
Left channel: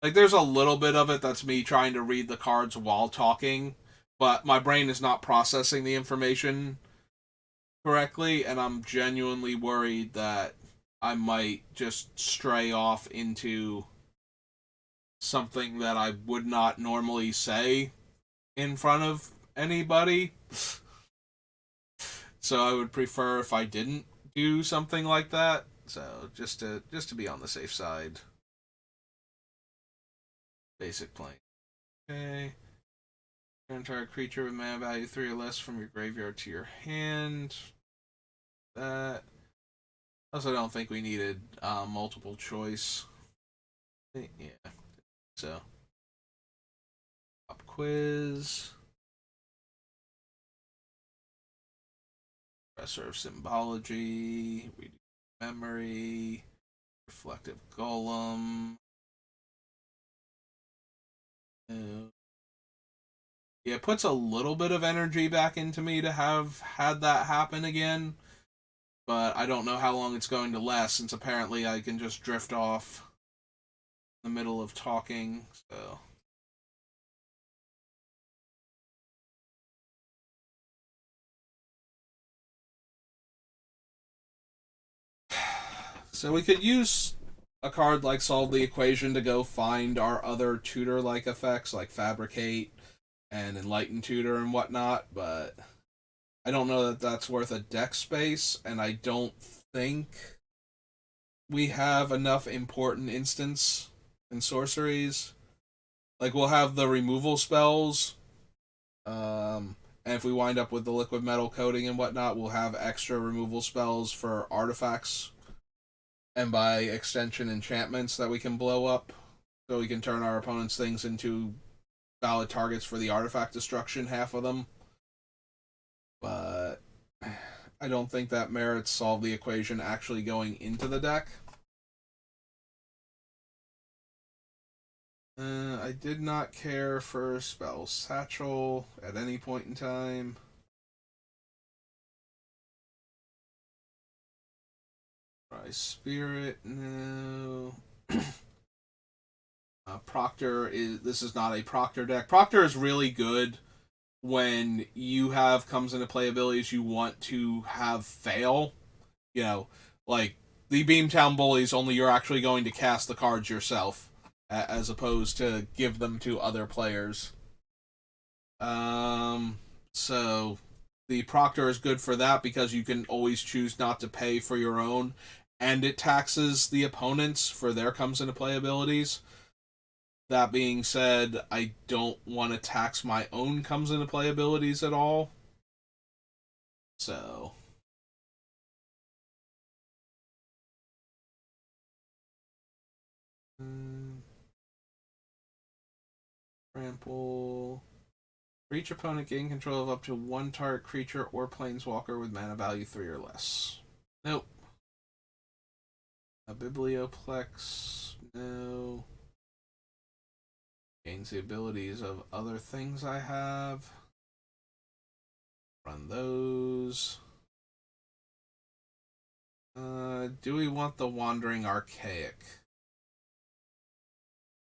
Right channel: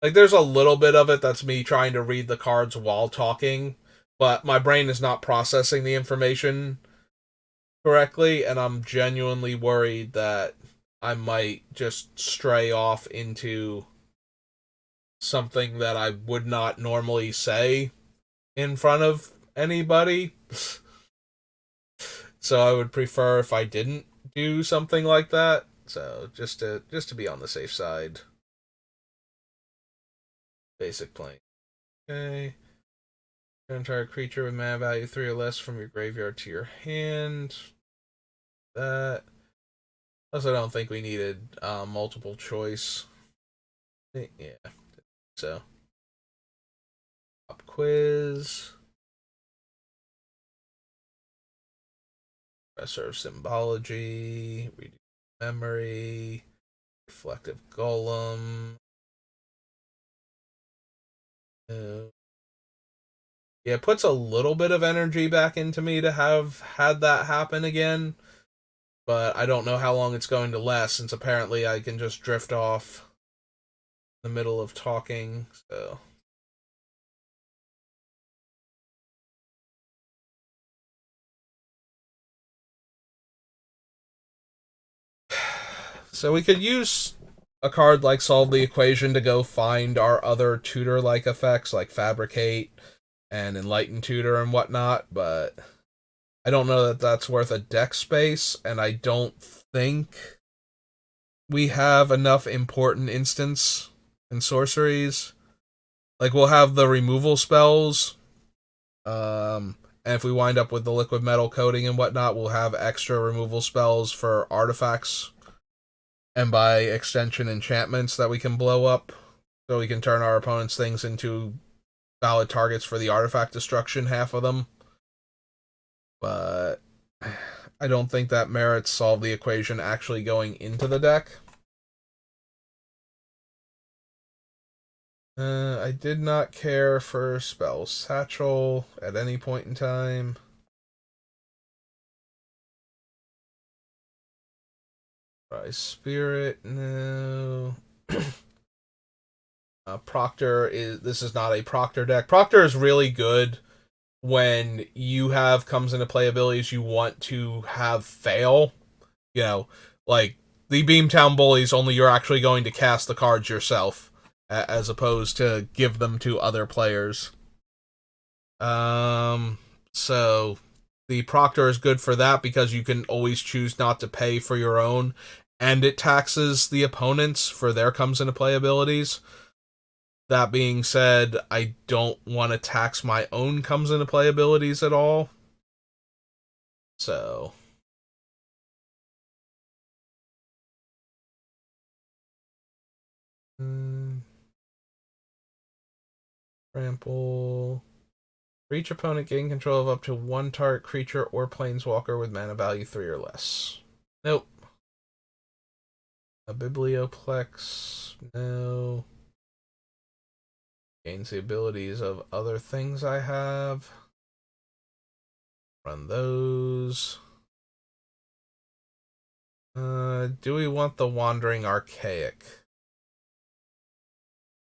Like, there's a little bit of it that's me trying to read the cards while talking, but my brain is not processing the information correctly, and I'm genuinely worried that I might just stray off into something that I would not normally say in front of anybody. So I would prefer if I didn't do something like that. So just to be on the safe side. Basic plane. Okay. Entire creature with mana value 3 or less from your graveyard to your hand. That. Also, don't think we needed multiple choice. Yeah. So, pop quiz. Professor of Symbology. Reading Memory. Reflective Golem. Yeah, it puts a little bit of energy back into me to have had that happen again, but I don't know how long it's going to last since apparently I can just drift off in the middle of talking. So we could use a card like Solve the Equation to go find our other tutor like effects like Fabricate and Enlighten Tutor and whatnot, but I don't know that that's worth a deck space, and I don't think we have enough important instants and sorceries. Like we'll have the removal spells, and if we wind up with the liquid metal coating and whatnot, we'll have extra removal spells for artifacts and by extension enchantments that we can blow up, so we can turn our opponent's things into valid targets for the artifact destruction. Half of them. but I don't think that merits solve the equation actually going into the deck. I did not care for Spell Satchel at any point in time. Try Spirit, no. Proctor is this is not a Proctor deck. Proctor is really good when you have comes into play abilities you want to have fail. You know, like the Beamtown Bullies, only you're actually going to cast the cards yourself, as opposed to give them to other players. So the Proctor is good for that because you can always choose not to pay for your own, and it taxes the opponents for their comes into play abilities. That being said, I don't want to tax my own comes into play abilities at all. So. Trample. For each opponent, gain control of up to one target creature or planeswalker with mana value 3 or less. Nope. A Biblioplex. No. Gains the abilities of other things I have. Run those. Do we want the Wandering Archaic?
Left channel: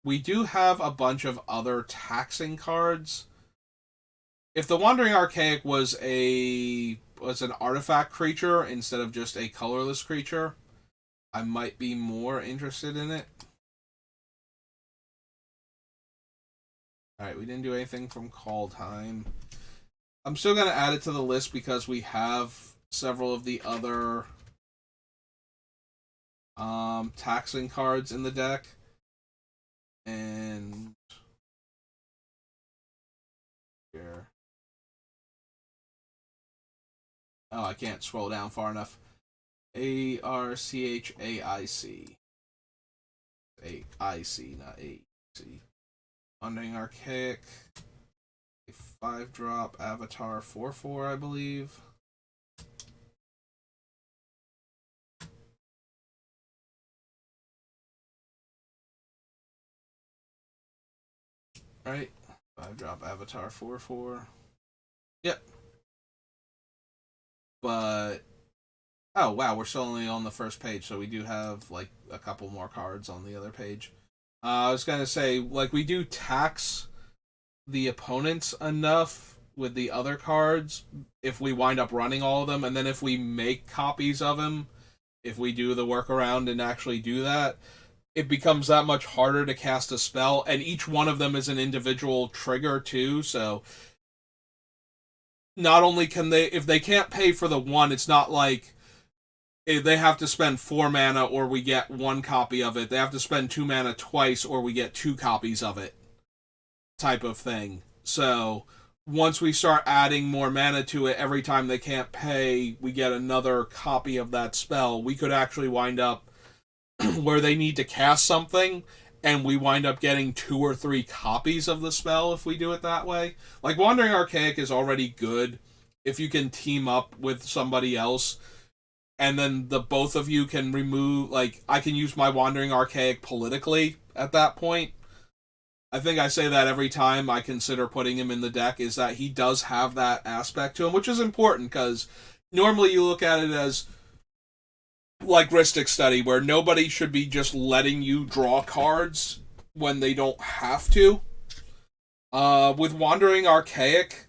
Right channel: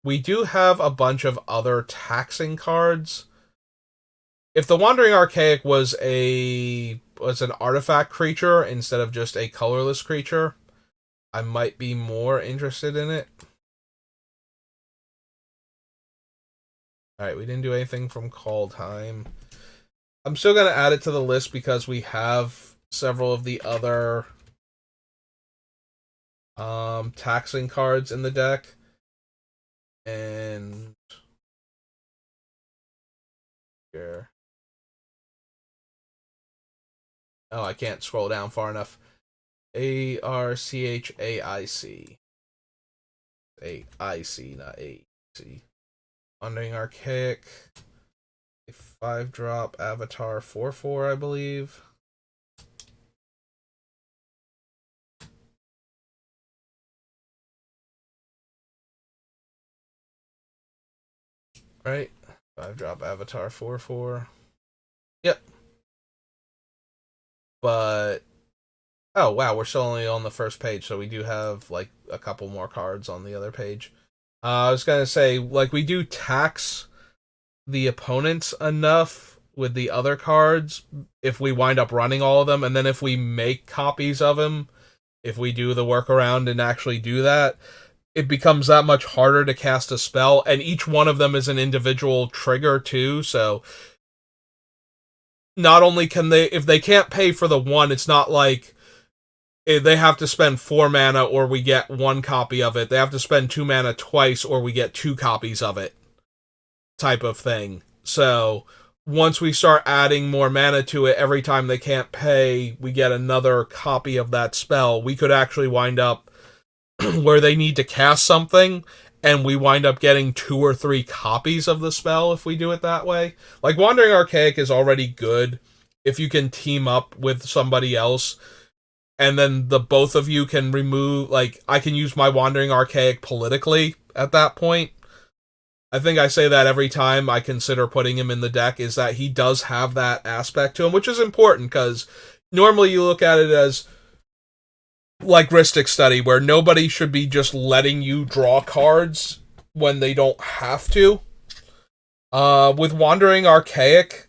We do have a bunch of other taxing cards. If the Wandering Archaic was an artifact creature instead of just a colorless creature, I might be more interested in it. Alright, we didn't do anything from Call Time. I'm still going to add it to the list because we have several of the other taxing cards in the deck. And here. Oh, I can't scroll down far enough. Archaic. AIC, not AC. Wandering Archaic. A 5-drop Avatar 4/4, I believe. Right? 5-drop Avatar 4/4. Yep. But oh wow, we're still only on the first page, so we do have like a couple more cards on the other page. I was gonna say, like, we do tax the opponents enough with the other cards if we wind up running all of them, and then if we make copies of them, if we do the workaround and actually do that, it becomes that much harder to cast a spell, and each one of them is an individual trigger too, so not only can they, if they can't pay for the one, it's not like they have to spend 4 mana or we get 1 copy of it. They have to spend 2 mana twice or we get 2 copies of it, type of thing. So once we start adding more mana to it, every time they can't pay, we get another copy of that spell. We could actually wind up where they need to cast something and we wind up getting 2 or 3 copies of the spell if we do it that way. Like, Wandering Archaic is already good if you can team up with somebody else, and then the both of you can remove, like, I can use my Wandering Archaic politically at that point. I think I say that every time I consider putting him in the deck, is that he does have that aspect to him, which is important, because normally you look at it as like Ristic Study, where nobody should be just letting you draw cards when they don't have to. With Wandering Archaic,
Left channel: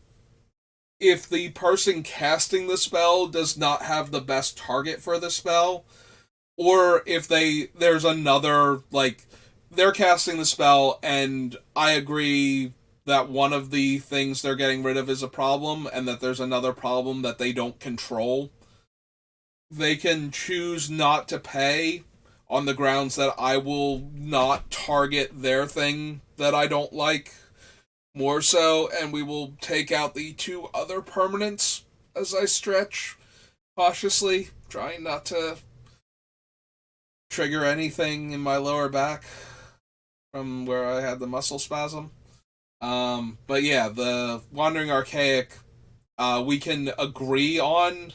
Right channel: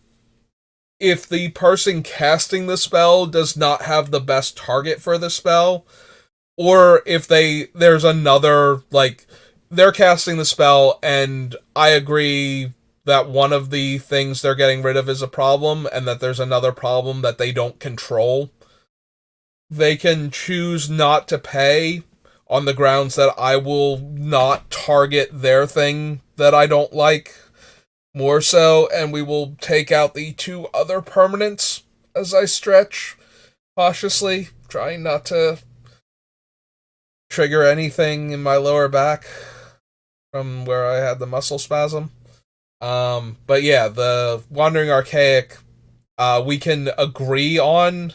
if the person casting the spell does not have the best target for the spell, or if there's another, like, they're casting the spell and I agree that one of the things they're getting rid of is a problem and that there's another problem that they don't control, they can choose not to pay on the grounds that I will not target their thing that I don't like more so, and we will take out the 2 other permanents as I stretch cautiously, trying not to trigger anything in my lower back from where I had the muscle spasm. But yeah, the Wandering Archaic We can agree on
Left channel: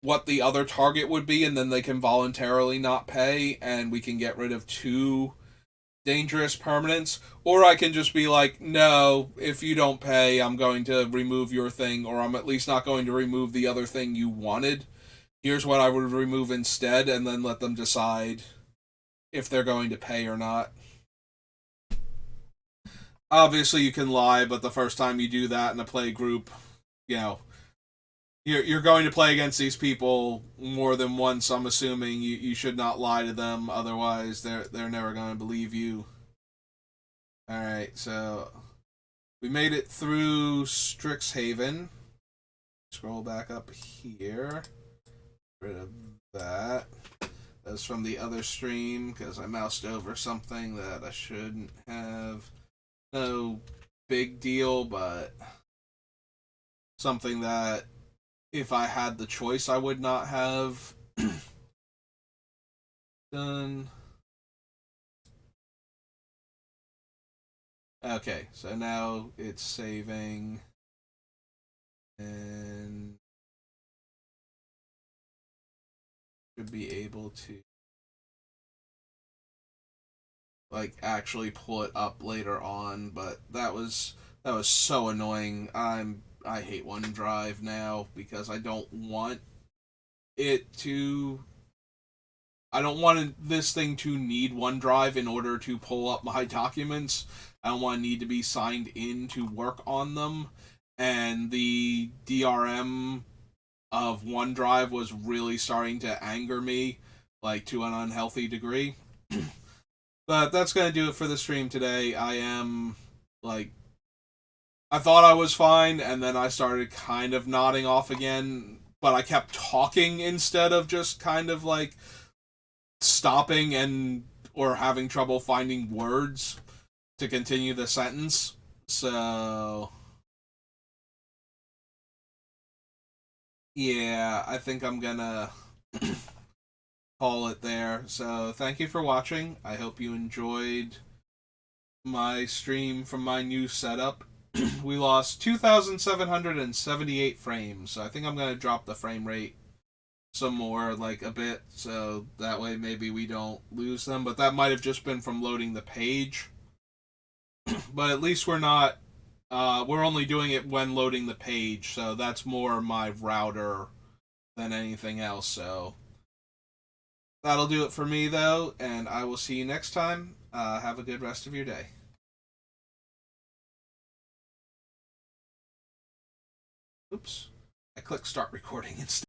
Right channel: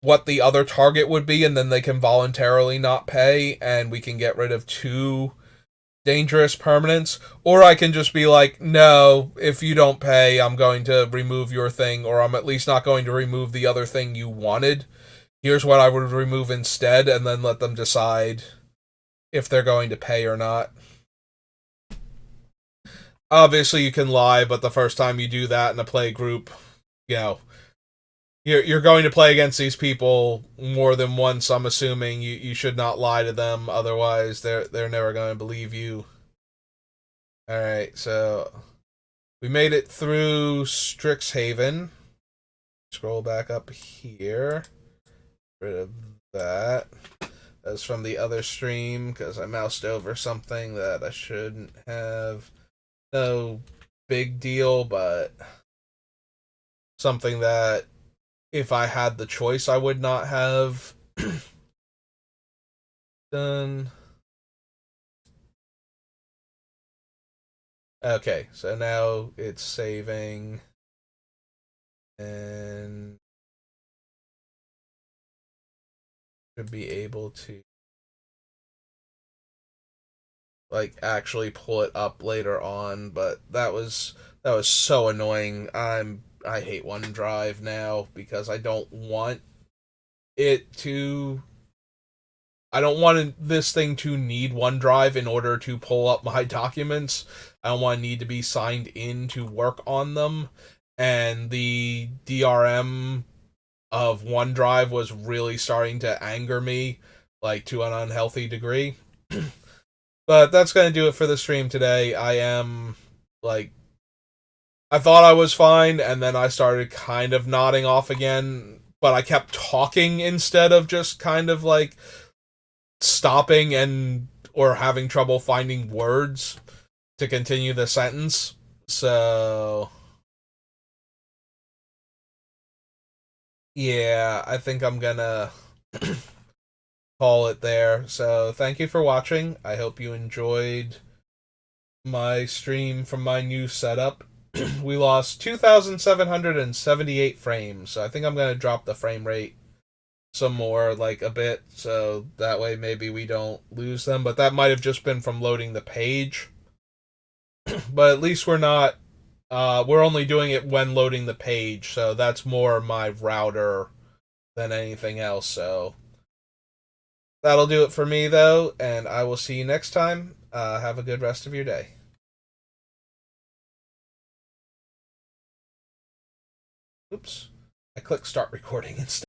what the other target would be, and then they can voluntarily not pay, and we can get rid of two dangerous permanents. Or I can just be like, no, if you don't pay, I'm going to remove your thing, or I'm at least not going to remove the other thing you wanted. Here's what I would remove instead, and then let them decide if they're going to pay or not. Obviously, you can lie, but the first time you do that in a play group, you know, you're going to play against these people more than once. I'm assuming you should not lie to them, otherwise they're never going to believe you. All right, so we made it through Strixhaven. Scroll back up here. Get rid of that. That's from the other stream because I moused over something that I shouldn't have. No big deal, but something that if I had the choice, I would not have done. Okay, so now it's saving and should be able to like actually pull it up later on, but that was so annoying. I hate OneDrive now because it to I don't want this thing to need OneDrive in order to pull up my documents. I don't want to need to be signed in to work on them. And the DRM of OneDrive was really starting to anger me, like to an unhealthy degree. But that's going to do it for the stream today. Like, I thought I was fine, and then I started kind of nodding off again, but I kept talking instead of just kind of like stopping and or having trouble finding words to continue the sentence. So yeah, I think I'm gonna call it there. So thank you for watching. I hope you enjoyed my stream from my new setup. We lost 2,778 frames, so I think I'm gonna drop the frame rate some more, like a bit, so that way maybe we don't lose them. But that might have just been from loading the page. But at least we're only doing it when loading the page, so that's more my router than anything else. So that'll do it for me though, and I will see you next time. Have a good rest of your day. Oops, I clicked start recording instead.